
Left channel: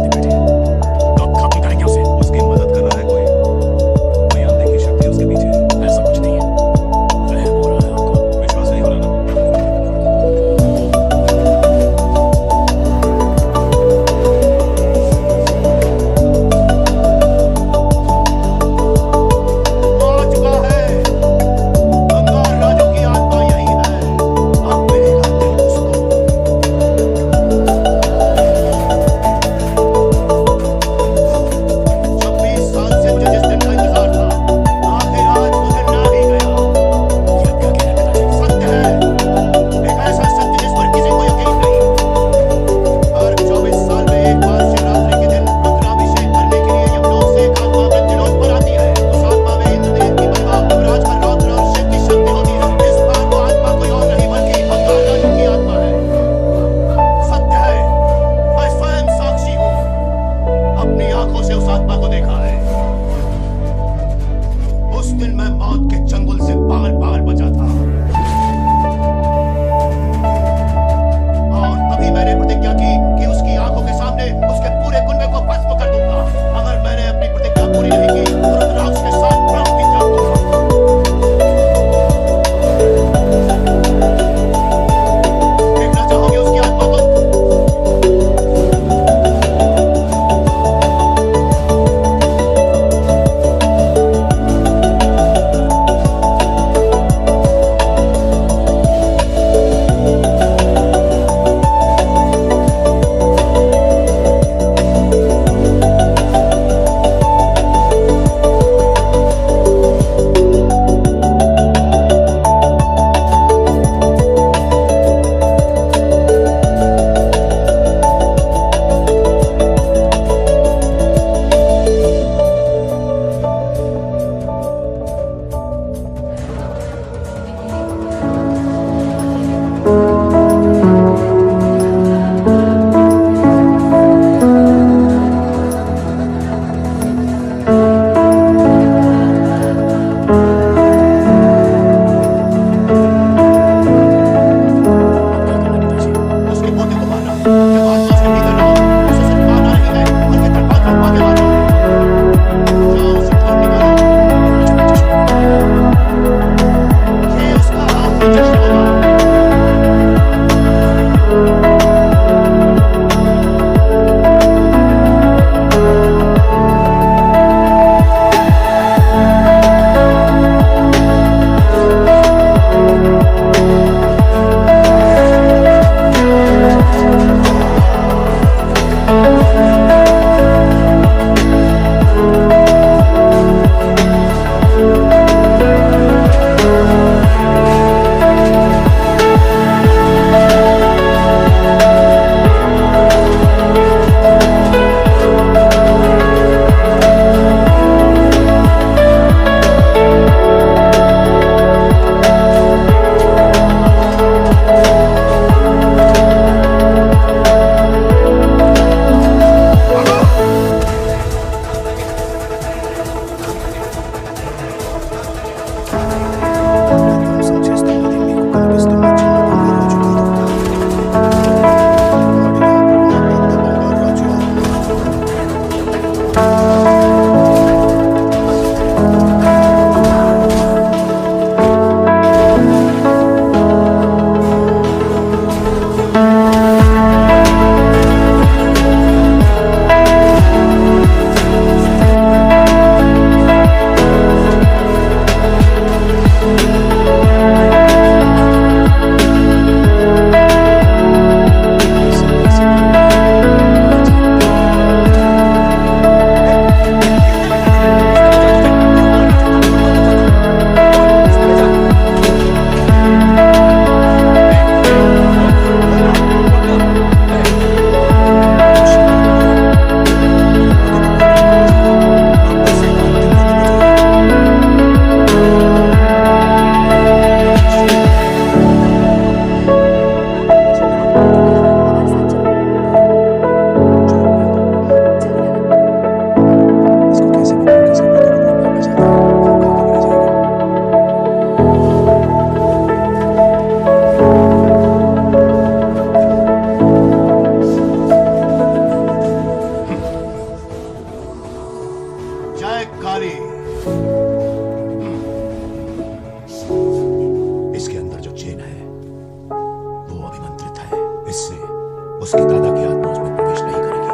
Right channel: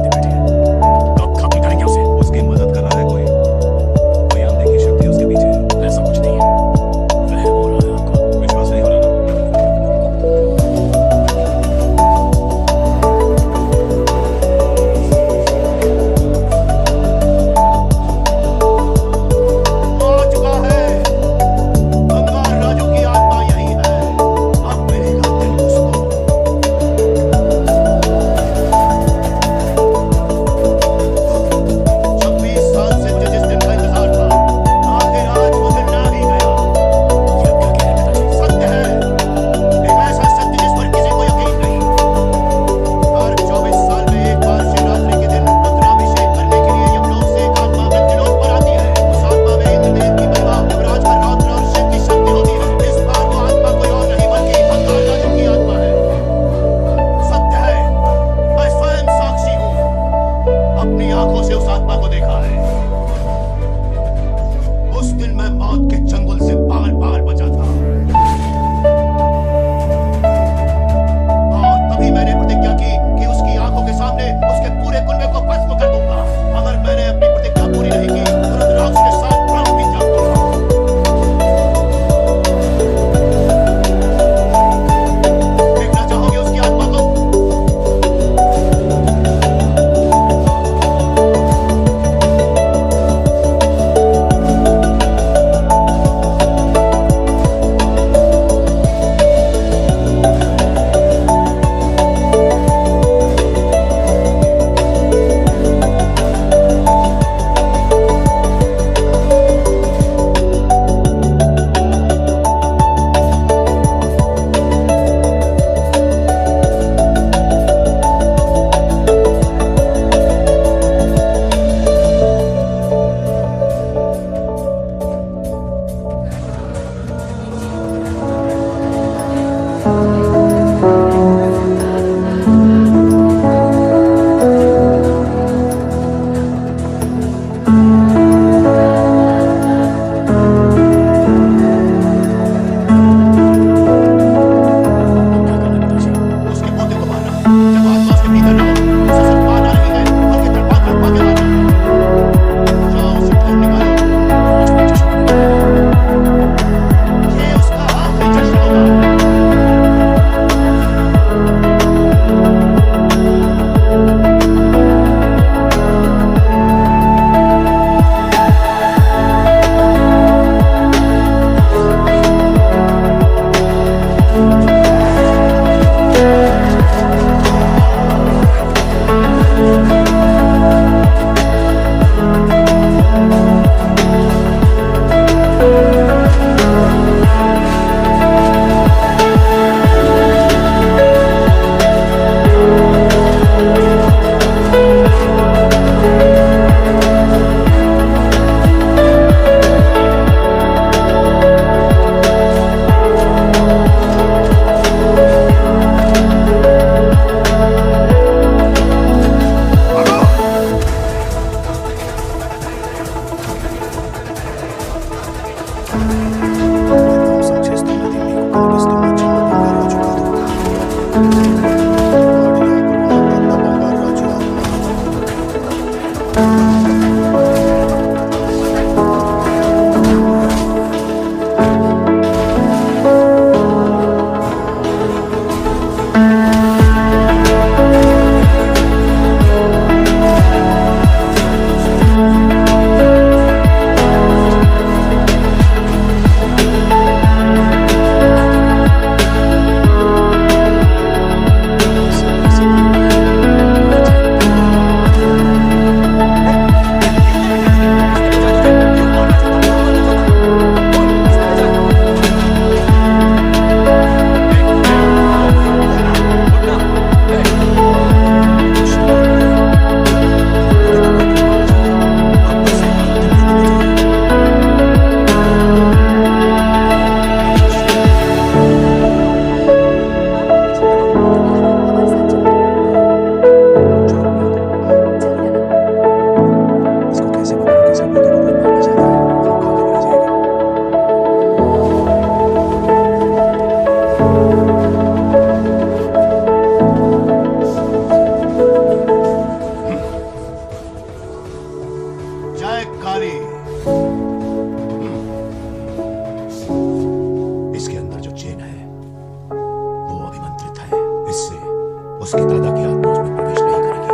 शहजादा की आत्मा उसमें प्रवेश नहीं करेगी।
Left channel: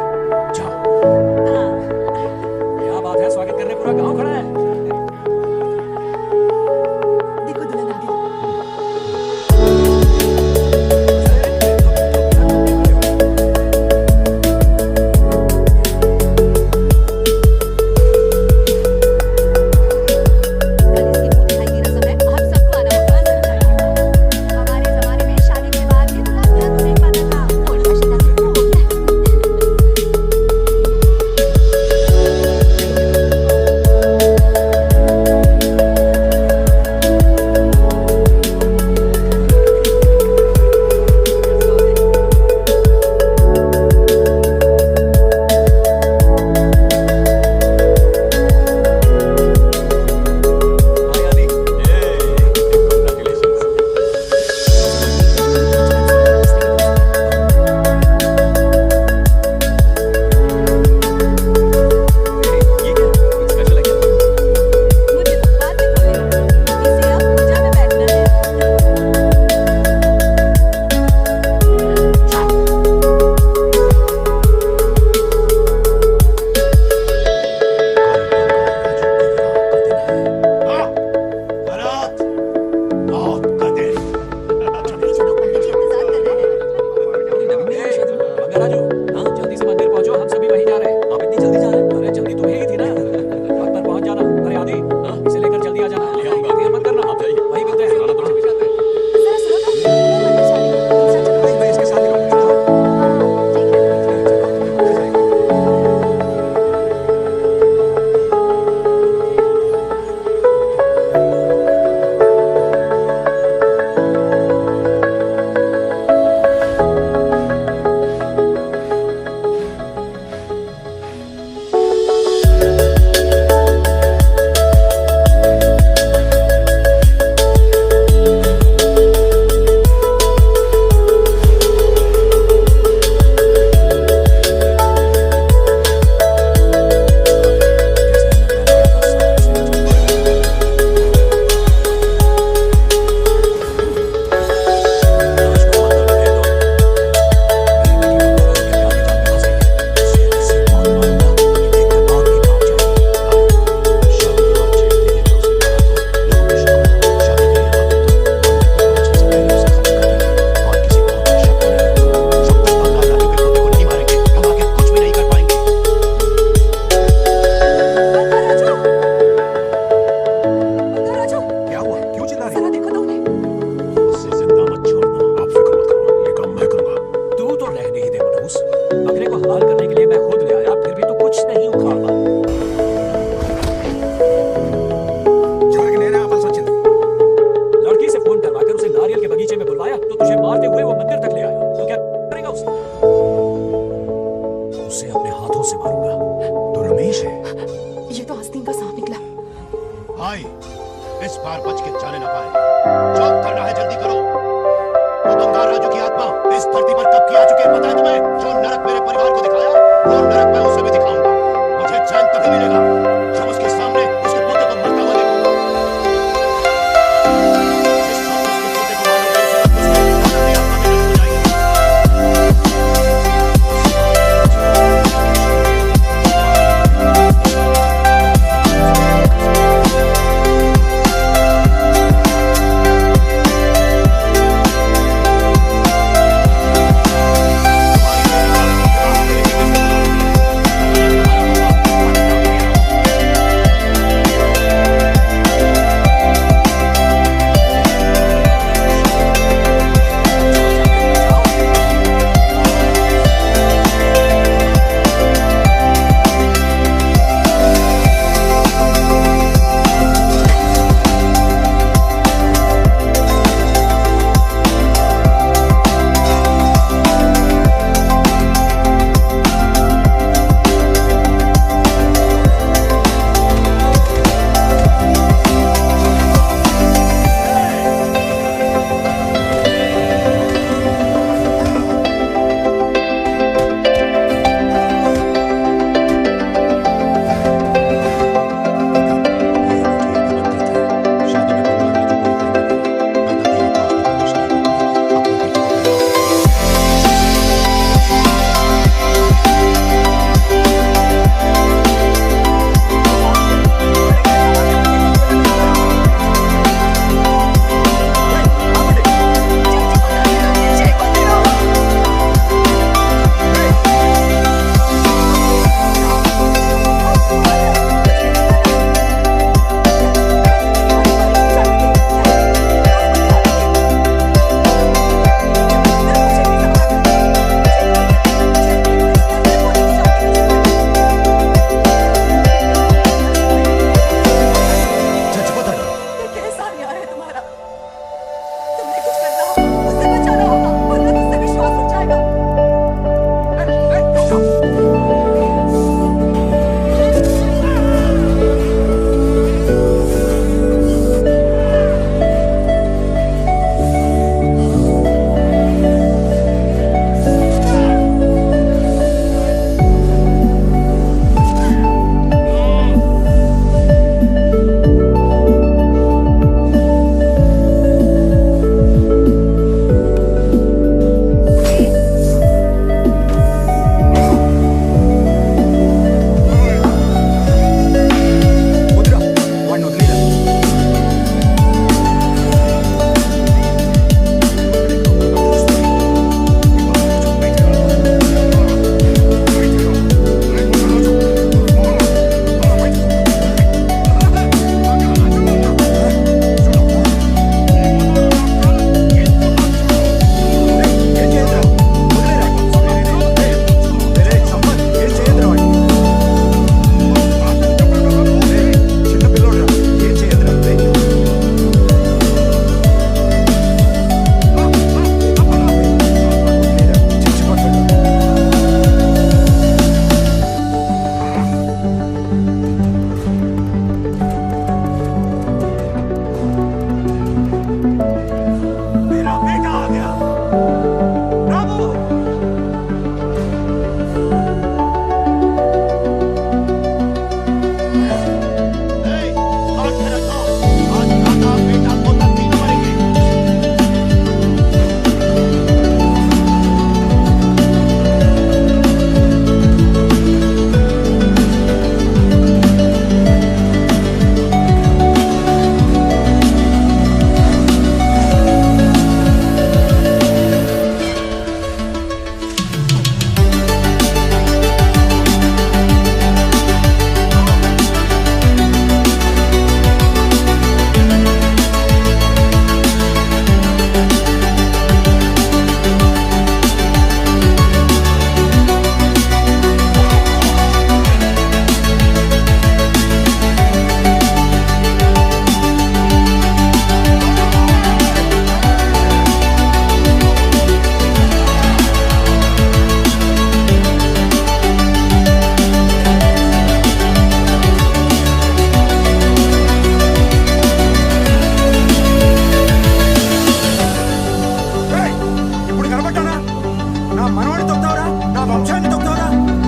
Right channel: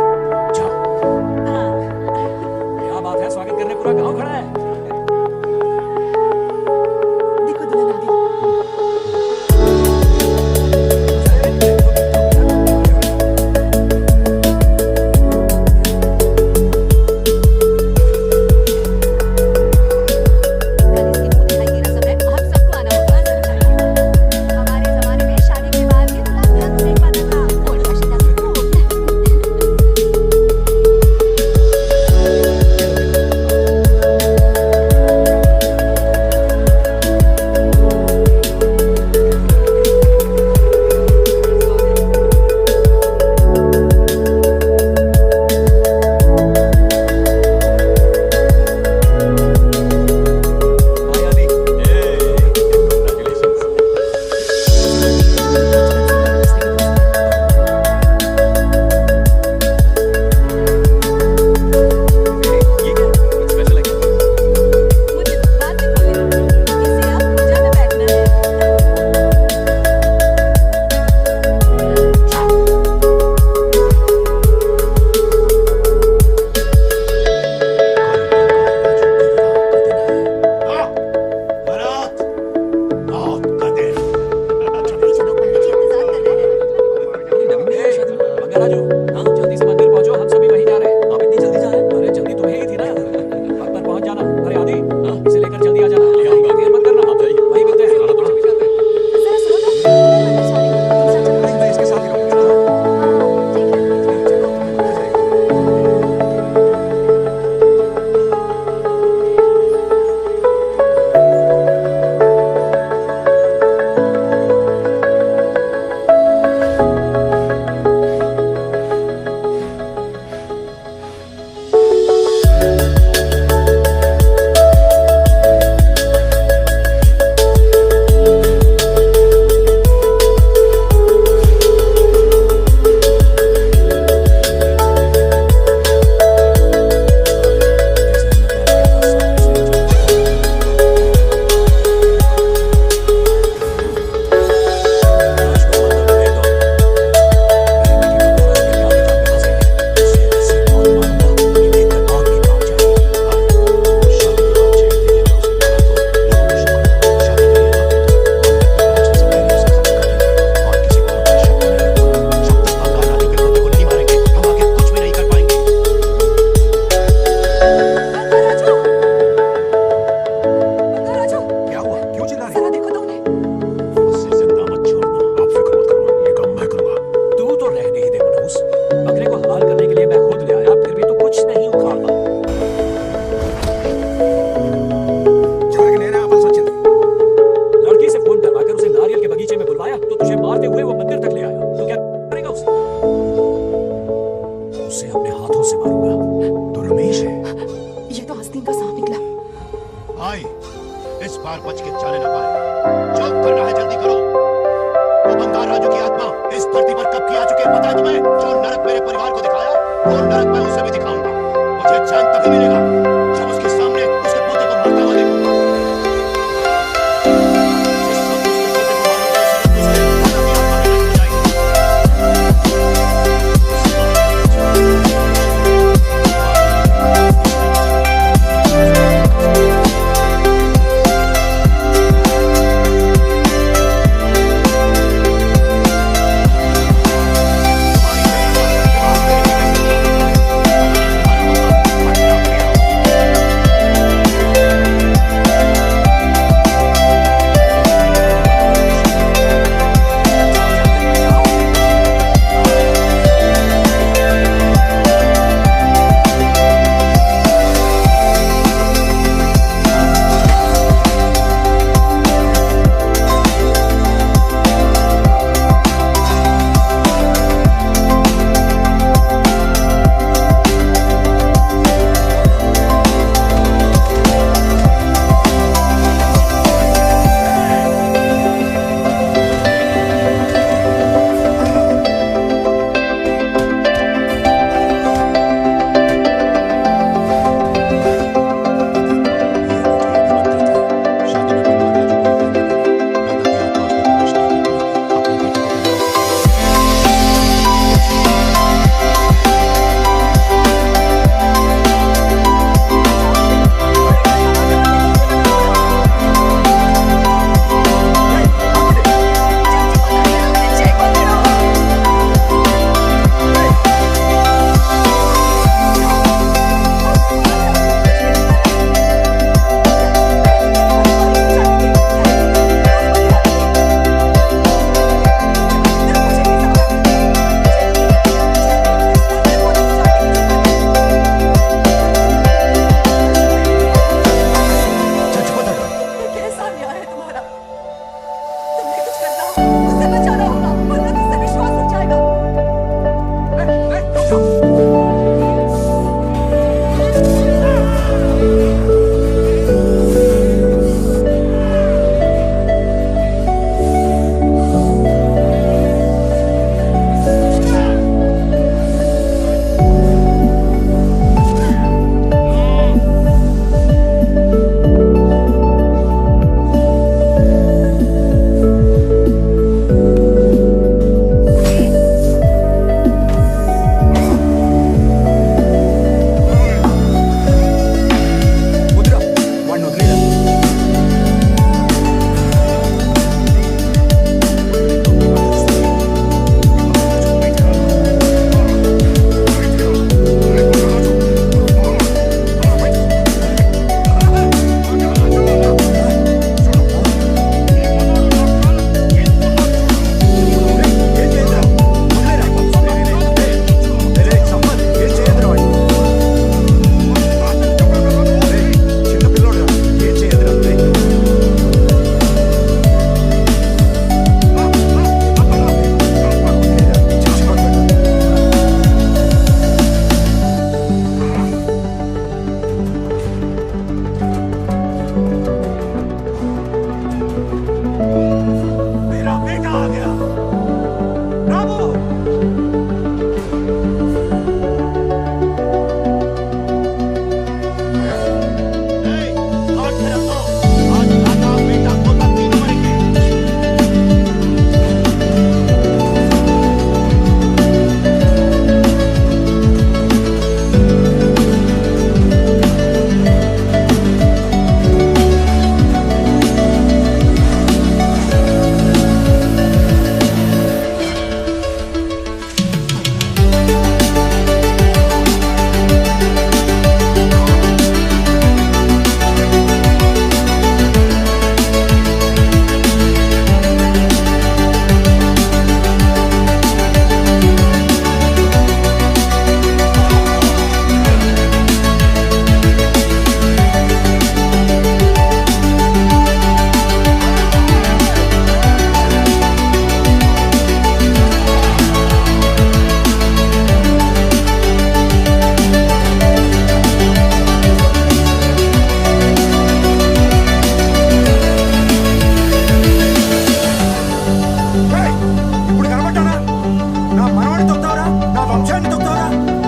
जाओ। क्या बात है, स्वागत करने पूरा गांव खड़ा है। देखो दुल्हन आ गई। तो बेटा तुम क्यों खड़े हो? कल इसकी मुंह दिखाई की रस्म है, आप सबको आना होगा। जरूर आइए। हमारे जमाने में शादी के बाद ही दूल्हा दुल्हन को देख पाता था। ओल्ड फैशन दादी वो हो गया। ये लो बेटा। हाय आदि। Congratulations. बचपन से ही एक दूसरे के दोस्त हैं। ये क्या, कुछ स्पेशल है क्या? मुझे तो बाद में खोल लेना। इसे अब पूजा में बैठना है। कल बंगार राजू के विवाह का दिन है। मौत का दिन। जल्दी चलो, पंडित जी इंतजार कर रहे हैं। नवीन में है शादी। बंगाराजू, हाँ जल्दी से मंदिर पहुंचो, हम सभी वहीं जा रहे हैं। आप इतनी जल्दी जा रहे हैं? अरे जल्दी तुम्हें ही थी ना, वक्त पर पहुंच जाना। अरे आदि, हाँ इसे लेकर जल्दी आ जाना। ले आऊंगा, देर मत करना। आप जाइए, वहीं मिलते हैं। जरा सुनो तो, मैं मंदिर जा रही हूँ, तुम सब चलो। नहीं, मैं इसके साथ ही रहूंगा। चलो हाँ ठीक है। चलो, तुम्हें मंदिर जाएगा। जैसे हमने प्लान किया था सब वैसे ही चल रहा है। आज को समंदर में फेंक दो। मेरी बेटी बंगारा के प्यार के जाल में फंस गई है। उसे ऐसी मौत मारूंगा कि देखकर मौत भी कांप जाएगी। भाई, शादी की बात छेड़ते ही अगर उसे मारा तो लोगों को शक होगा। शादी के लिए आते तो मंडप में पहुंचने से पहले उसे खत्म कर देंगे और किसी को हम पर शक भी नहीं होगा। जब तक बंगाल राजू के पोते को नहीं मारेंगे, हम आगे कुछ भी नहीं कर पाएंगे। बंगाराजू, बंगाराजू, क्या हुआ, क्यों चिल्ला रही? जरा देखो तो उन्हें। उससे जिंदा मत छोड़ना। आप फिक्र मत करो, ये काम मैं करूंगा। तू तो रहने ही दे मनहूस। बकरे को हलाल करने के लिए मैं खुद ले आया, फिर भी तू कुछ नहीं उखाड़ पाया। చివరికి నేనే ఆపాల్సి వచ్చింది। लड़की से फोन करवाकर उसे नारियल के बगीचे में बुलवाया तो तुझे मारते हुए वो मंदिर तक ले आया। तो क्या करेगा उसे? उसे अपने हाथों से मारूंगा। तो रमेश है। ये तो आस्तीन का सांप निकला। भाई, इस बार बच के जाने ना पाए। जो करना है जल्दी करो। वो बंगार राजू की आत्मा इस धरती पर कब की आ चुकी है पता है तुम्हें? जो नरक मेरे परिवार को दिखाया, वो नरक मैं उसे भी दिखाऊंगा। मुझे चैन तभी मिलेगा जब उसके सामने उसके पोते को मरता हुआ देखूंगा। जिस वक्त उसके पोते को मारोगे, उसी वक्त उसके आत्मा भी आत्मा में नष्ट हो जाएगी। उस तुम्हारी बेटी का विवाह मेरे बेटे से करो। तुम्हारा होगा, पटना पिया।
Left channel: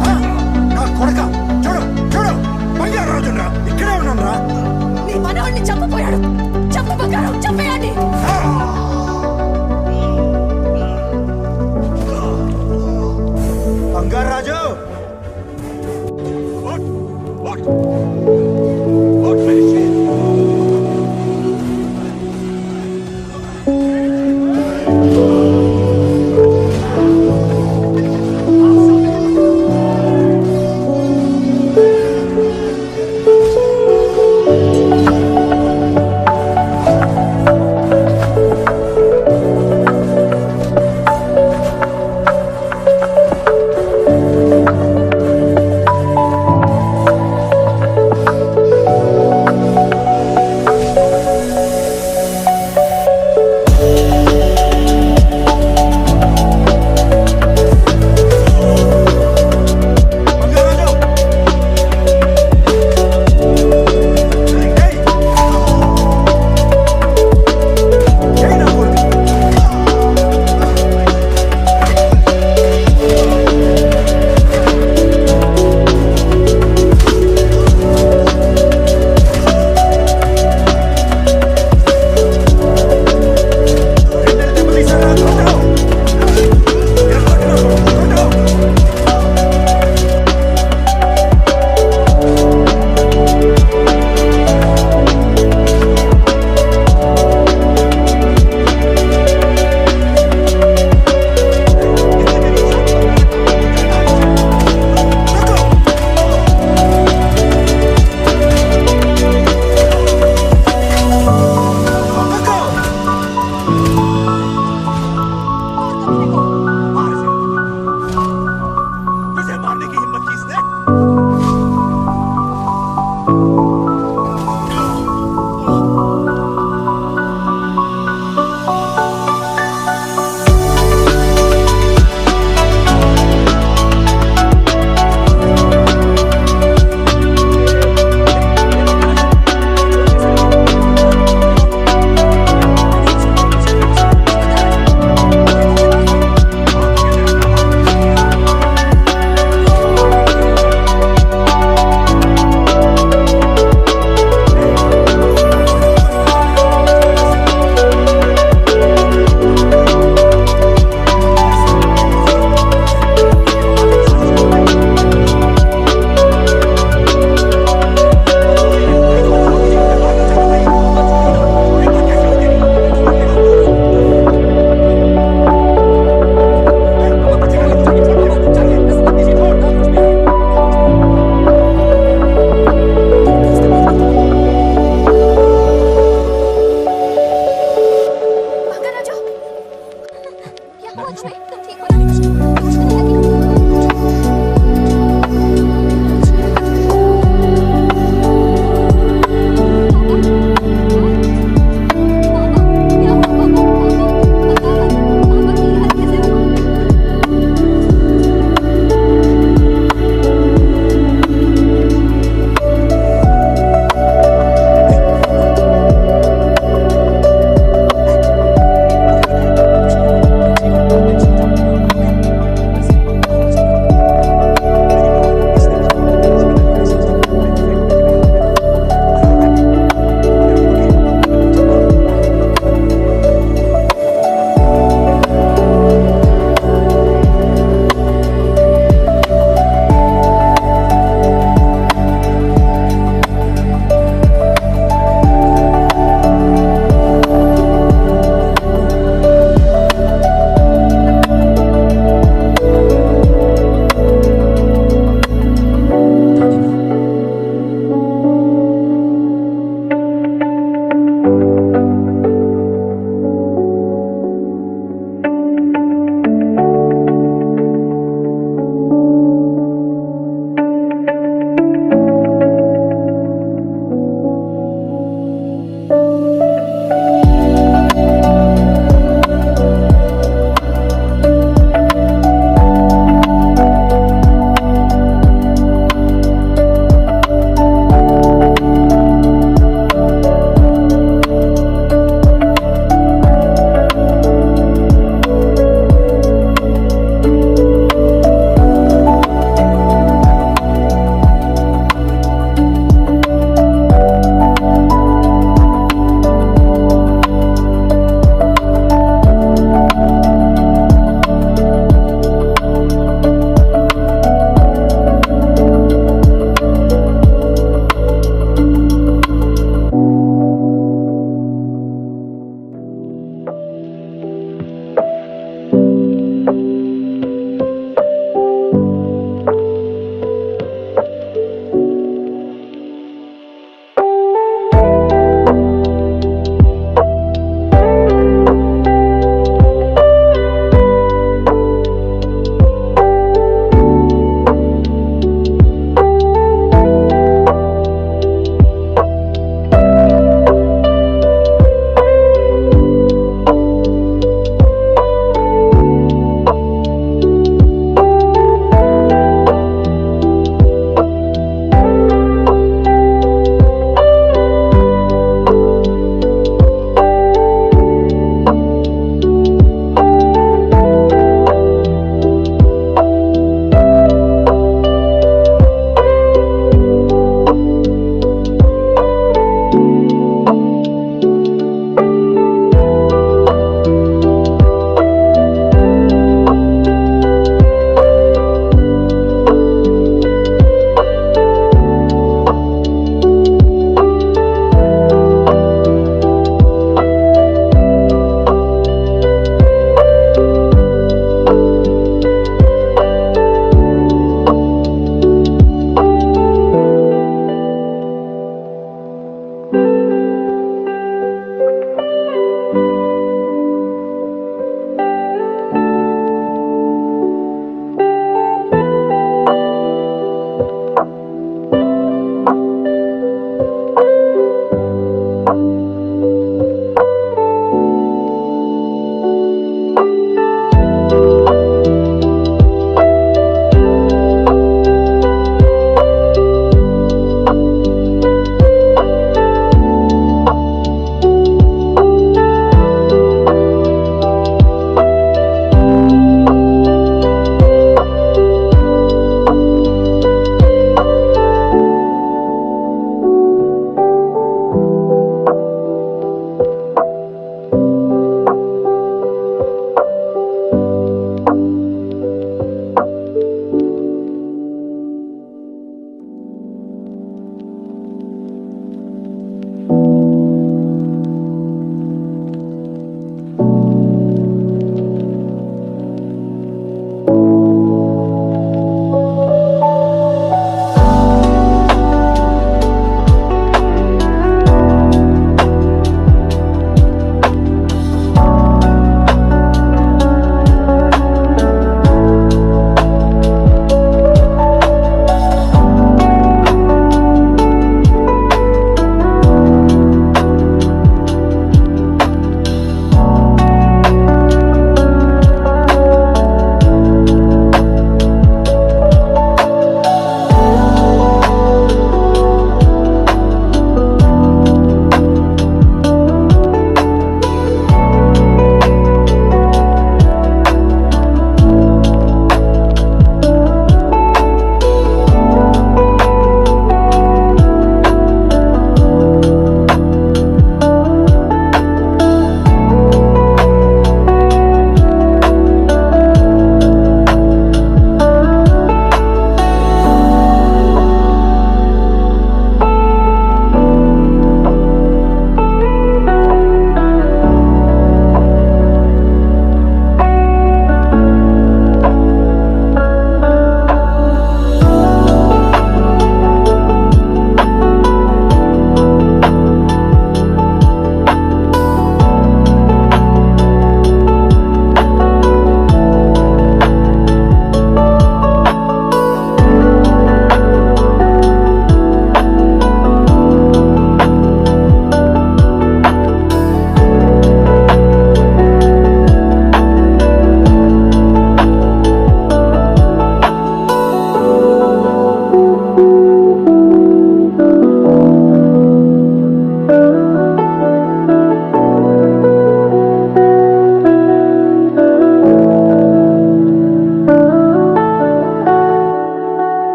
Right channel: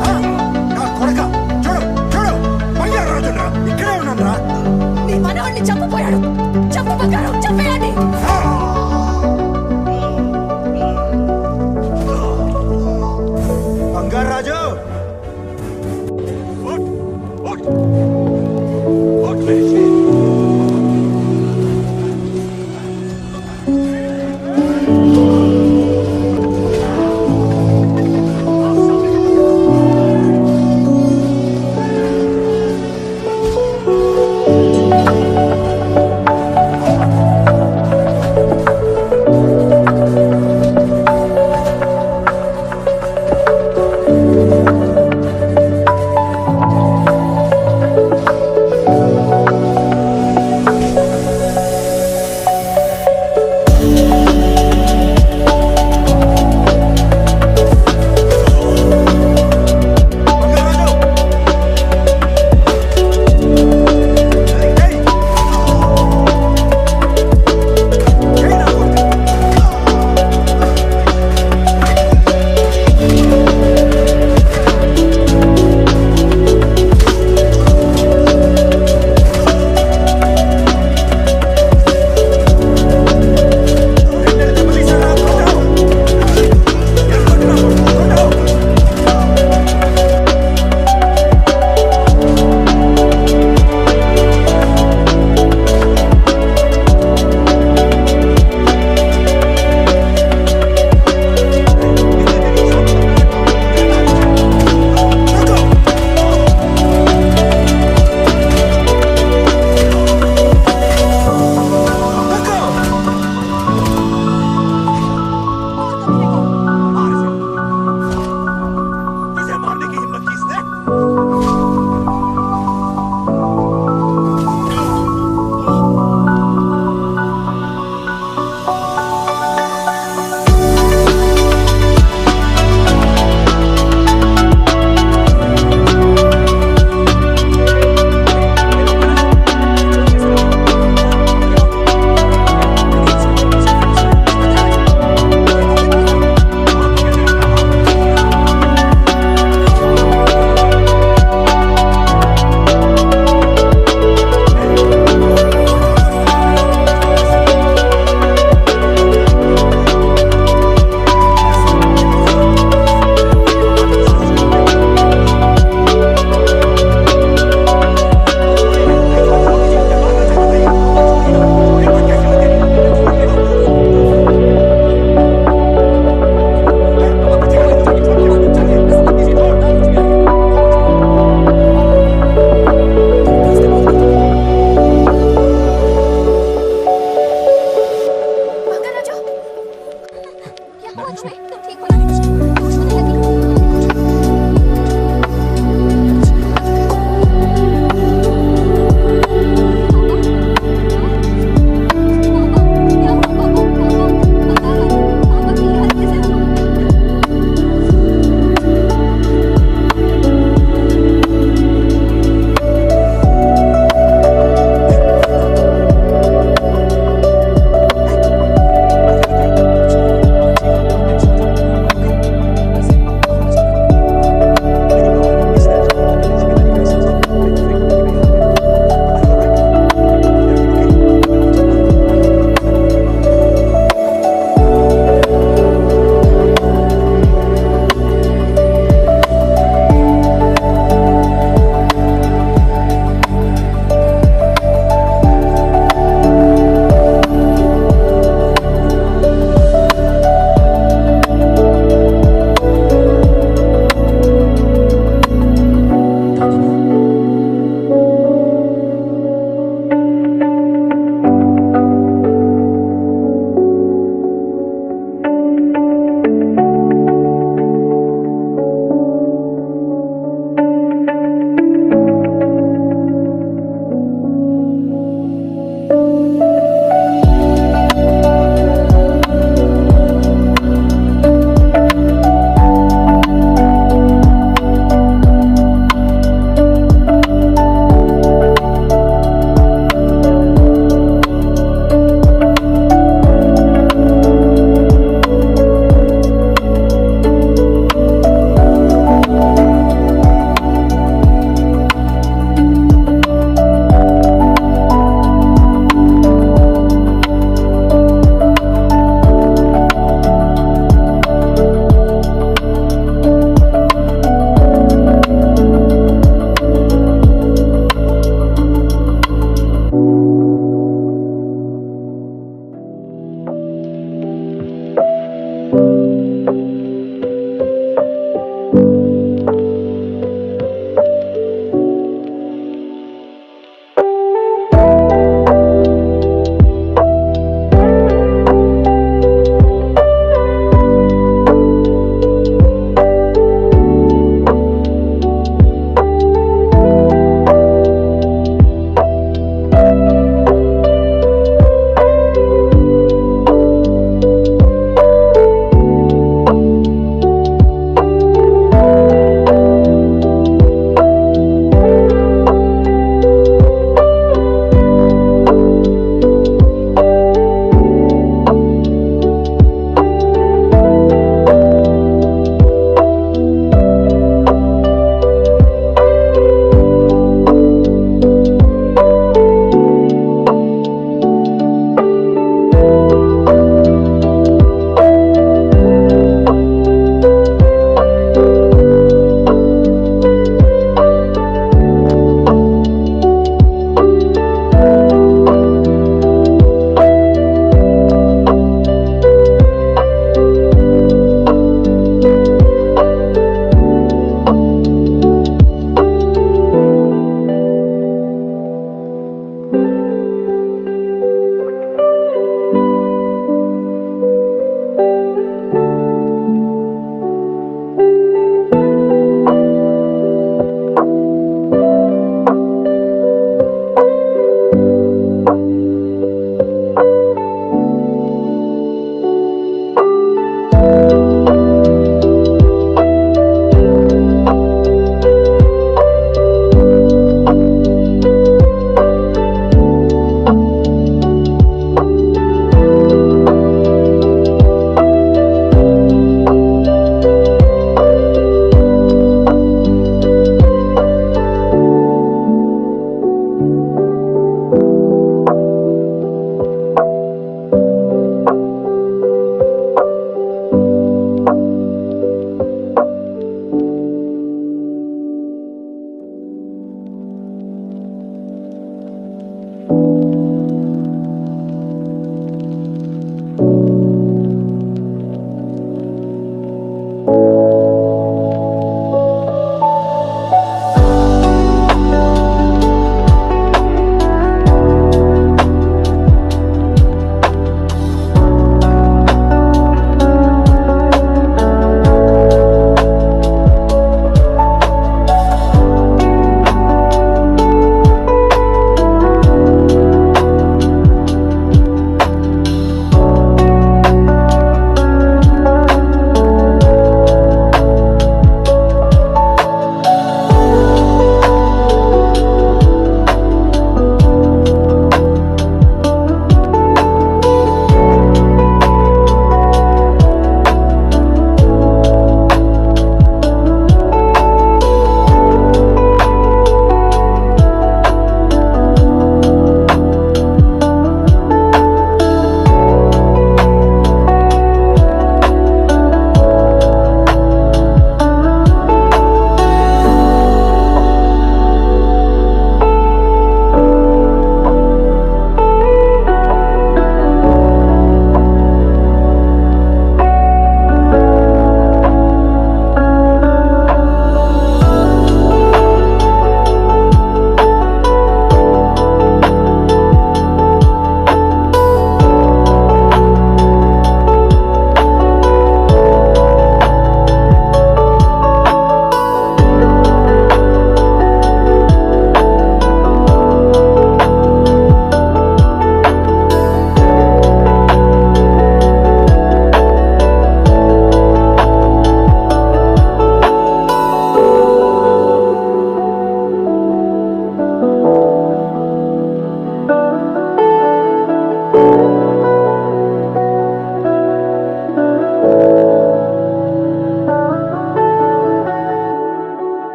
నా కొడక చూడు చూడు బంగారు రాజురా ఇక్కడే ఉన్నాను రా. నీ మనవాడిని చంపపోయాడు. చంపు బంగారం, చంపేయండి. బంగారు రాజు उठ उठ उठ मेरे शेर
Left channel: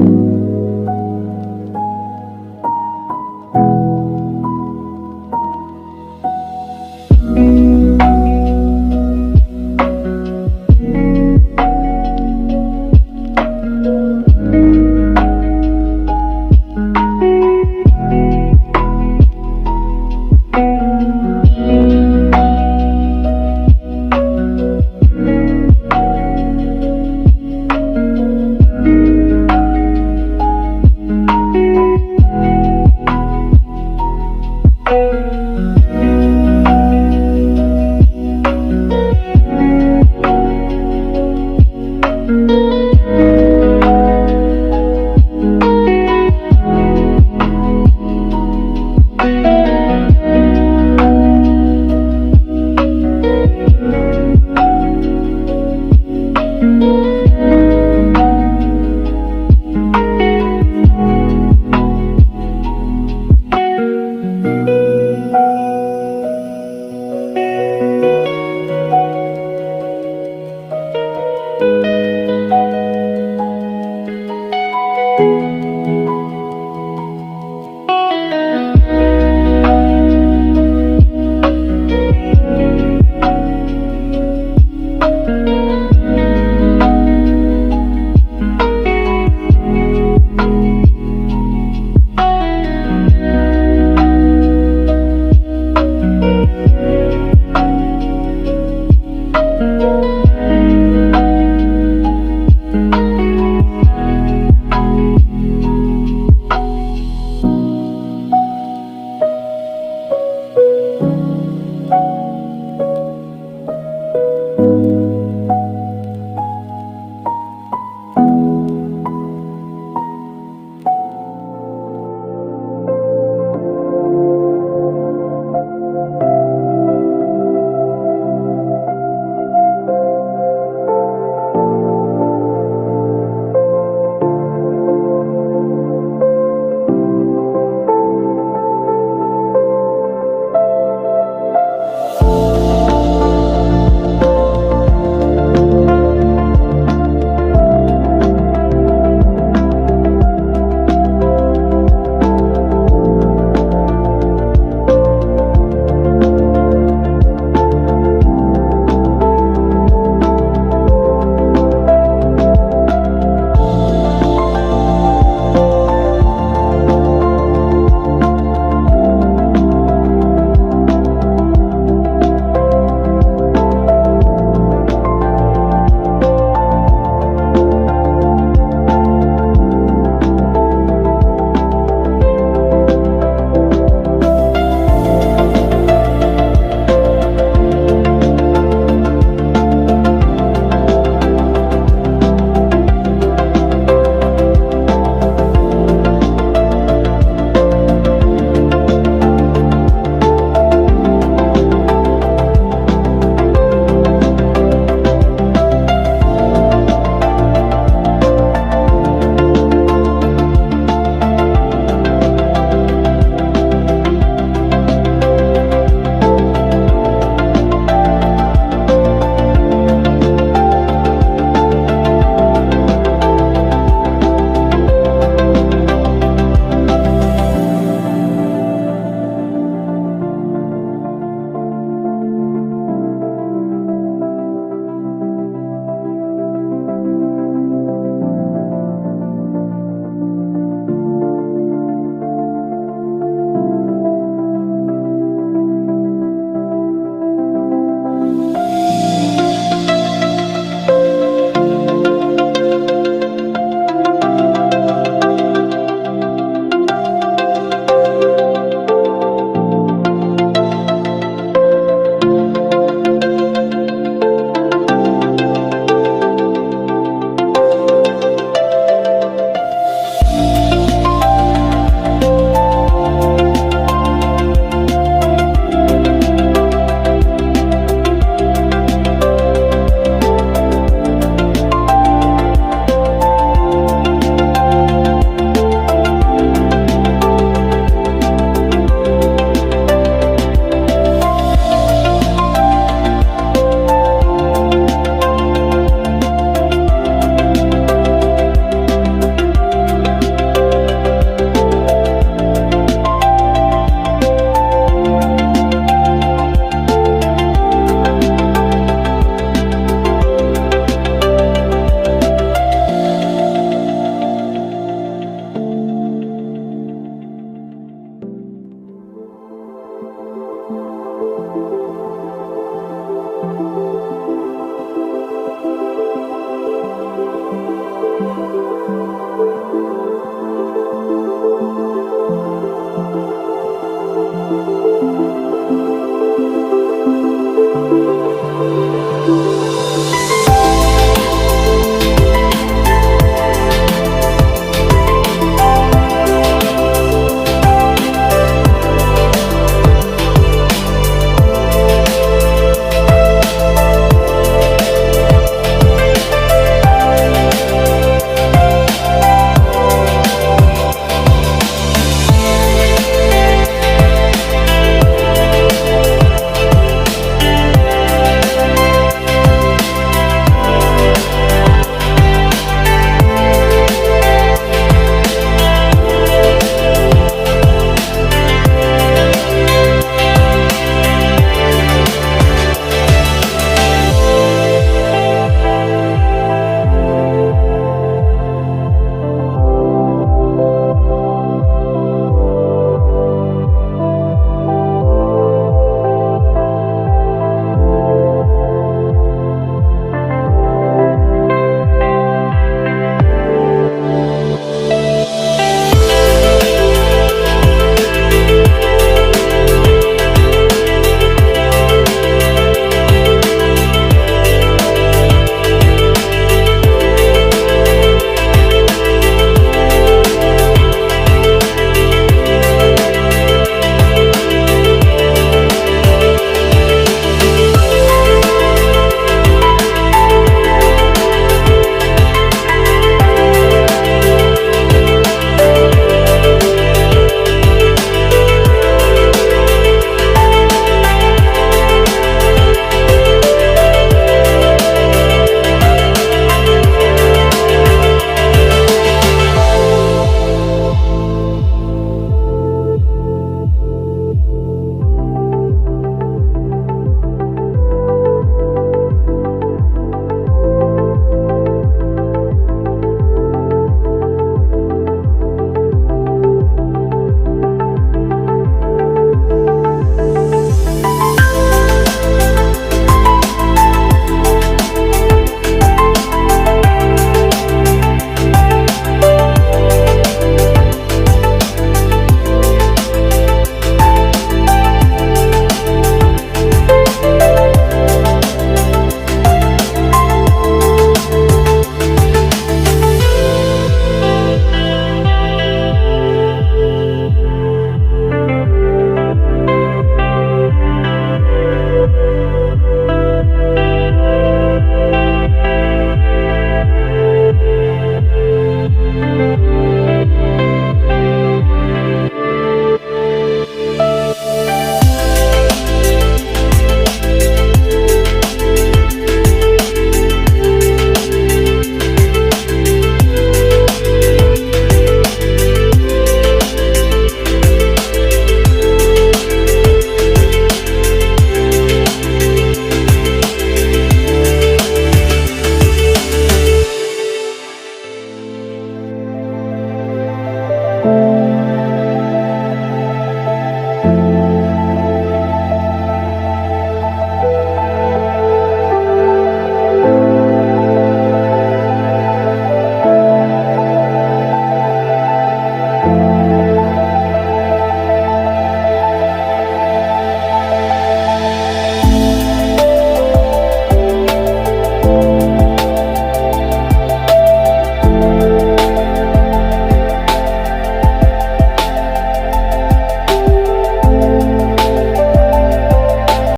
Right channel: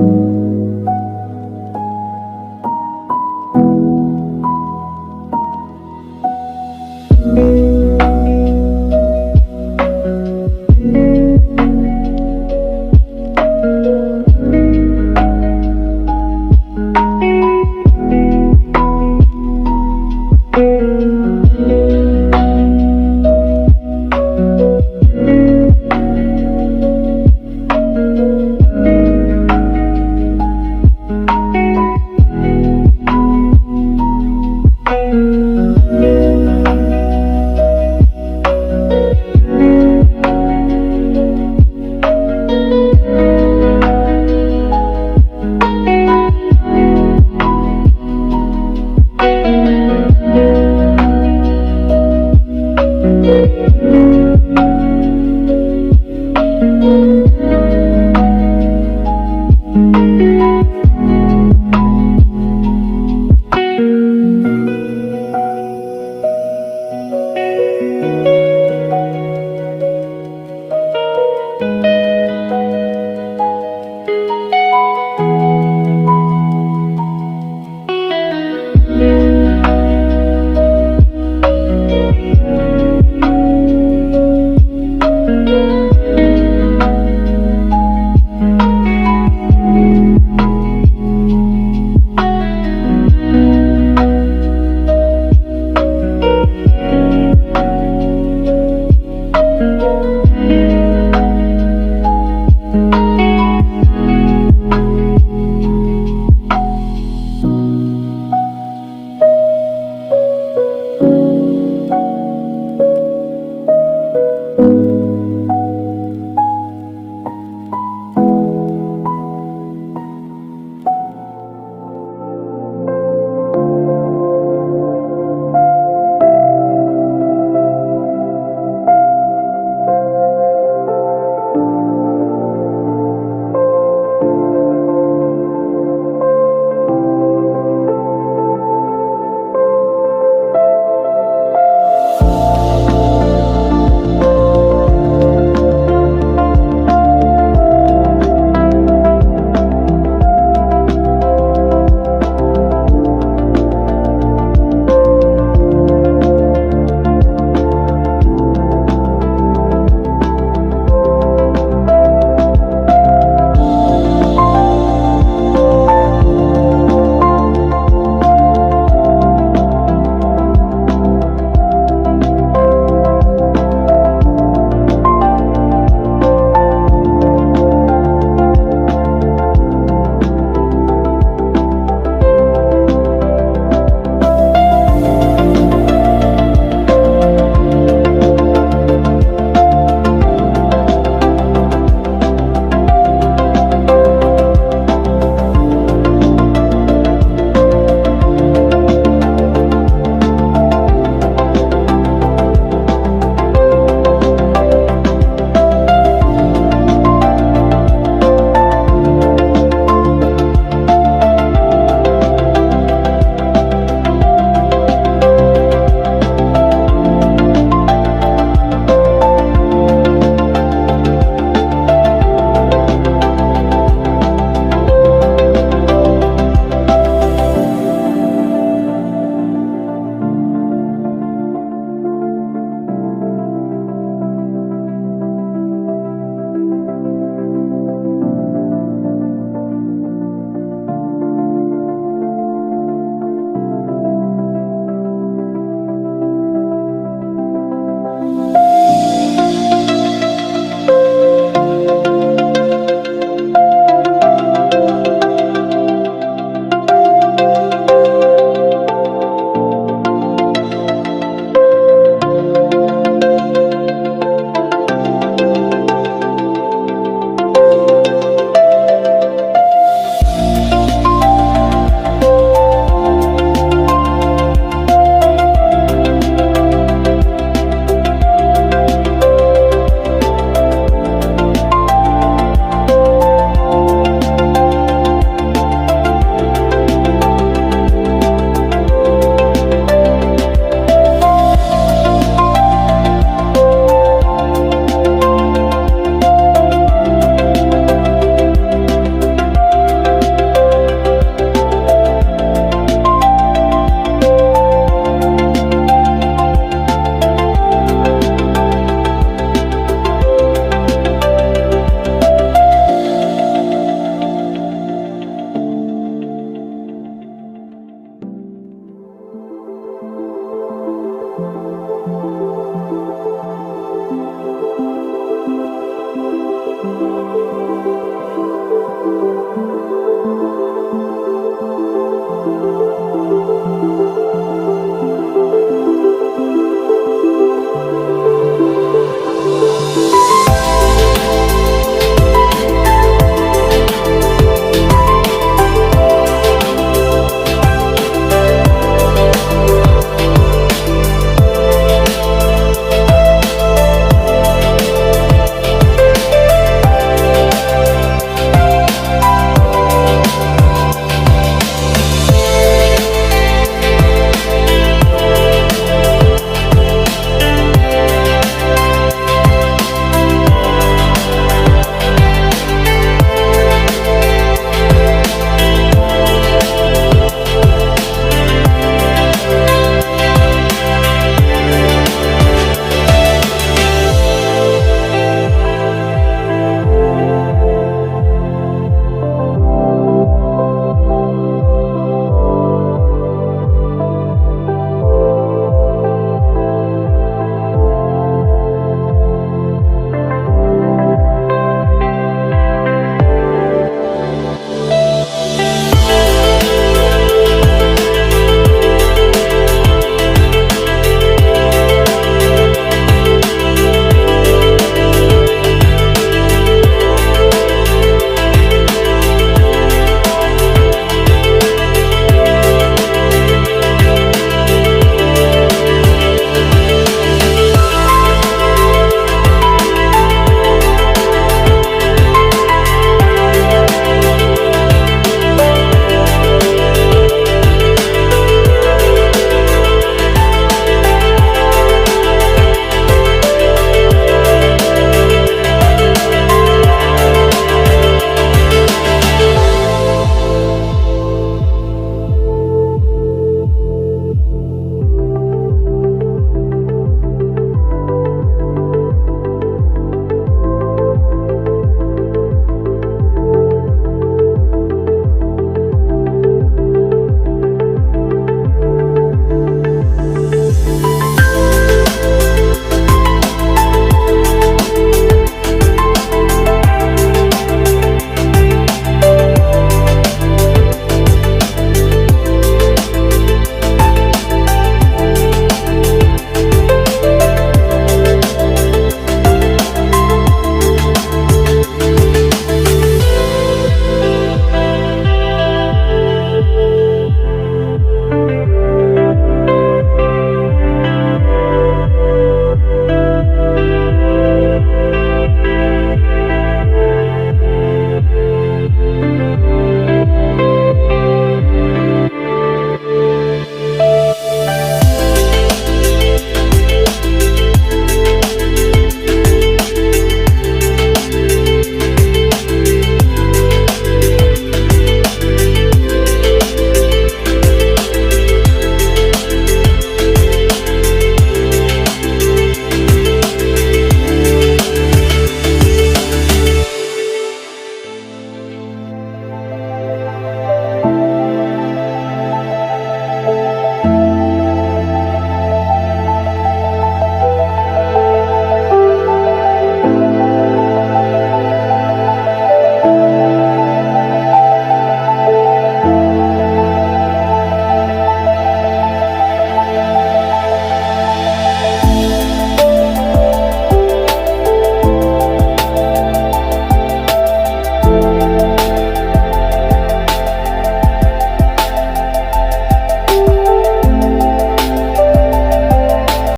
है